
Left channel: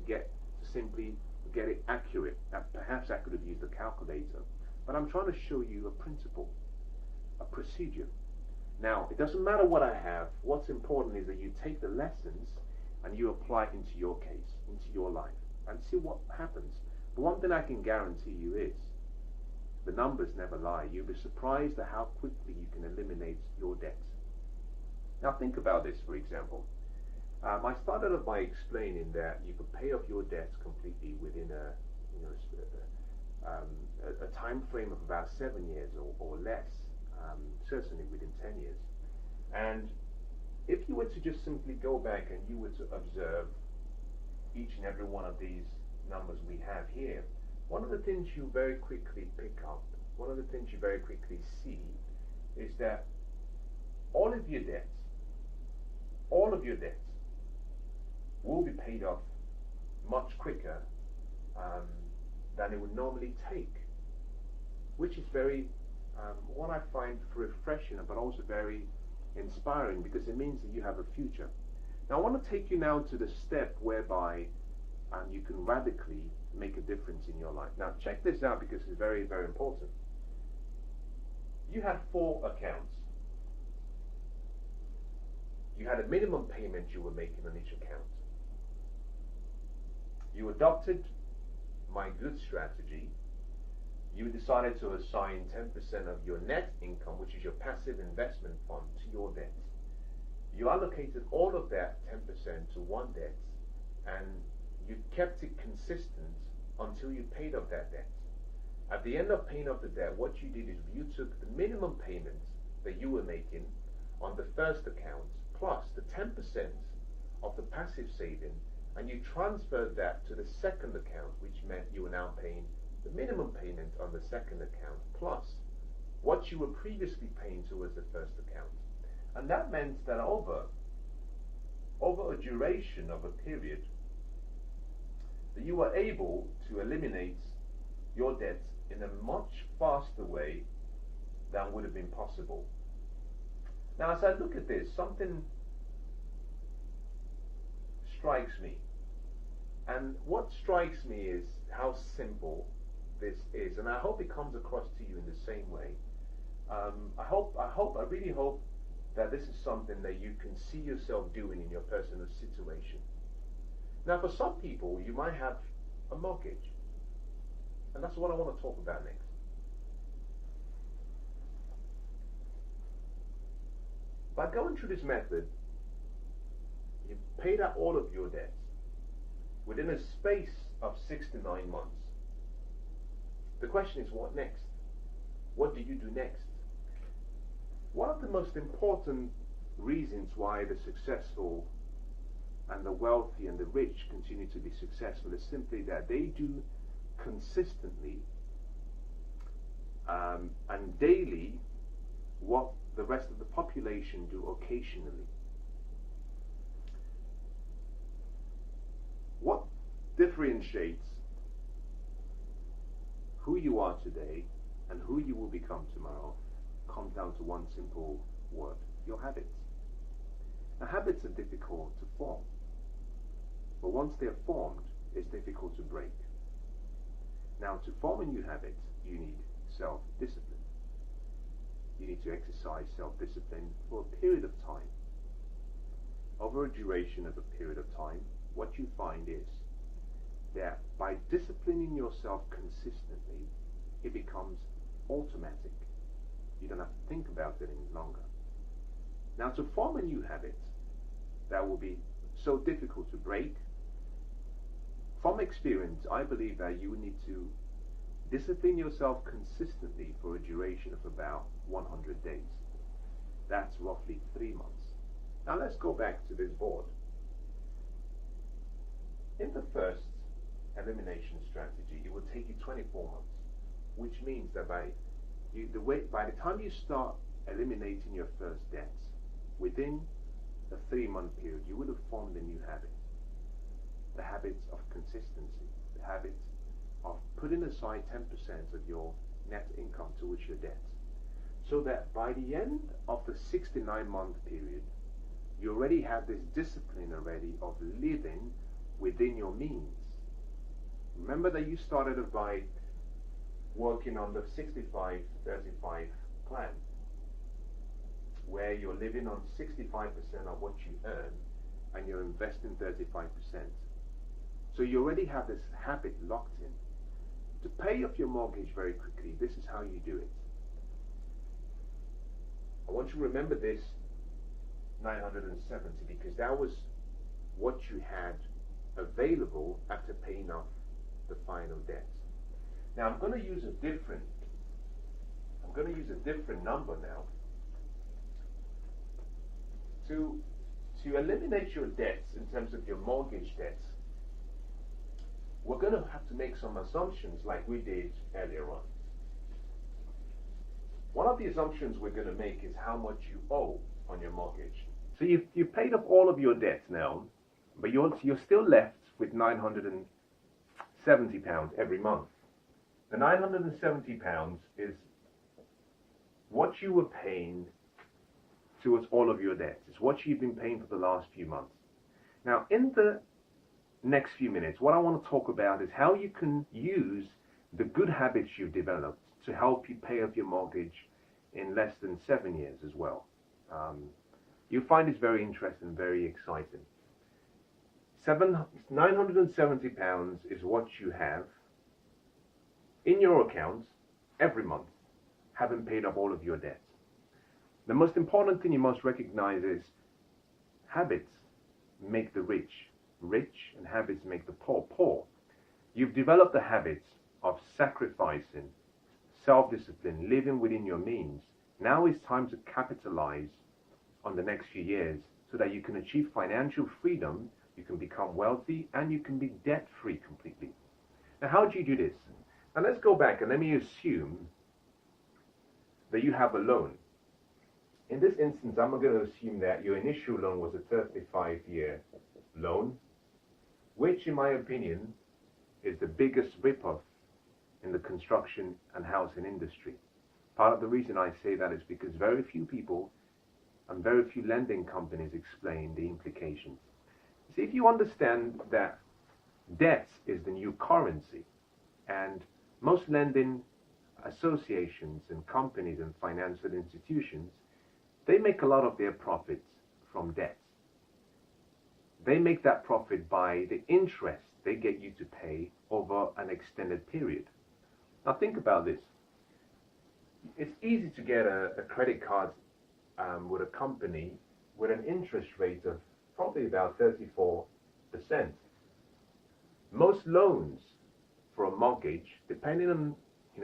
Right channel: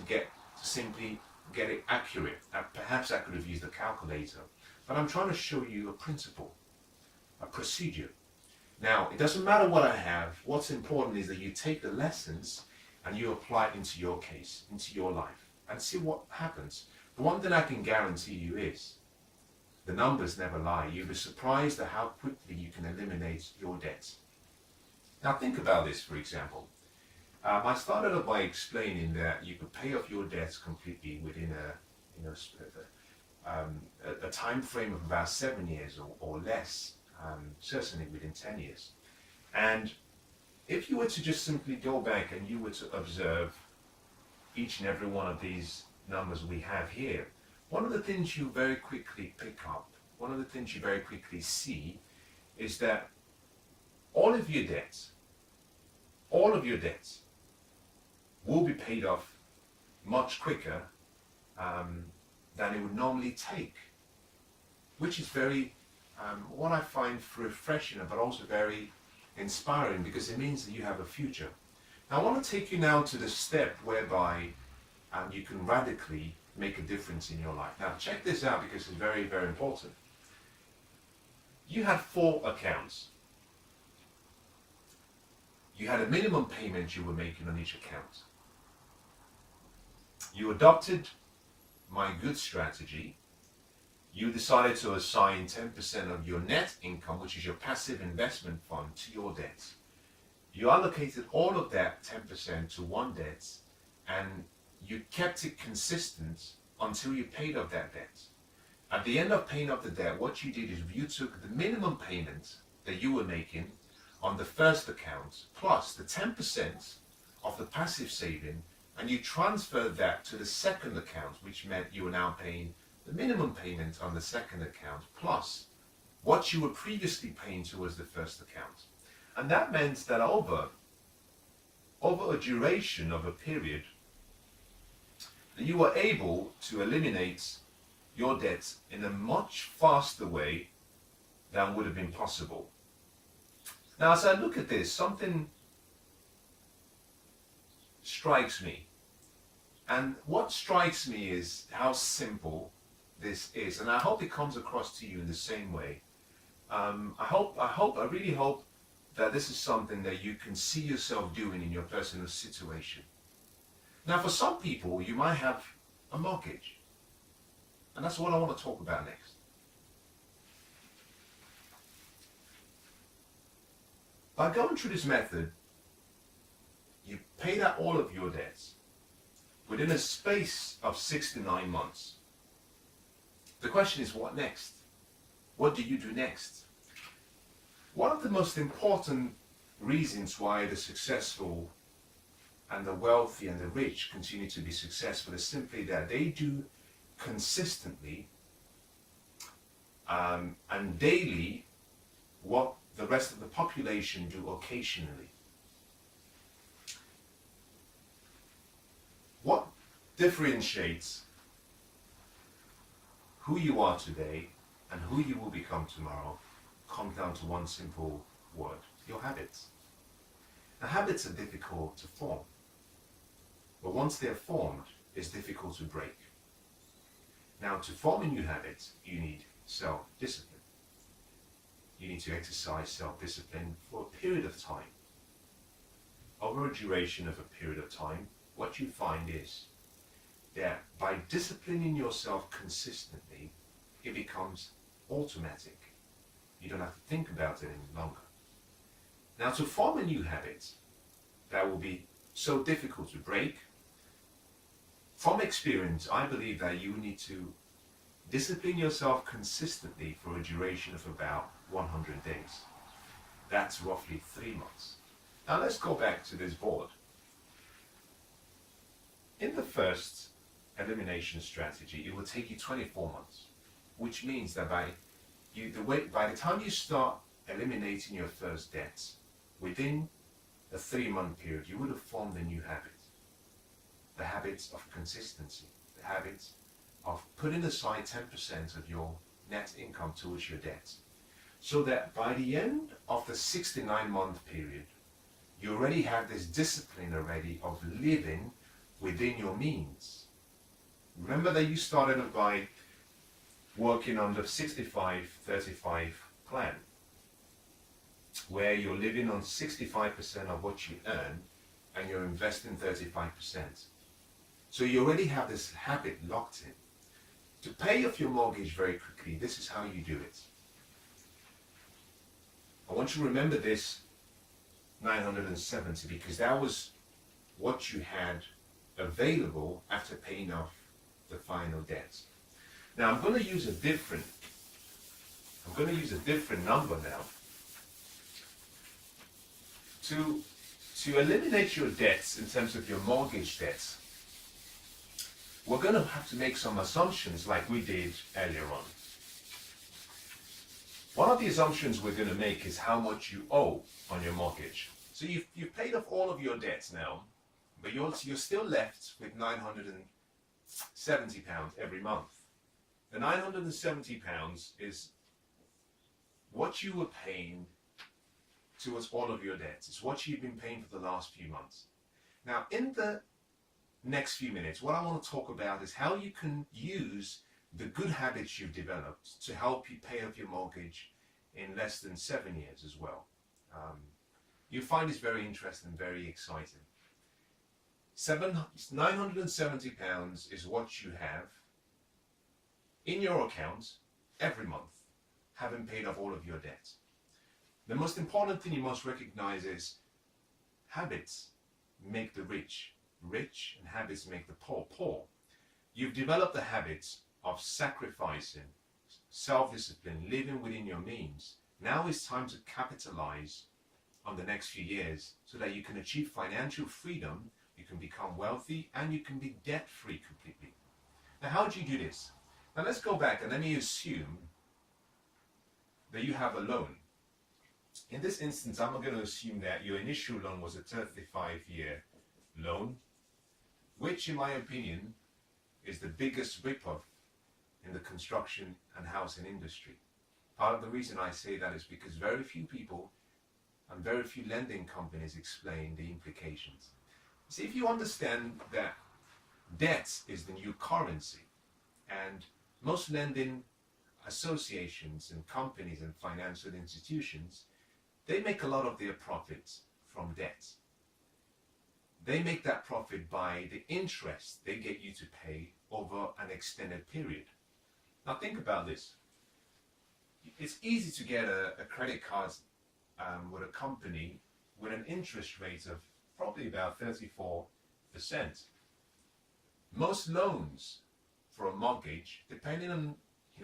simply get it accurate. Perhaps I could have used a calculator, but I'm trying to show you a principle, a procedure. Now, it doesn't matter what I have. What's important is that you take the lessons and you apply it into your case, into your life, and see what happens. The one thing I can guarantee you is the numbers never lie. You'll be surprised at how quickly you can eliminate your debts. Now think about this, for example. I started off by explaining that you could pay off your debts completely within a time frame of about 7 years or less, certainly within 10 years. And if you were to just simply go back and you were to observe each and every one of these numbers we have here, one of the things you very quickly pick up, one of the things you very quickly see is that all of your debts will be paid off much quicker than it would normally take, which is very, what I find refreshing, but also very inspiring, because it means that you have a future. Now I want to take you now to the step whereby you can radically make a difference in your life. Now check this out, because it's very, very important. You had 4 accounts. You had a minimum payment you were making on each account. You adopted my good strategy. You decided to assign 10% of your net income, which is your passive investment fund, to your debts. You allocated all of that 10% to one debt, and you kept it consistent until you paid off that debt. At the end of paying off the debt, what you did is you took the minimum payment that you were making on the first account plus the 10% of the passive saving, and you transferred that to the second account, which meant you were now paying the minimum payment on the second account plus what you were previously paying towards the first account. And that meant that over a duration of a period, that you were able to eliminate your debts in a much faster way than would have been possible. Now, as I look at this, something strikes me, and what strikes me is how simple this is, and I hope it comes across to you in the same way. I really hope that this is something that you can see yourself doing in your personal situation. Now, for some people, you might have a mortgage, and that's what I want to talk about next. By going through this method, you paid out all of your debts within a space of 6 to 9 months. The question is, what next? What do you do next? One of the most important reasons why the successful and the wealthy and the rich continue to be successful is simply that they do consistently and daily what the rest of the population do occasionally. What differentiates who you are today and who you will become tomorrow comes down to one simple word: your habits. Now, habits are difficult to form, but once they're formed, it's difficult to break. Now, to form a new habit, you need self-discipline. You need to exercise self-discipline for a period of time. Over a duration of a period of time, what you find is that by disciplining yourself consistently, it becomes automatic. You don't have to think about it any longer. Now, to form a new habit that will be so difficult to break, from experience, I believe that you need to discipline yourself consistently for a duration of about 100 days. That's roughly 3 months. Now let's go back to this board. In the first elimination strategy, it will take you 24 months, which means that by the time you start eliminating your first debts, within a 3-month period, you would have formed a new habit. The habits of consistency, the habits of putting aside 10% of your net income towards your debts, so that by the end of the 69-month period, you already have this discipline already of living within your means. Remember that you started by working on the 65-35 plan, where you're living on 65% of what you earn and you're investing 35%. So you already have this habit locked in. To pay off your mortgage very quickly, this is how you do it. I want you to remember this 970, because that was what you had available after paying off the final debt. Now I'm going to use a different number now to eliminate your debts in terms of your mortgage debts. We're going to have to make some assumptions like we did earlier on. One of the assumptions we're going to make is how much you owe on your mortgage. So you've paid off all of your debts now, but you're still left with £970 every month. The £970 is what you were paying towards all of your debts. It's what you've been paying for the last few months. Now, in the next few minutes, what I want to talk about is how you can use the good habits you've developed to help you pay off your mortgage in less than 7 years as well. You'll find this very interesting, very exciting. £970 is what you have in your account every month, having paid off all of your debt. The most important thing you must recognize is habits make the rich rich, and habits make the poor poor. You've developed the habits of sacrificing, self-discipline, living within your means. Now it's time to capitalize on the next few years so that you can achieve financial freedom, you can become wealthy, and you can be debt-free completely. Now, how do you do this? Now, let's go back and let me assume that you have a loan. In this instance, I'm going to assume that your initial loan was a 35-year loan, which, in my opinion, is the biggest rip-off in the construction and housing industry. Part of the reason I say that is because very few people and very few lending companies explain the implications. See, if you understand that debt is the new currency, and most lending associations and companies and financial institutions, they make a lot of their profits from debt. They make that profit by the interest they get you to pay over an extended period. Now think about this. It's easy to get a credit card with a company with an interest rate of probably about 34%. Most loans for a mortgage, depending on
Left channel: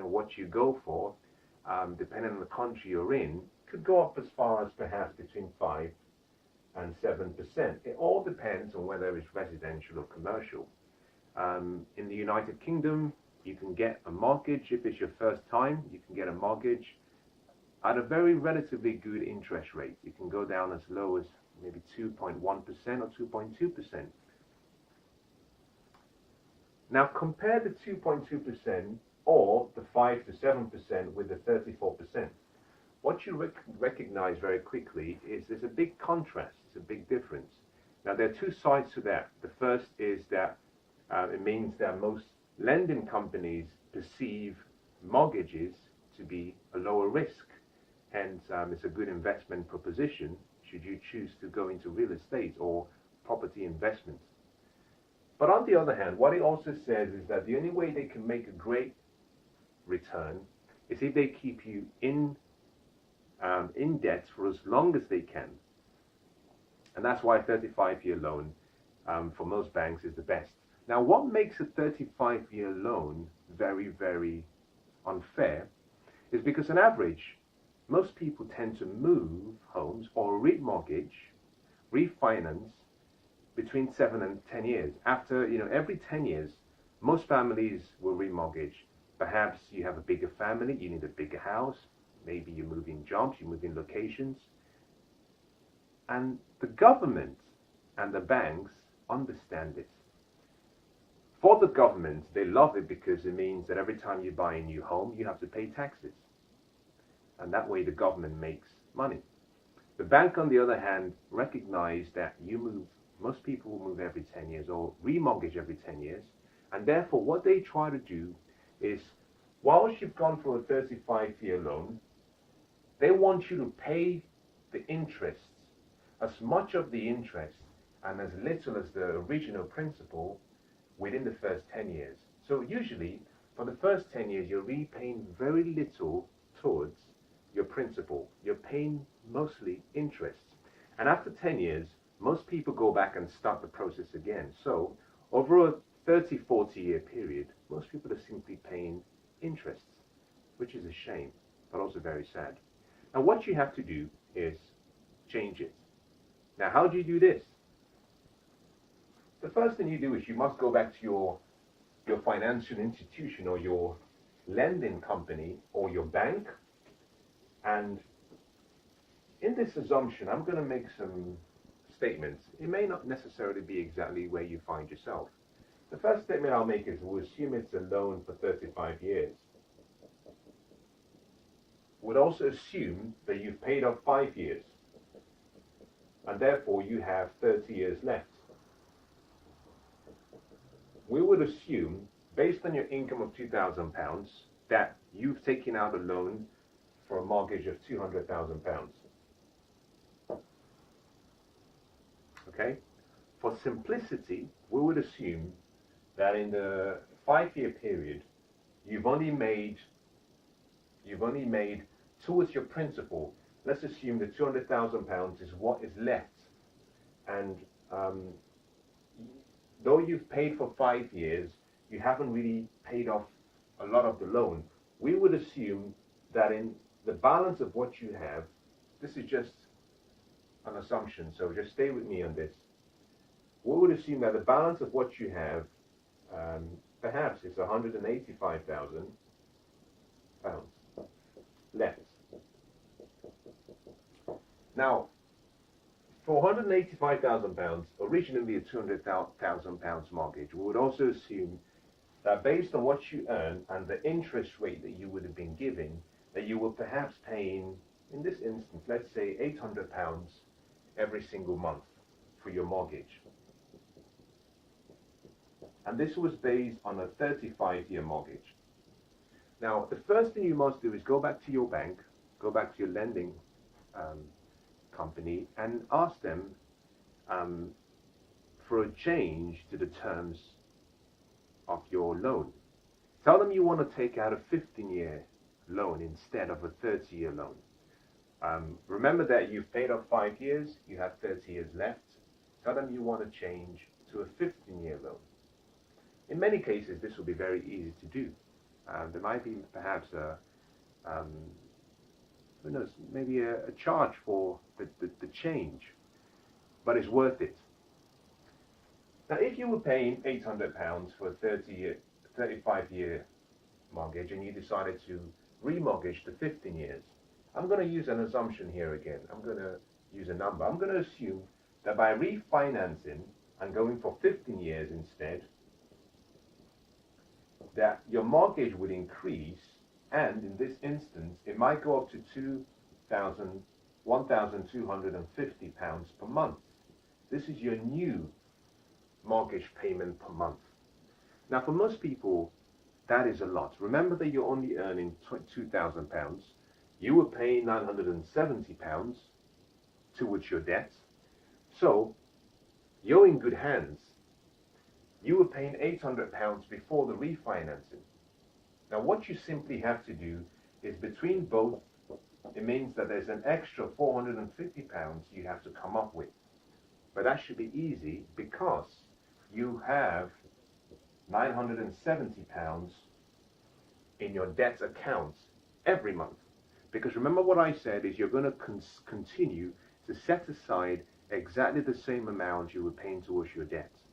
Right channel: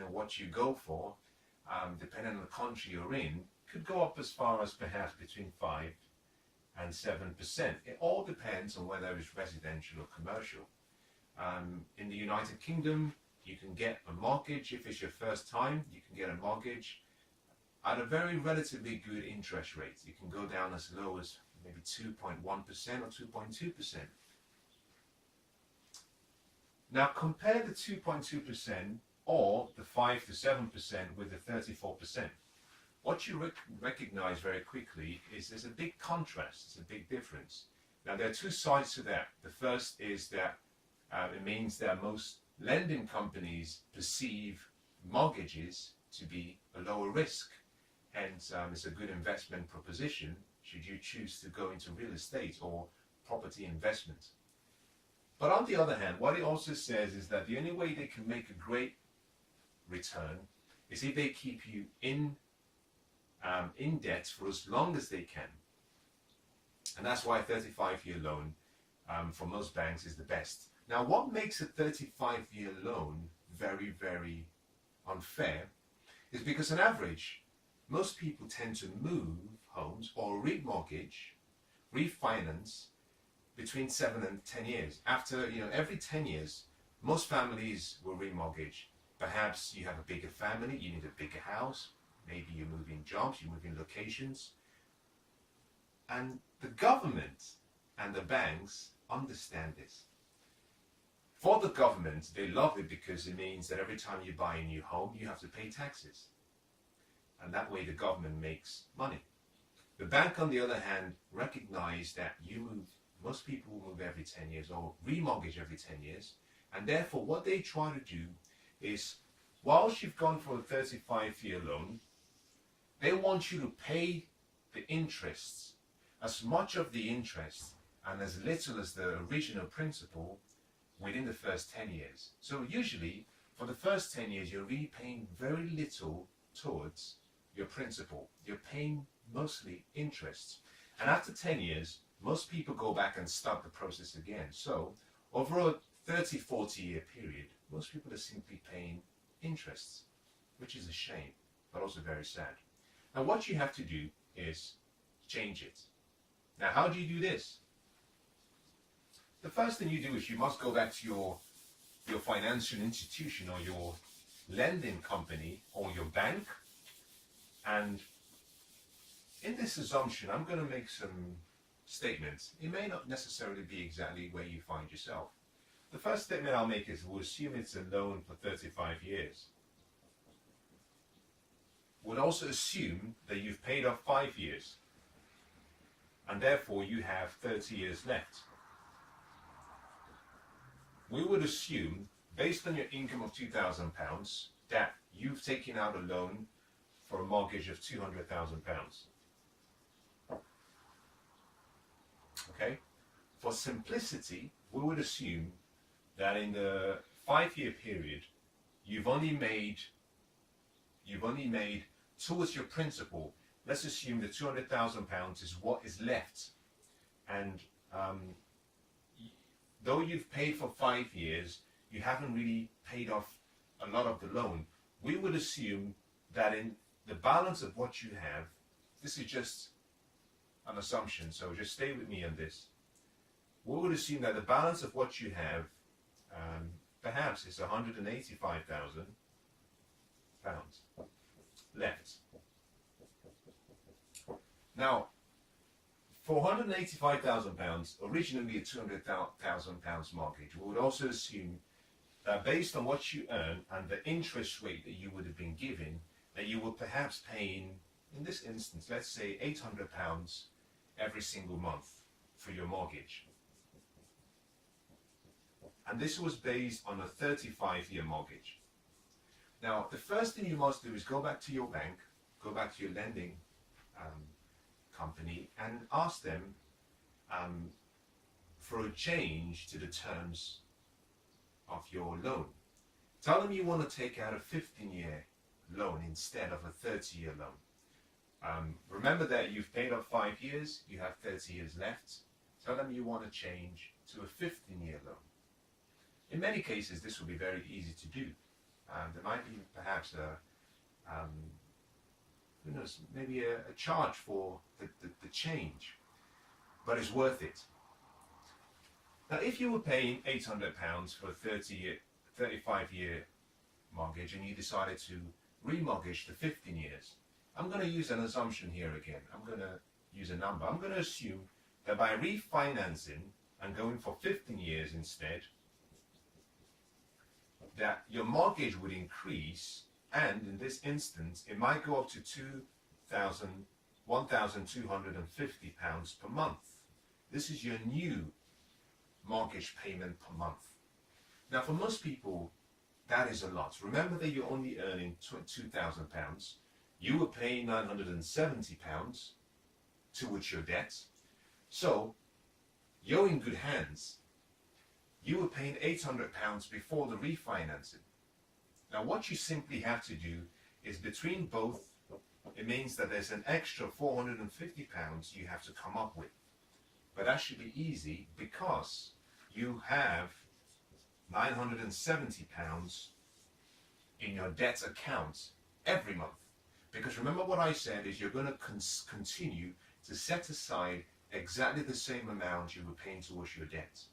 what you go for, depending on the country you're in, could go up as far as perhaps between 5 and 7%. It all depends on whether it's residential or commercial. In the United Kingdom, you can get a mortgage if it's your first time. You can get a mortgage at a very relatively good interest rate. You can go down as low as maybe 2.1% or 2.2%. Now compare the 2.2% or the 5 to 7% with the 34%. What you recognize very quickly is there's a big contrast, it's a big difference. Now there are two sides to that. The first is that it means that most lending companies perceive mortgages to be a lower risk. Hence, it's a good investment proposition should you choose to go into real estate or property investment. But on the other hand, what it also says is that the only way they can make a great return is if they keep you in debt for as long as they can. And that's why a 35-year loan for most banks is the best. Now, what makes a 35-year loan very, very unfair is because on average, most people tend to move homes or remortgage, refinance between 7 and 10 years. After, every 10 years, most families will remortgage. Perhaps you have a bigger family, you need a bigger house, maybe you move in jobs, you move in locations. And the government and the banks understand this. For the government, they love it because it means that every time you buy a new home, you have to pay taxes. And that way the government makes money. The bank, on the other hand, recognize that most people will move every 10 years or remortgage every 10 years. And therefore, what they try to do is, whilst you've gone for a 35-year loan, they want you to pay the interests, as much of the interest and as little as the original principal within the first 10 years. So usually, for the first 10 years, you're really paying very little towards your principal. You're paying mostly interest. And after 10 years, most people go back and start the process again. So over a 30, 40-year period, most people are simply paying interests, which is a shame, but also very sad. And what you have to do is change it. Now, how do you do this? The first thing you do is you must go back to your financial institution or your lending company or your bank. And in this assumption, I'm going to make some statements. It may not necessarily be exactly where you find yourself. The first statement I'll make is we'll assume it's a loan for 35 years. We'll also assume that you've paid off 5 years. And therefore you have 30 years left. We would assume, based on your income of £2,000, that you've taken out a loan for a mortgage of £200,000. Okay? For simplicity, we would assume that in the 5-year period, you've only made towards your principal. Let's assume the £200,000 is what is left, and though you've paid for 5 years, you haven't really paid off a lot of the loan. We would assume that in the balance of what you have, this is just an assumption, so just stay with me on this. We would assume that the balance of what you have, perhaps is £185,000 left. Now, for £185,000, originally a £200,000 mortgage, we would also assume that based on what you earn and the interest rate that you would have been given, that you were perhaps paying, in this instance, let's say £800 every single month for your mortgage. and this was based on a 35-year mortgage. Now, the first thing you must do is go back to your bank, go back to your lending company, and ask them for a change to the terms of your loan. Tell them you want to take out a 15-year loan instead of a 30-year loan. Remember that you've paid off 5 years, you have 30 years left. Tell them you want to change to a 15-year loan. In many cases, this will be very easy to do. There might be perhaps who knows, maybe a charge for the change, but it's worth it. Now, if you were paying £800 for a 35-year mortgage and you decided to remortgage to 15 years, I'm going to use an assumption here again. I'm going to use a number. I'm going to assume that by refinancing and going for 15 years instead, that your mortgage would increase, and in this instance, it might go up to £1,250 per month. This is your new mortgage payment per month. Now, for most people, that is a lot. Remember that you're only earning £2,000. You were paying £970 towards your debt. So, you're in good hands. You were paying £800 before the refinancing. Now, what you simply have to do is between both, it means that there's an extra £450 you have to come up with. But that should be easy because you have £970 in your debt account every month. Because remember what I said is you're going to continue to set aside exactly the same amount you were paying towards your debt.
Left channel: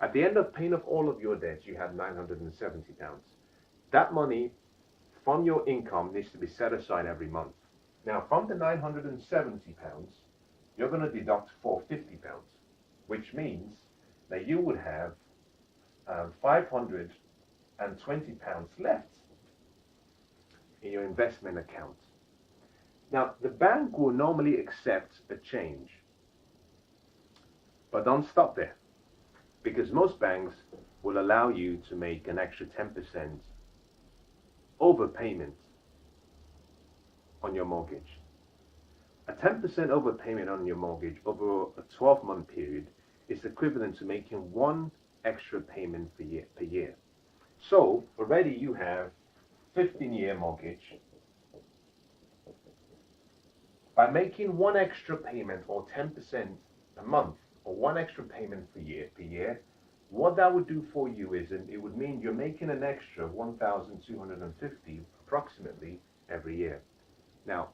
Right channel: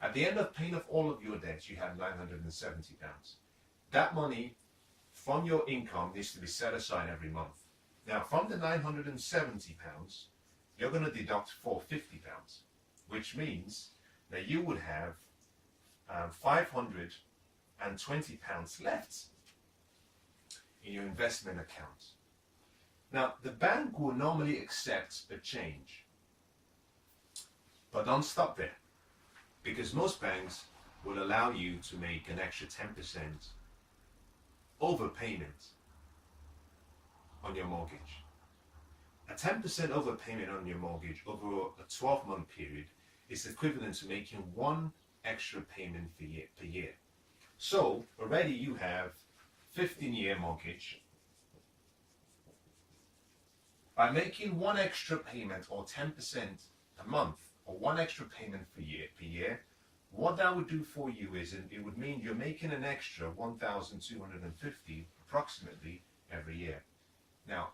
At the end of paying off all of your debts, you have £970. That money from your income needs to be set aside every month. Now, from the £970, you're going to deduct £450, which means that you would have £520 left in your investment account. Now, the bank will normally accept a change, but don't stop there, because most banks will allow you to make an extra 10% overpayment on your mortgage. A 10% overpayment on your mortgage over a 12-month period is equivalent to making one extra payment per year. So already you have 15-year mortgage. By making one extra payment or 10% a month or one extra payment per year, what that would do for you is it would mean you're making an extra $1,250 approximately every year. Now,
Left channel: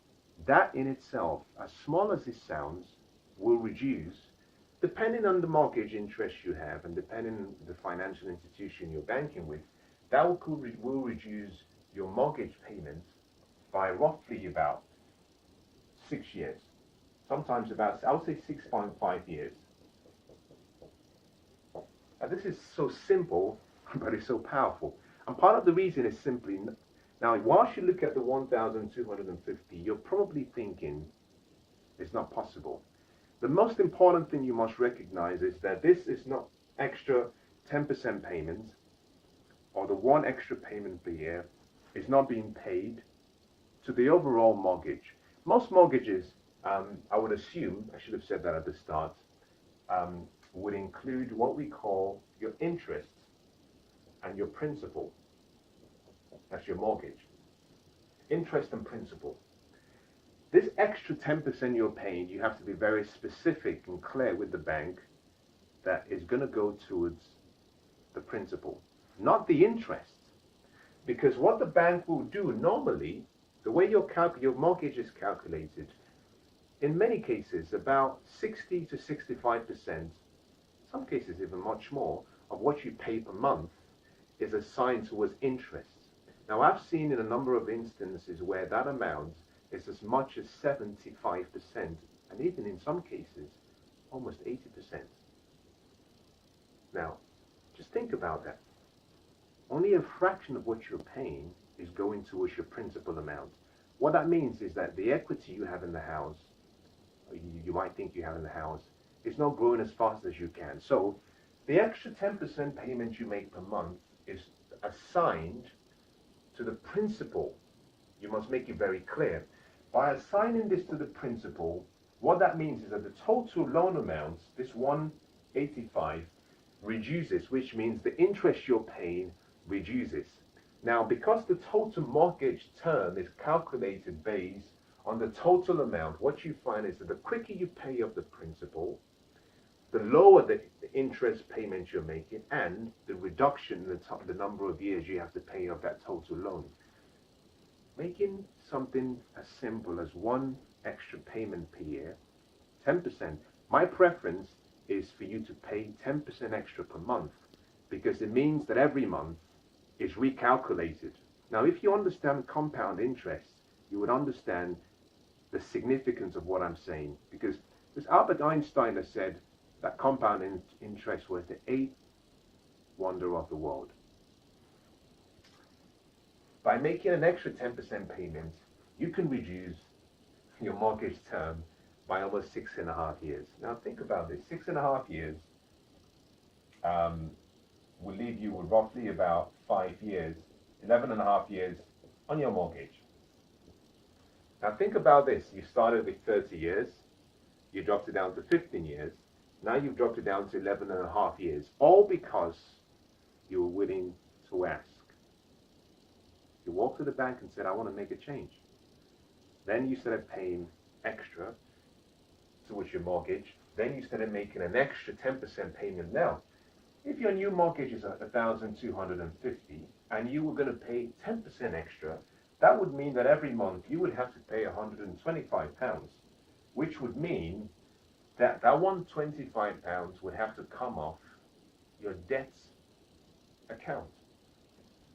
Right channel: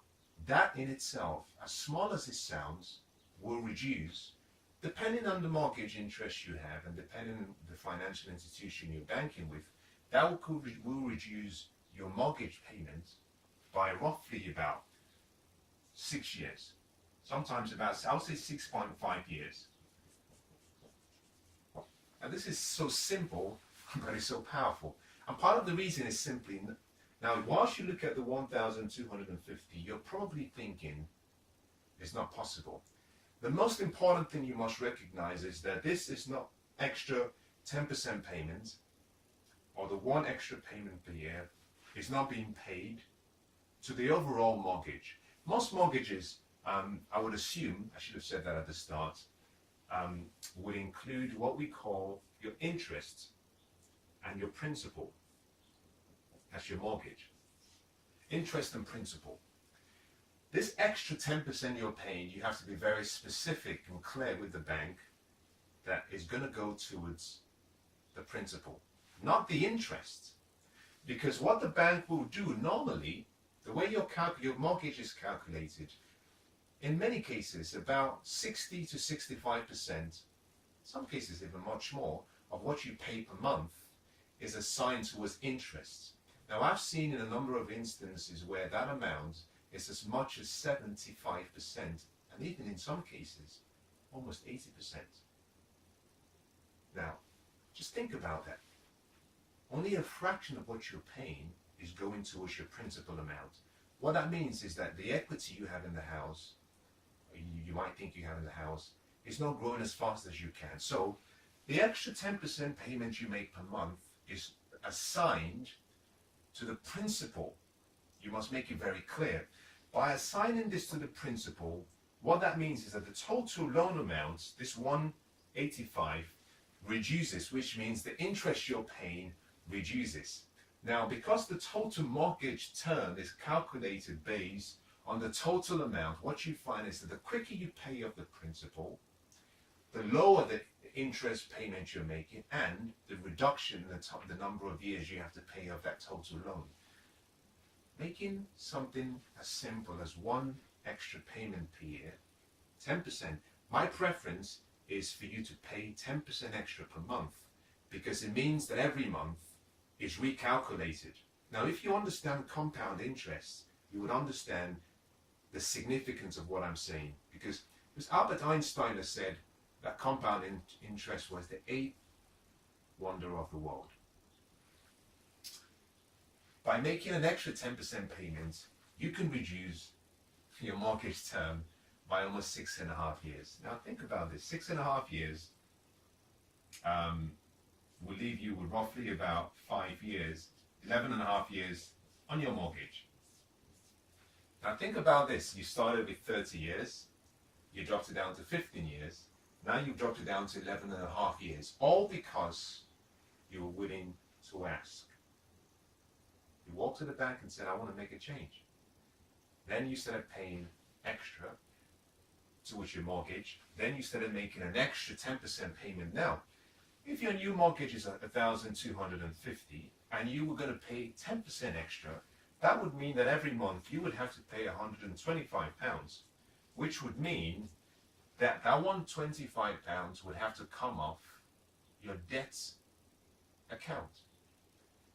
that in itself, as small as it sounds, will reduce, depending on the mortgage interest you have and depending on the financial institution you're banking with, that will reduce your mortgage payment by roughly about 6 years. Sometimes about, I would say 6.5 years. And this is so simple, but it's so powerful. And part of the reason is simply, now whilst you look at the 1,250, you're probably thinking it's not possible. The most important thing you must recognize is that this is not extra 10% payment, or the one extra payment per year is not being paid to the overall mortgage. Most mortgages, I would assume, I should have said that at the start, would include what we call your interest and your principal. That's your mortgage. Interest and principal. This extra 10% you're paying, you have to be very specific and clear with the bank that is going to go towards the principal, not the interest. Because what the bank will do normally, the way your mortgage is calculated, in many cases, about 60 to 65%, some cases even much more, of what you pay per month is assigned towards interest. Now, I've seen in a number of instances where that amount is as much as 75%, and even in some cases, almost 80%. Now, just think about that. Only a fraction of what you're paying is going towards your principal amount. What that means is that the equity you have in the house, you might think you have in the house, is not growing as fast as you can. So The extra 10% payment you make per month is assigned to the principal. You must make it very clear. By assigning this to the principal, what that means is that the total loan amount, this 185, reduces, which means the interest you're paying reduces. Now, because the total mortgage term is calculated based on the total amount, what you find is that the quicker you pay off the principal, the lower the interest payment you're making and the reduction in the number of years you have to pay off that total loan. Making something as simple as one extra payment per year, 10%. My preference is for you to pay 10% extra per month, because it means that every month is recalculated. Now, if you understand compound interest, you would understand the significance of what I'm saying, because Albert Einstein has said that compound interest was the eighth wonder of the world. By making an extra 10% payment, you can reduce your mortgage term by almost 6.5 years. Now think about this, 6.5 years will leave you with roughly about 5 years, 11.5 years on your mortgage. Now think about this, you started with 30 years, you dropped it down to 15 years, now you've dropped it down to 11.5 years, all because you were willing to ask. You walked to the bank and said, I want to make a change. Then you started paying extra towards your mortgage. Then you started making an extra 10% payment. Now, if your new mortgage is $1,250 and you were going to pay 10% extra, that would mean that every month you would have to pay £125, which would mean that £125 would have to come off your debts account.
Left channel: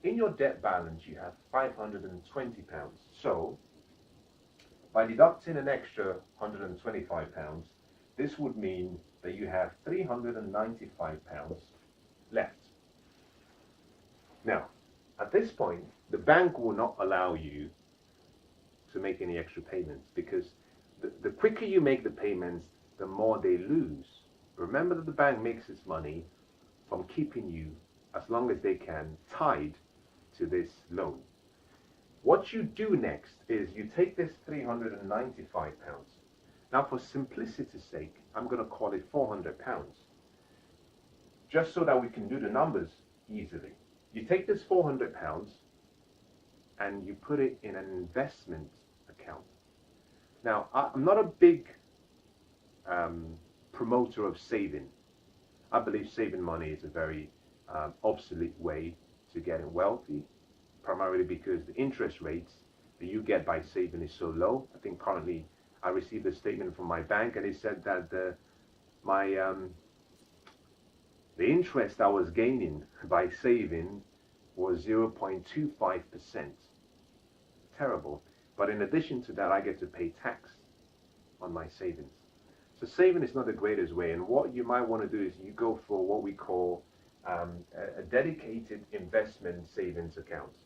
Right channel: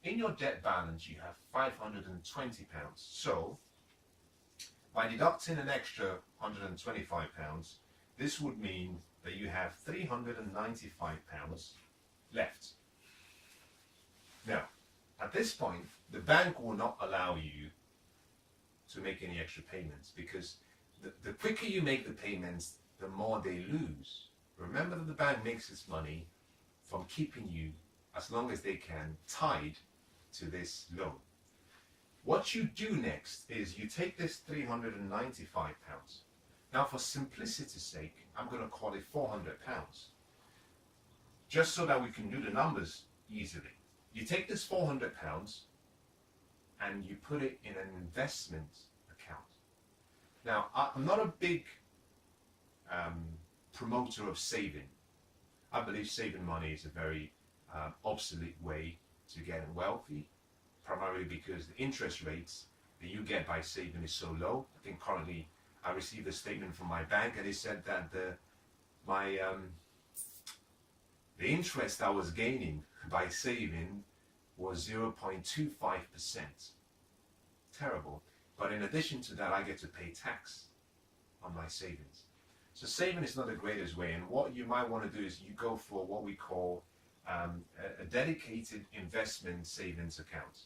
In your debt balance, you have £520. So, by deducting an extra £125, this would mean that you have £395 left. Now, at this point, the bank will not allow you to make any extra payments, because the quicker you make the payments, the more they lose. Remember that the bank makes its money from keeping you, as long as they can, tied to this loan. What you do next is you take this £395. Now, for simplicity's sake, I'm going to call it £400, just so that we can do the numbers easily. You take this £400 and you put it in an investment account. Now, I'm not a big promoter of saving. I believe saving money is a very obsolete way to getting wealthy, primarily because the interest rates that you get by saving is so low. I think currently I received a statement from my bank and they said that the interest I was gaining by saving was 0.25%. Terrible. But in addition to that, I get to pay tax on my savings. So saving is not the greatest way, and what you might want to do is you go for what we call a dedicated investment savings account.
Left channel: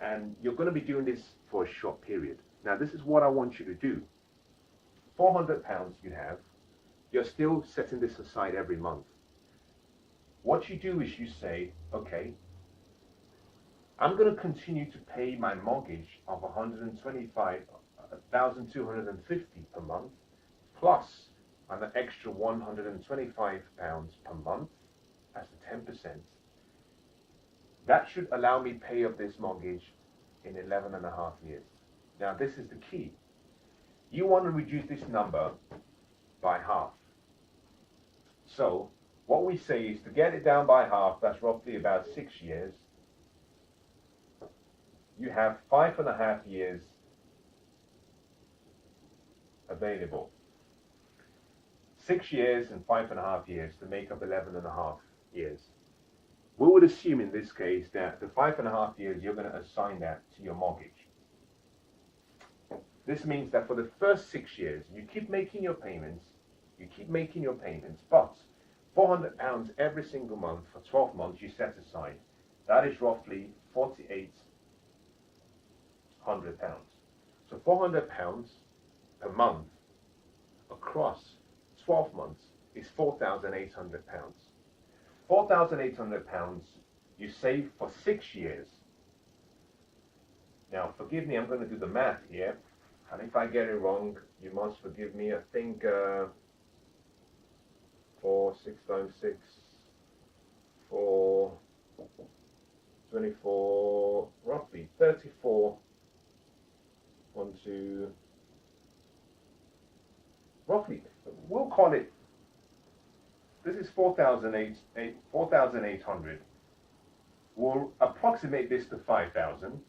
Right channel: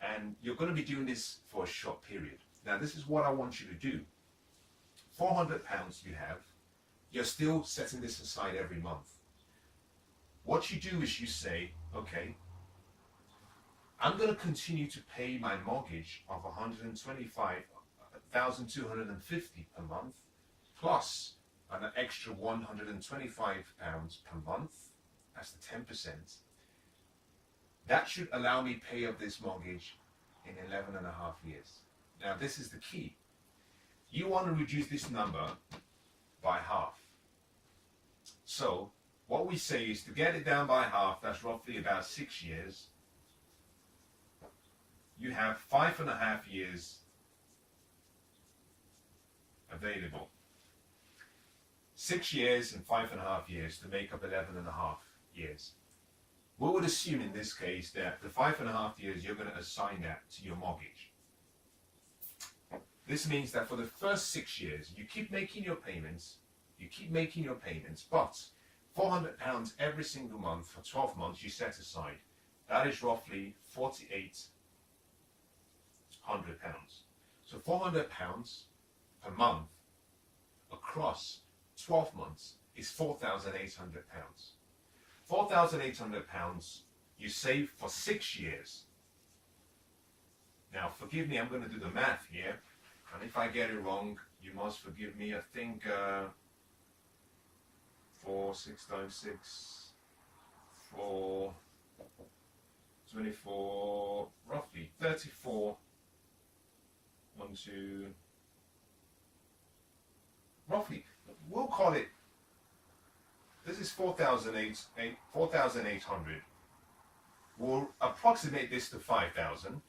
And you're going to be doing this for a short period. Now, this is what I want you to do. £400 you have, you're still setting this aside every month. What you do is you say, okay, I'm going to continue to pay my mortgage of £125,250 per month, plus an extra £125 per month, that's the 10%. That should allow me pay up this mortgage in 11.5 years. Now, this is the key. You want to reduce this number by half. So, what we say is to get it down by half, that's roughly about 6 years. You have 5.5 years available. 6 years and 5.5 years to make up 11.5 years. We would assume in this case that the 5.5 years you're going to assign that to your mortgage. This means that for the first 6 years, you keep making your payments, but £400 every single month for 12 months you set aside. That is roughly £4,800. So £400 per month across 12 months is £4,800. £4,800 you save for 6 years. Now, forgive me, I'm going to do the math here. And if I get it wrong, you must forgive me. I think 6 times 6, 4, 24, roughly 34, 1, 2, roughly, we'll call it, this is 4,800. We'll approximate this to 5,000.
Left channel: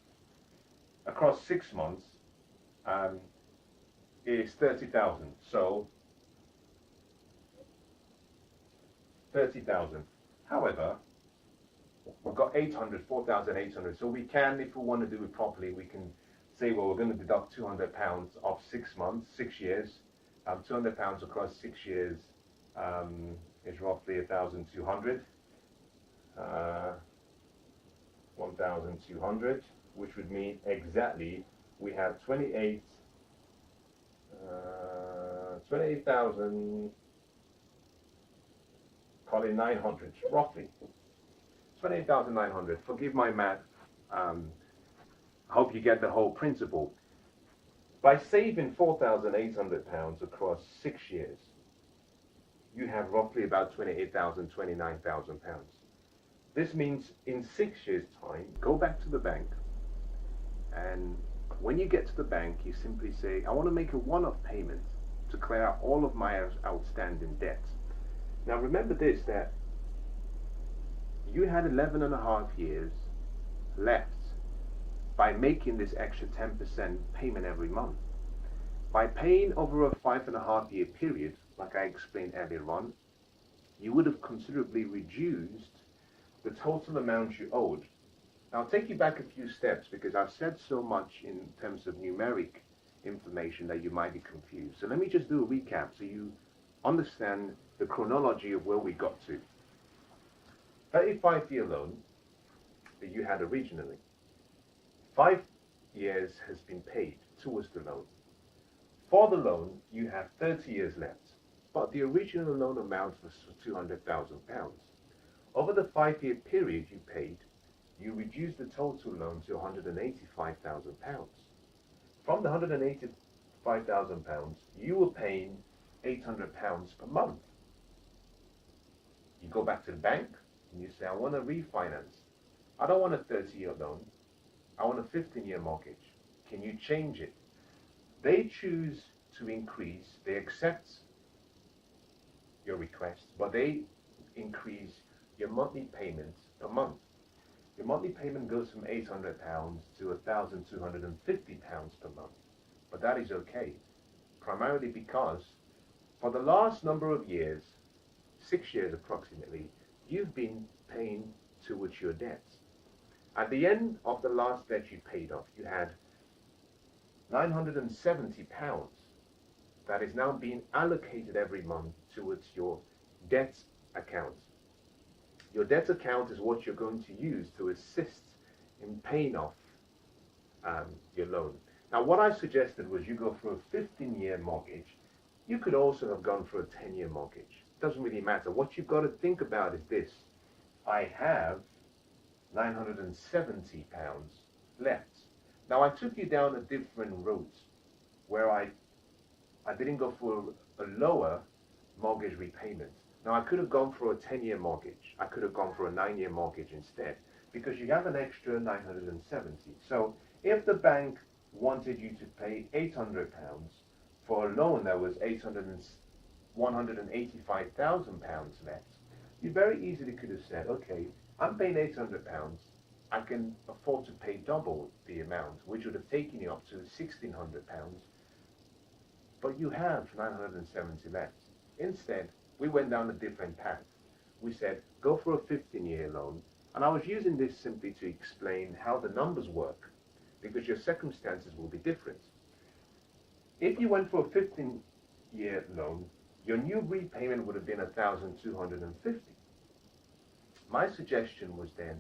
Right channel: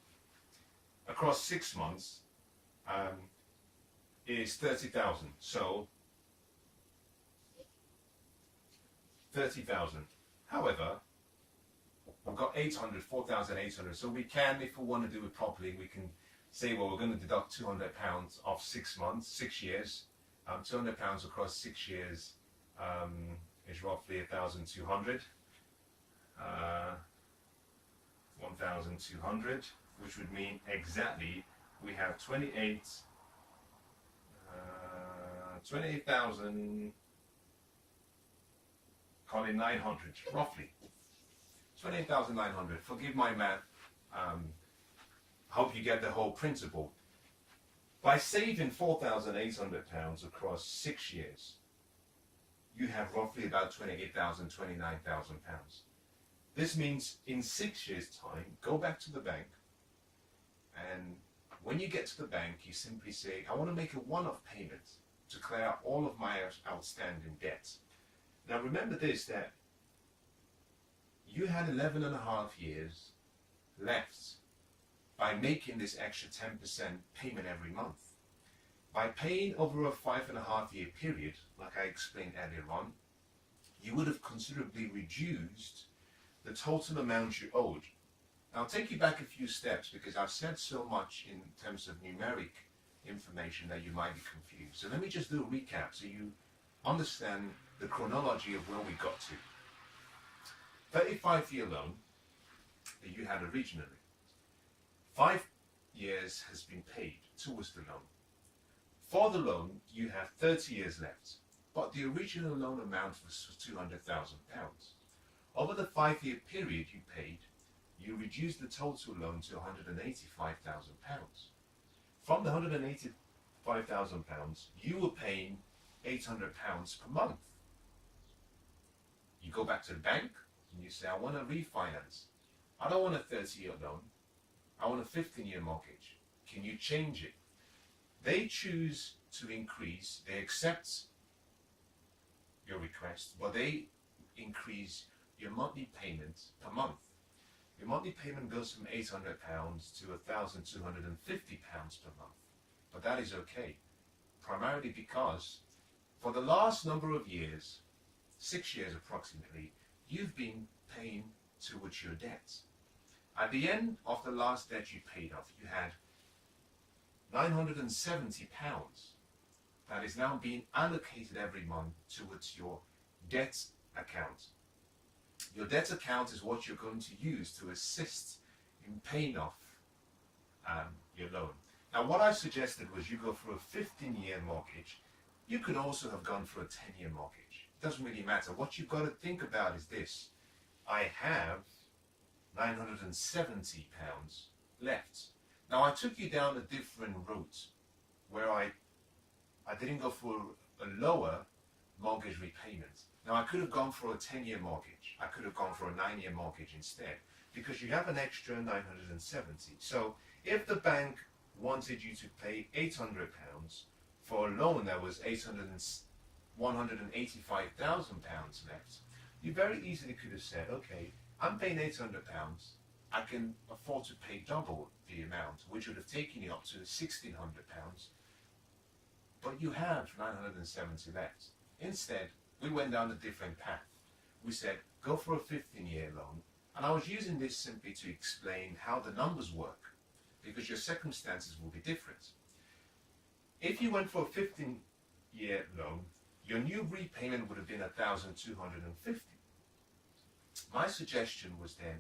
Across 6 months is 30,000. So 30,000. However, we've got 800, 4,800. So we can, if we want to do it properly, we can say, well, we're going to deduct £200 of 6 months, 6 years. £200 across 6 years is roughly 1,200. 1,200, which would mean exactly we have 28,000, call it 900, roughly. 28,900. Forgive my math. I hope you get the whole principle. By saving £4,800 across 6 years, you have roughly about 28,000, 29,000 pounds. This means in 6 years' time, go back to the bank, and when you get to the bank, you simply say, I want to make a one-off payment to clear out all of my outstanding debts. Now remember this, that you had 11 and a half years left by making this extra 10% payment every month. By paying over a 5.5 year period, like I explained earlier on, you would have considerably reduced the total amount you owed. Now, I'll take you back a few steps because I've said so much in terms of numeric information that you might be confused. So let me just do a recap so you understand the chronology of where we got to. 35-year loan that you had originally. 5 years has been paid towards the loan. For the loan, you have 30 years left, but the original loan amount was £200,000. Over the 5-year period you paid, you reduced the total loan to £185,000. From the £185,000, you were paying £800 per month. You go back to the bank and you say, I want to refinance. I don't want a 30-year loan. I want a 15-year mortgage. Can you change it? They choose to increase, they accept your request, but they increase your monthly payment per month. Your monthly payment goes from £800 to £1,250 per month. But that is okay, primarily because for the last number of years, 6 years approximately, you've been paying towards your debts. At the end of the last debt you paid off, you had £970 that is now being allocated every month towards your debt account. Your debt account is what you're going to use to assist in paying off your loan. Now, what I suggested was you go for a 15-year mortgage. You could also have gone for a 10-year mortgage. It doesn't really matter. What you've got to think about is this. I have £970 left. Now, I took you down a different route where I didn't go for a lower mortgage repayment. Now, I could have gone for a 10-year mortgage. I could have gone for a 9-year mortgage instead, because you have an extra 970. So if the bank wanted you to pay £800 for a loan that was £185,000 left, you very easily could have said, okay, I'm paying £800. I can afford to pay double the amount, which would have taken you up to £1,600, but you have 970 left. Instead, we went down a different path. We said, go for a 15-year loan, and I was using this simply to explain how the numbers work, because your circumstances will be different. If you went for a 15-year loan, your new repayment would have been £1,250. My suggestion was then,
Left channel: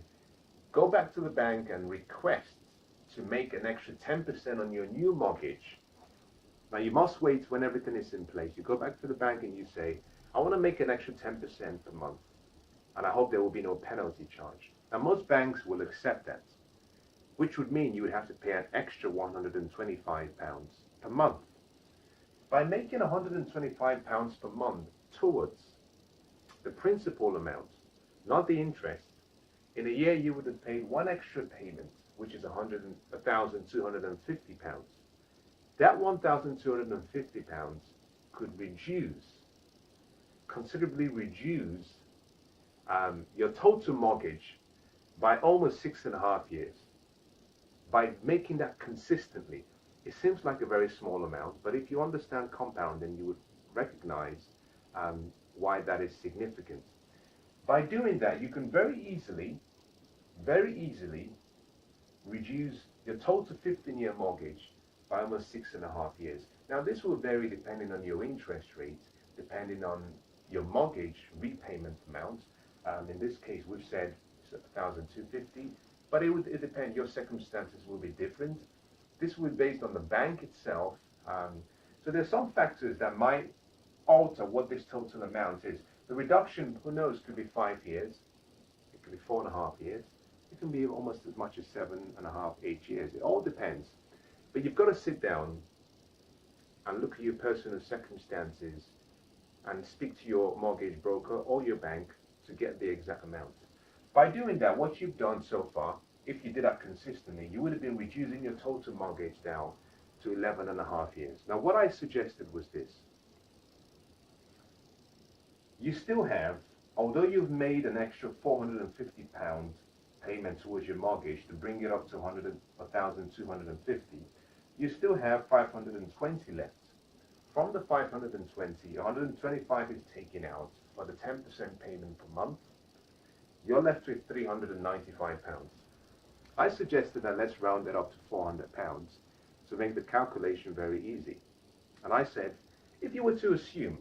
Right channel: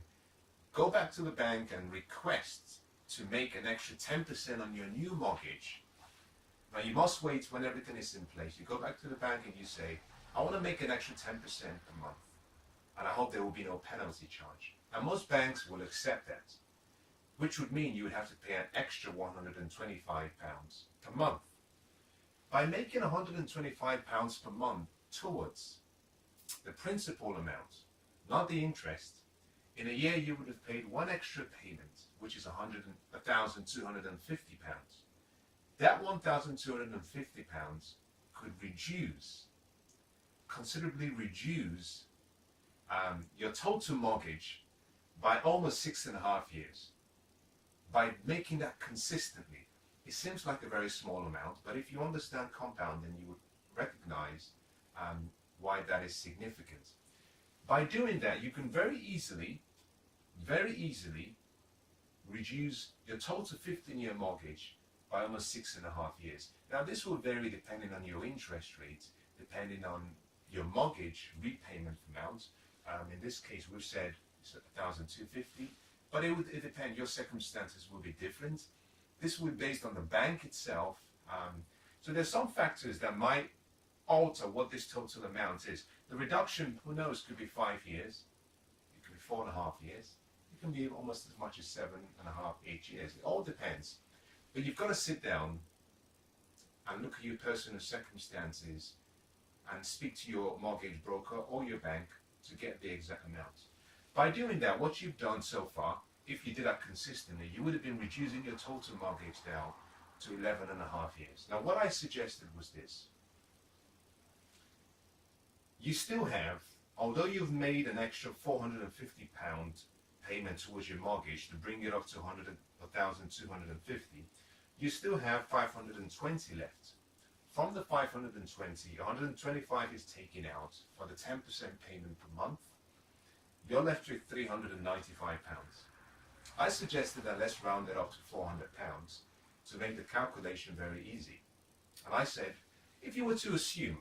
go back to the bank and request to make an extra 10% on your new mortgage. Now, you must wait when everything is in place. You go back to the bank and you say, I want to make an extra 10% per month, and I hope there will be no penalty charge. Now, most banks will accept that, which would mean you would have to pay an extra £125 per month. By making £125 per month towards the principal amount, not the interest, in a year you would have paid one extra payment, which is £1,250. That £1,250 could considerably reduce your total mortgage by almost 6.5 years. By making that consistently, it seems like a very small amount, but if you understand compounding, you would recognize why that is significant. By doing that, you can very easily reduce your total 15-year mortgage by almost 6.5 years. Now, this will vary depending on your interest rate, depending on your mortgage repayment amount. In this case, we've said it's $1,250, but it depends. Your circumstances will be different. This will be based on the bank itself. So there's some factors that might alter what this total amount is. The reduction, who knows, could be 5 years. It could be 4.5 years. It can be almost as much as 7.5, 8 years. It all depends. But you've got to sit down and look at your personal circumstances and speak to your mortgage broker or your bank to get the exact amount. By doing that, what you've done so far, if you did that consistently, you would have been reducing your total mortgage down to 11.5 years. Now, what I suggested was this. You still have, although you've made an extra £450 payment towards your mortgage to bring it up to 1,250, you still have 520 left. From the 520, 125 is taken out for the 10% payment per month. You're left with £395. I suggested that let's round it up to £400 to make the calculation very easy. And I said, if you were to assume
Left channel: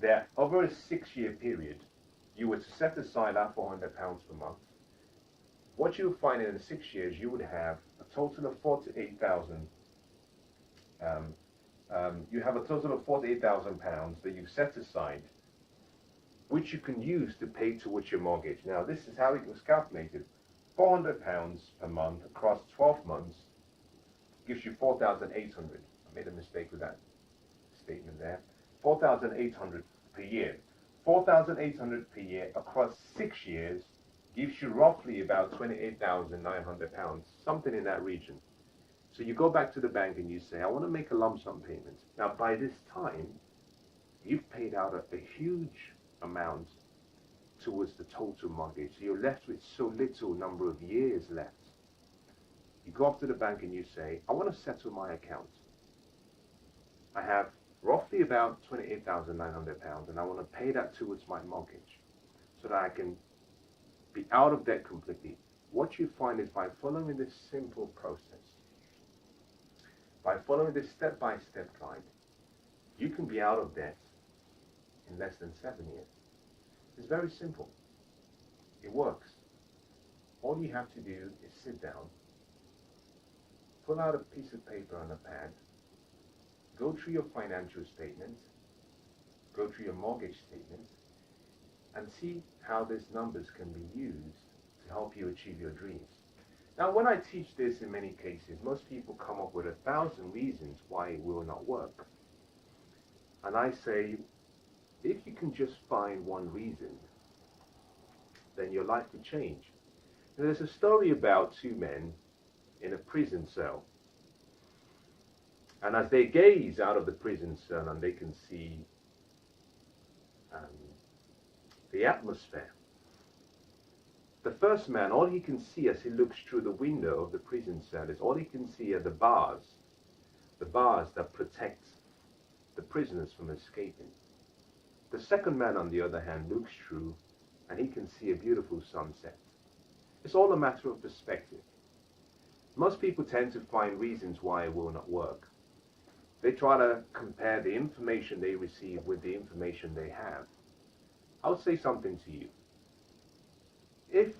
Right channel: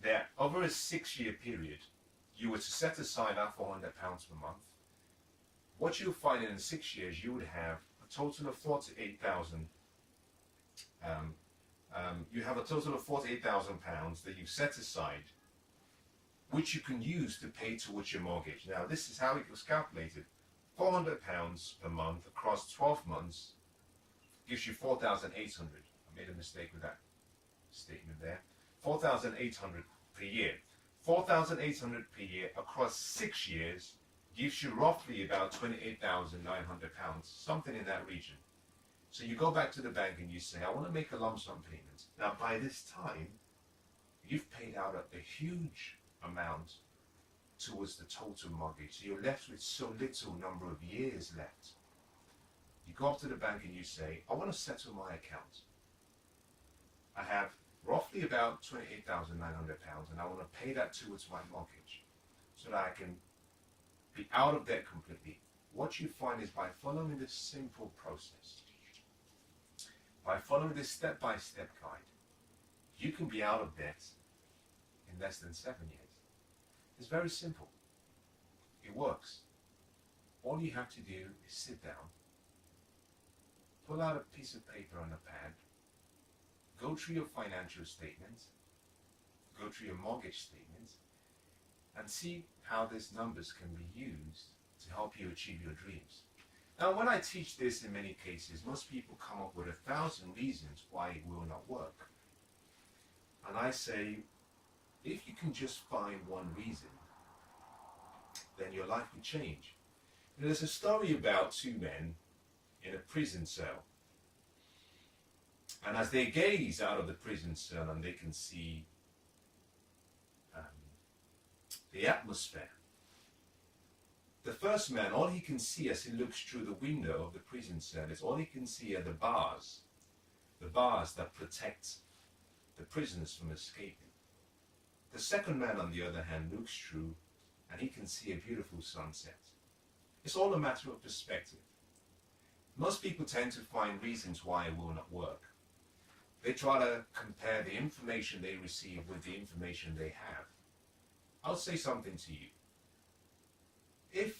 that over a 6-year period, you were to set aside that £400 per month, what you'll find in 6 years, you would have a total of 48,000. You have a total of £48,000 that you've set aside, which you can use to pay towards your mortgage. Now, this is how it was calculated. £400 a month across 12 months gives you 4,800. I made a mistake with that statement there. 4,800 per year. 4,800 per year across 6 years gives you roughly about £28,900, something in that region. So you go back to the bank and you say, I want to make a lump sum payment. Now, by this time, you've paid out a huge amount towards the total mortgage. So you're left with so little number of years left. You go up to the bank and you say, I want to settle my account. I have roughly about £28,900 and I want to pay that towards my mortgage so that I can be out of debt completely. What you find is by following this simple process, by following this step-by-step guide, you can be out of debt in less than 7 years. It's very simple. It works. All you have to do is sit down, pull out a piece of paper and a pad, go through your financial statement, go through your mortgage statement, and see how these numbers can be used to help you achieve your dreams. Now, when I teach this in many cases, most people come up with 1,000 reasons why it will not work. And I say, if you can just find one reason, then your life will change. And there's a story about 2 men in a prison cell. And as they gaze out of the prison cell and they can see the atmosphere, the first man, all he can see as he looks through the window of the prison cell is all he can see are the bars that protect the prisoners from escaping. The second man, on the other hand, looks through and he can see a beautiful sunset. It's all a matter of perspective. Most people tend to find reasons why it will not work. They try to compare the information they receive with the information they have. I'll say something to you. If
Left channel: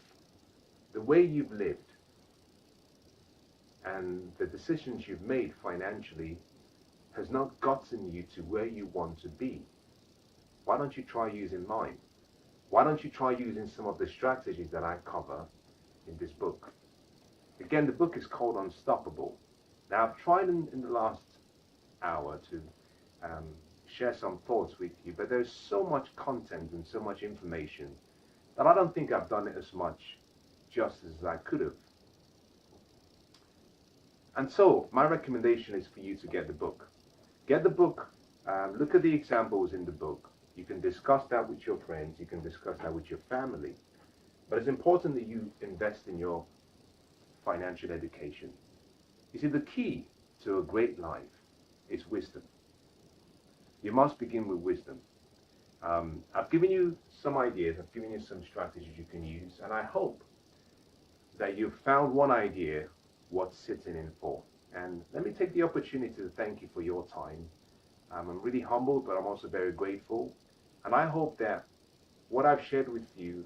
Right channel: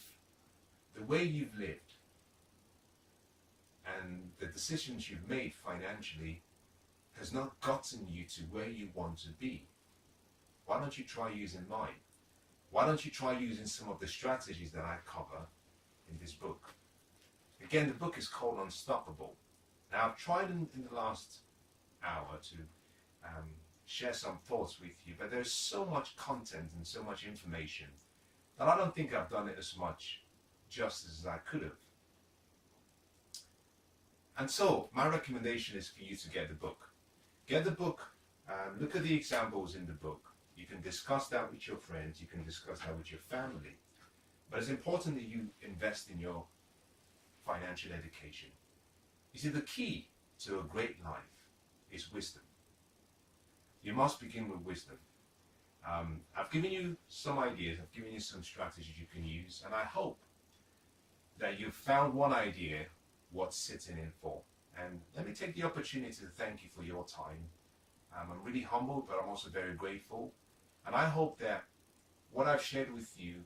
the way you've lived and the decisions you've made financially has not gotten you to where you want to be, Why don't you try using mine? Why don't you try using some of the strategies that I cover in this book? Again, the book is called Unstoppable. Now, I've tried in the last hour to share some thoughts with you, but there's so much content and so much information that I don't think I've done it as much justice as I could have. And so, my recommendation is for you to get the book. Get the book, look at the examples in the book. You can discuss that with your friends, you can discuss that with your family. But it's important that you invest in your financial education. You see, the key to a great life is wisdom. You must begin with wisdom. I've given you some ideas, I've given you some strategies you can use, and I hope that you've found one idea worth sitting in for. And let me take the opportunity to thank you for your time. I'm really humbled, but I'm also very grateful. And I hope that what I've shared with you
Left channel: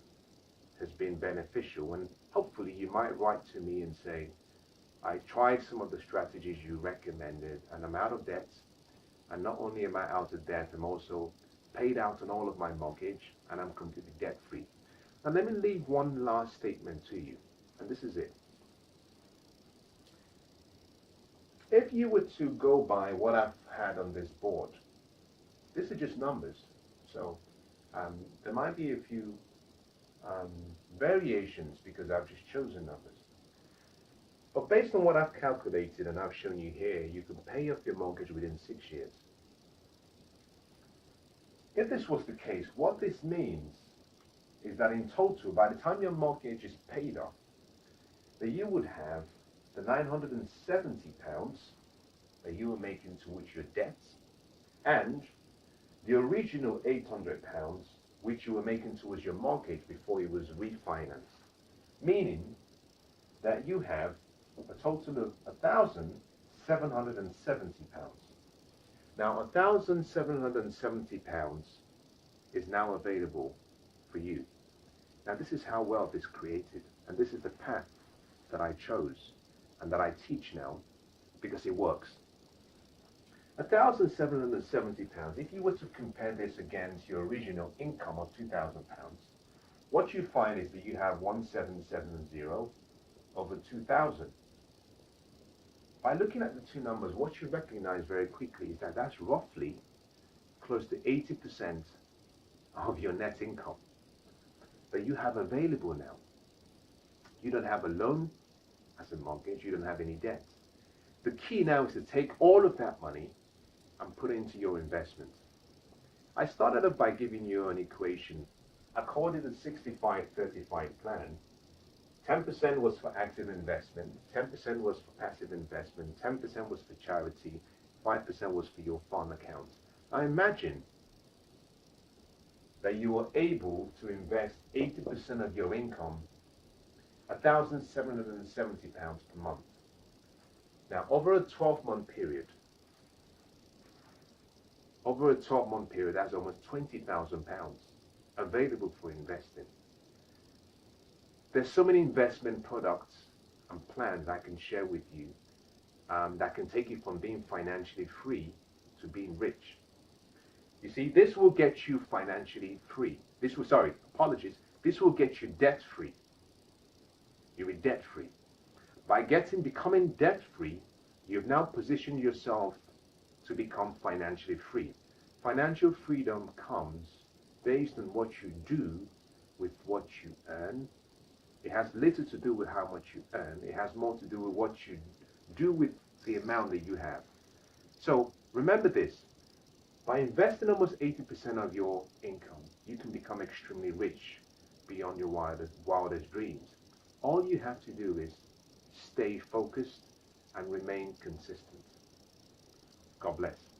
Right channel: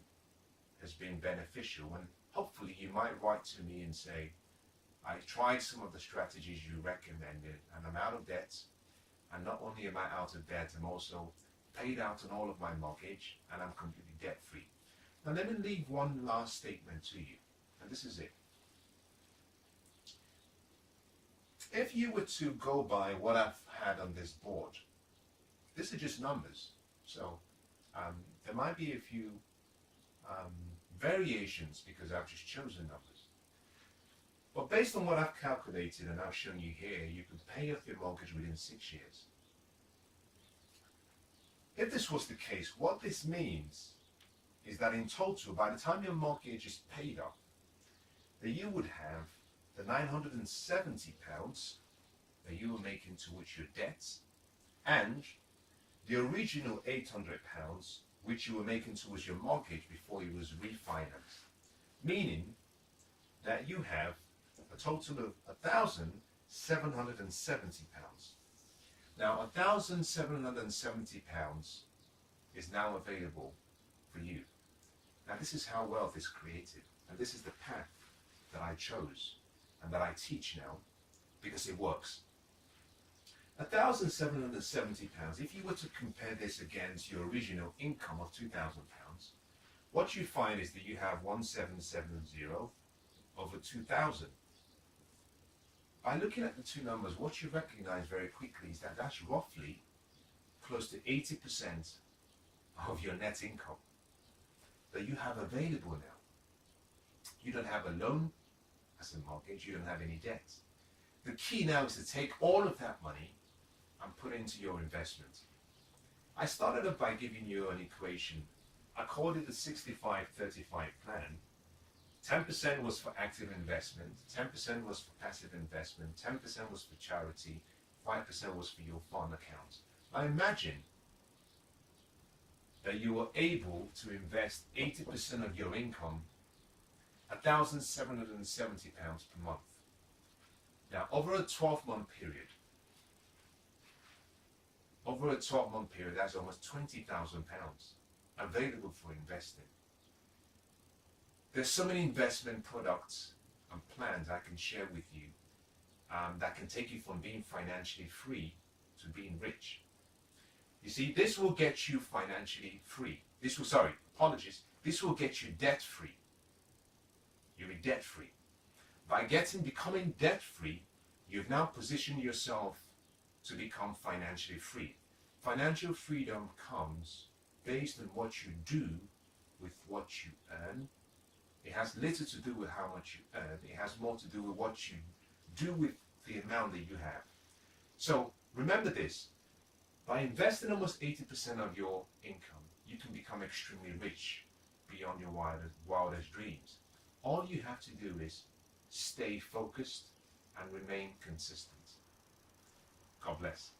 has been beneficial, and hopefully you might write to me and say, I tried some of the strategies you recommended and I'm out of debt. And not only am I out of debt, I'm also paid out on all of my mortgage and I'm completely debt free. And let me leave one last statement to you, and this is it. If you were to go by what I've had on this board, these are just numbers. So there might be a few variations because I've just chosen numbers. But based on what I've calculated and I've shown you here, you can pay off your mortgage within 6 years. If this was the case, what this means is that in total, by the time your mortgage is paid off, that you would have the £970 that you were making towards your debts and the original £800 which you were making towards your mortgage before it was refinanced. Meaning that you have a total of £1,770. Now, £1,770 is now available for you. Now, this is how wealth is created, and this is the path that I chose and that I teach now because it works. £1,770, if you were to compare this against your original income of £2,000, what you find is that you have 1,770 over 2,000. By looking at the two numbers, what you recognize very quickly is that that's roughly close to 80% of your net income that you have available now. You don't have a loan as a mortgage, you don't have any debt. The key now is to take all of that money and put it into your investment. I started off by giving you an equation. I called it the 65-35 plan. 10% was for active investment, 10% was for passive investment, 10% was for charity, 5% was for your fund account. Now imagine that you were able to invest 80% of your income, £1,770 per month. Now over a 12-month period, that's almost £20,000 available for investing. There's so many investment products and plans I can share with you that can take you from being financially free to being rich. You see, this will get you financially free. This will get you debt free. You're debt free. By becoming debt free, you've now positioned yourself to become financially free. Financial freedom comes based on what you do with what you earn. It has little to do with how much you earn. It has more to do with what you do with the amount that you have. So remember this. By investing almost 80% of your income, you can become extremely rich beyond your wildest dreams. All you have to do is stay focused and remain consistent. God bless.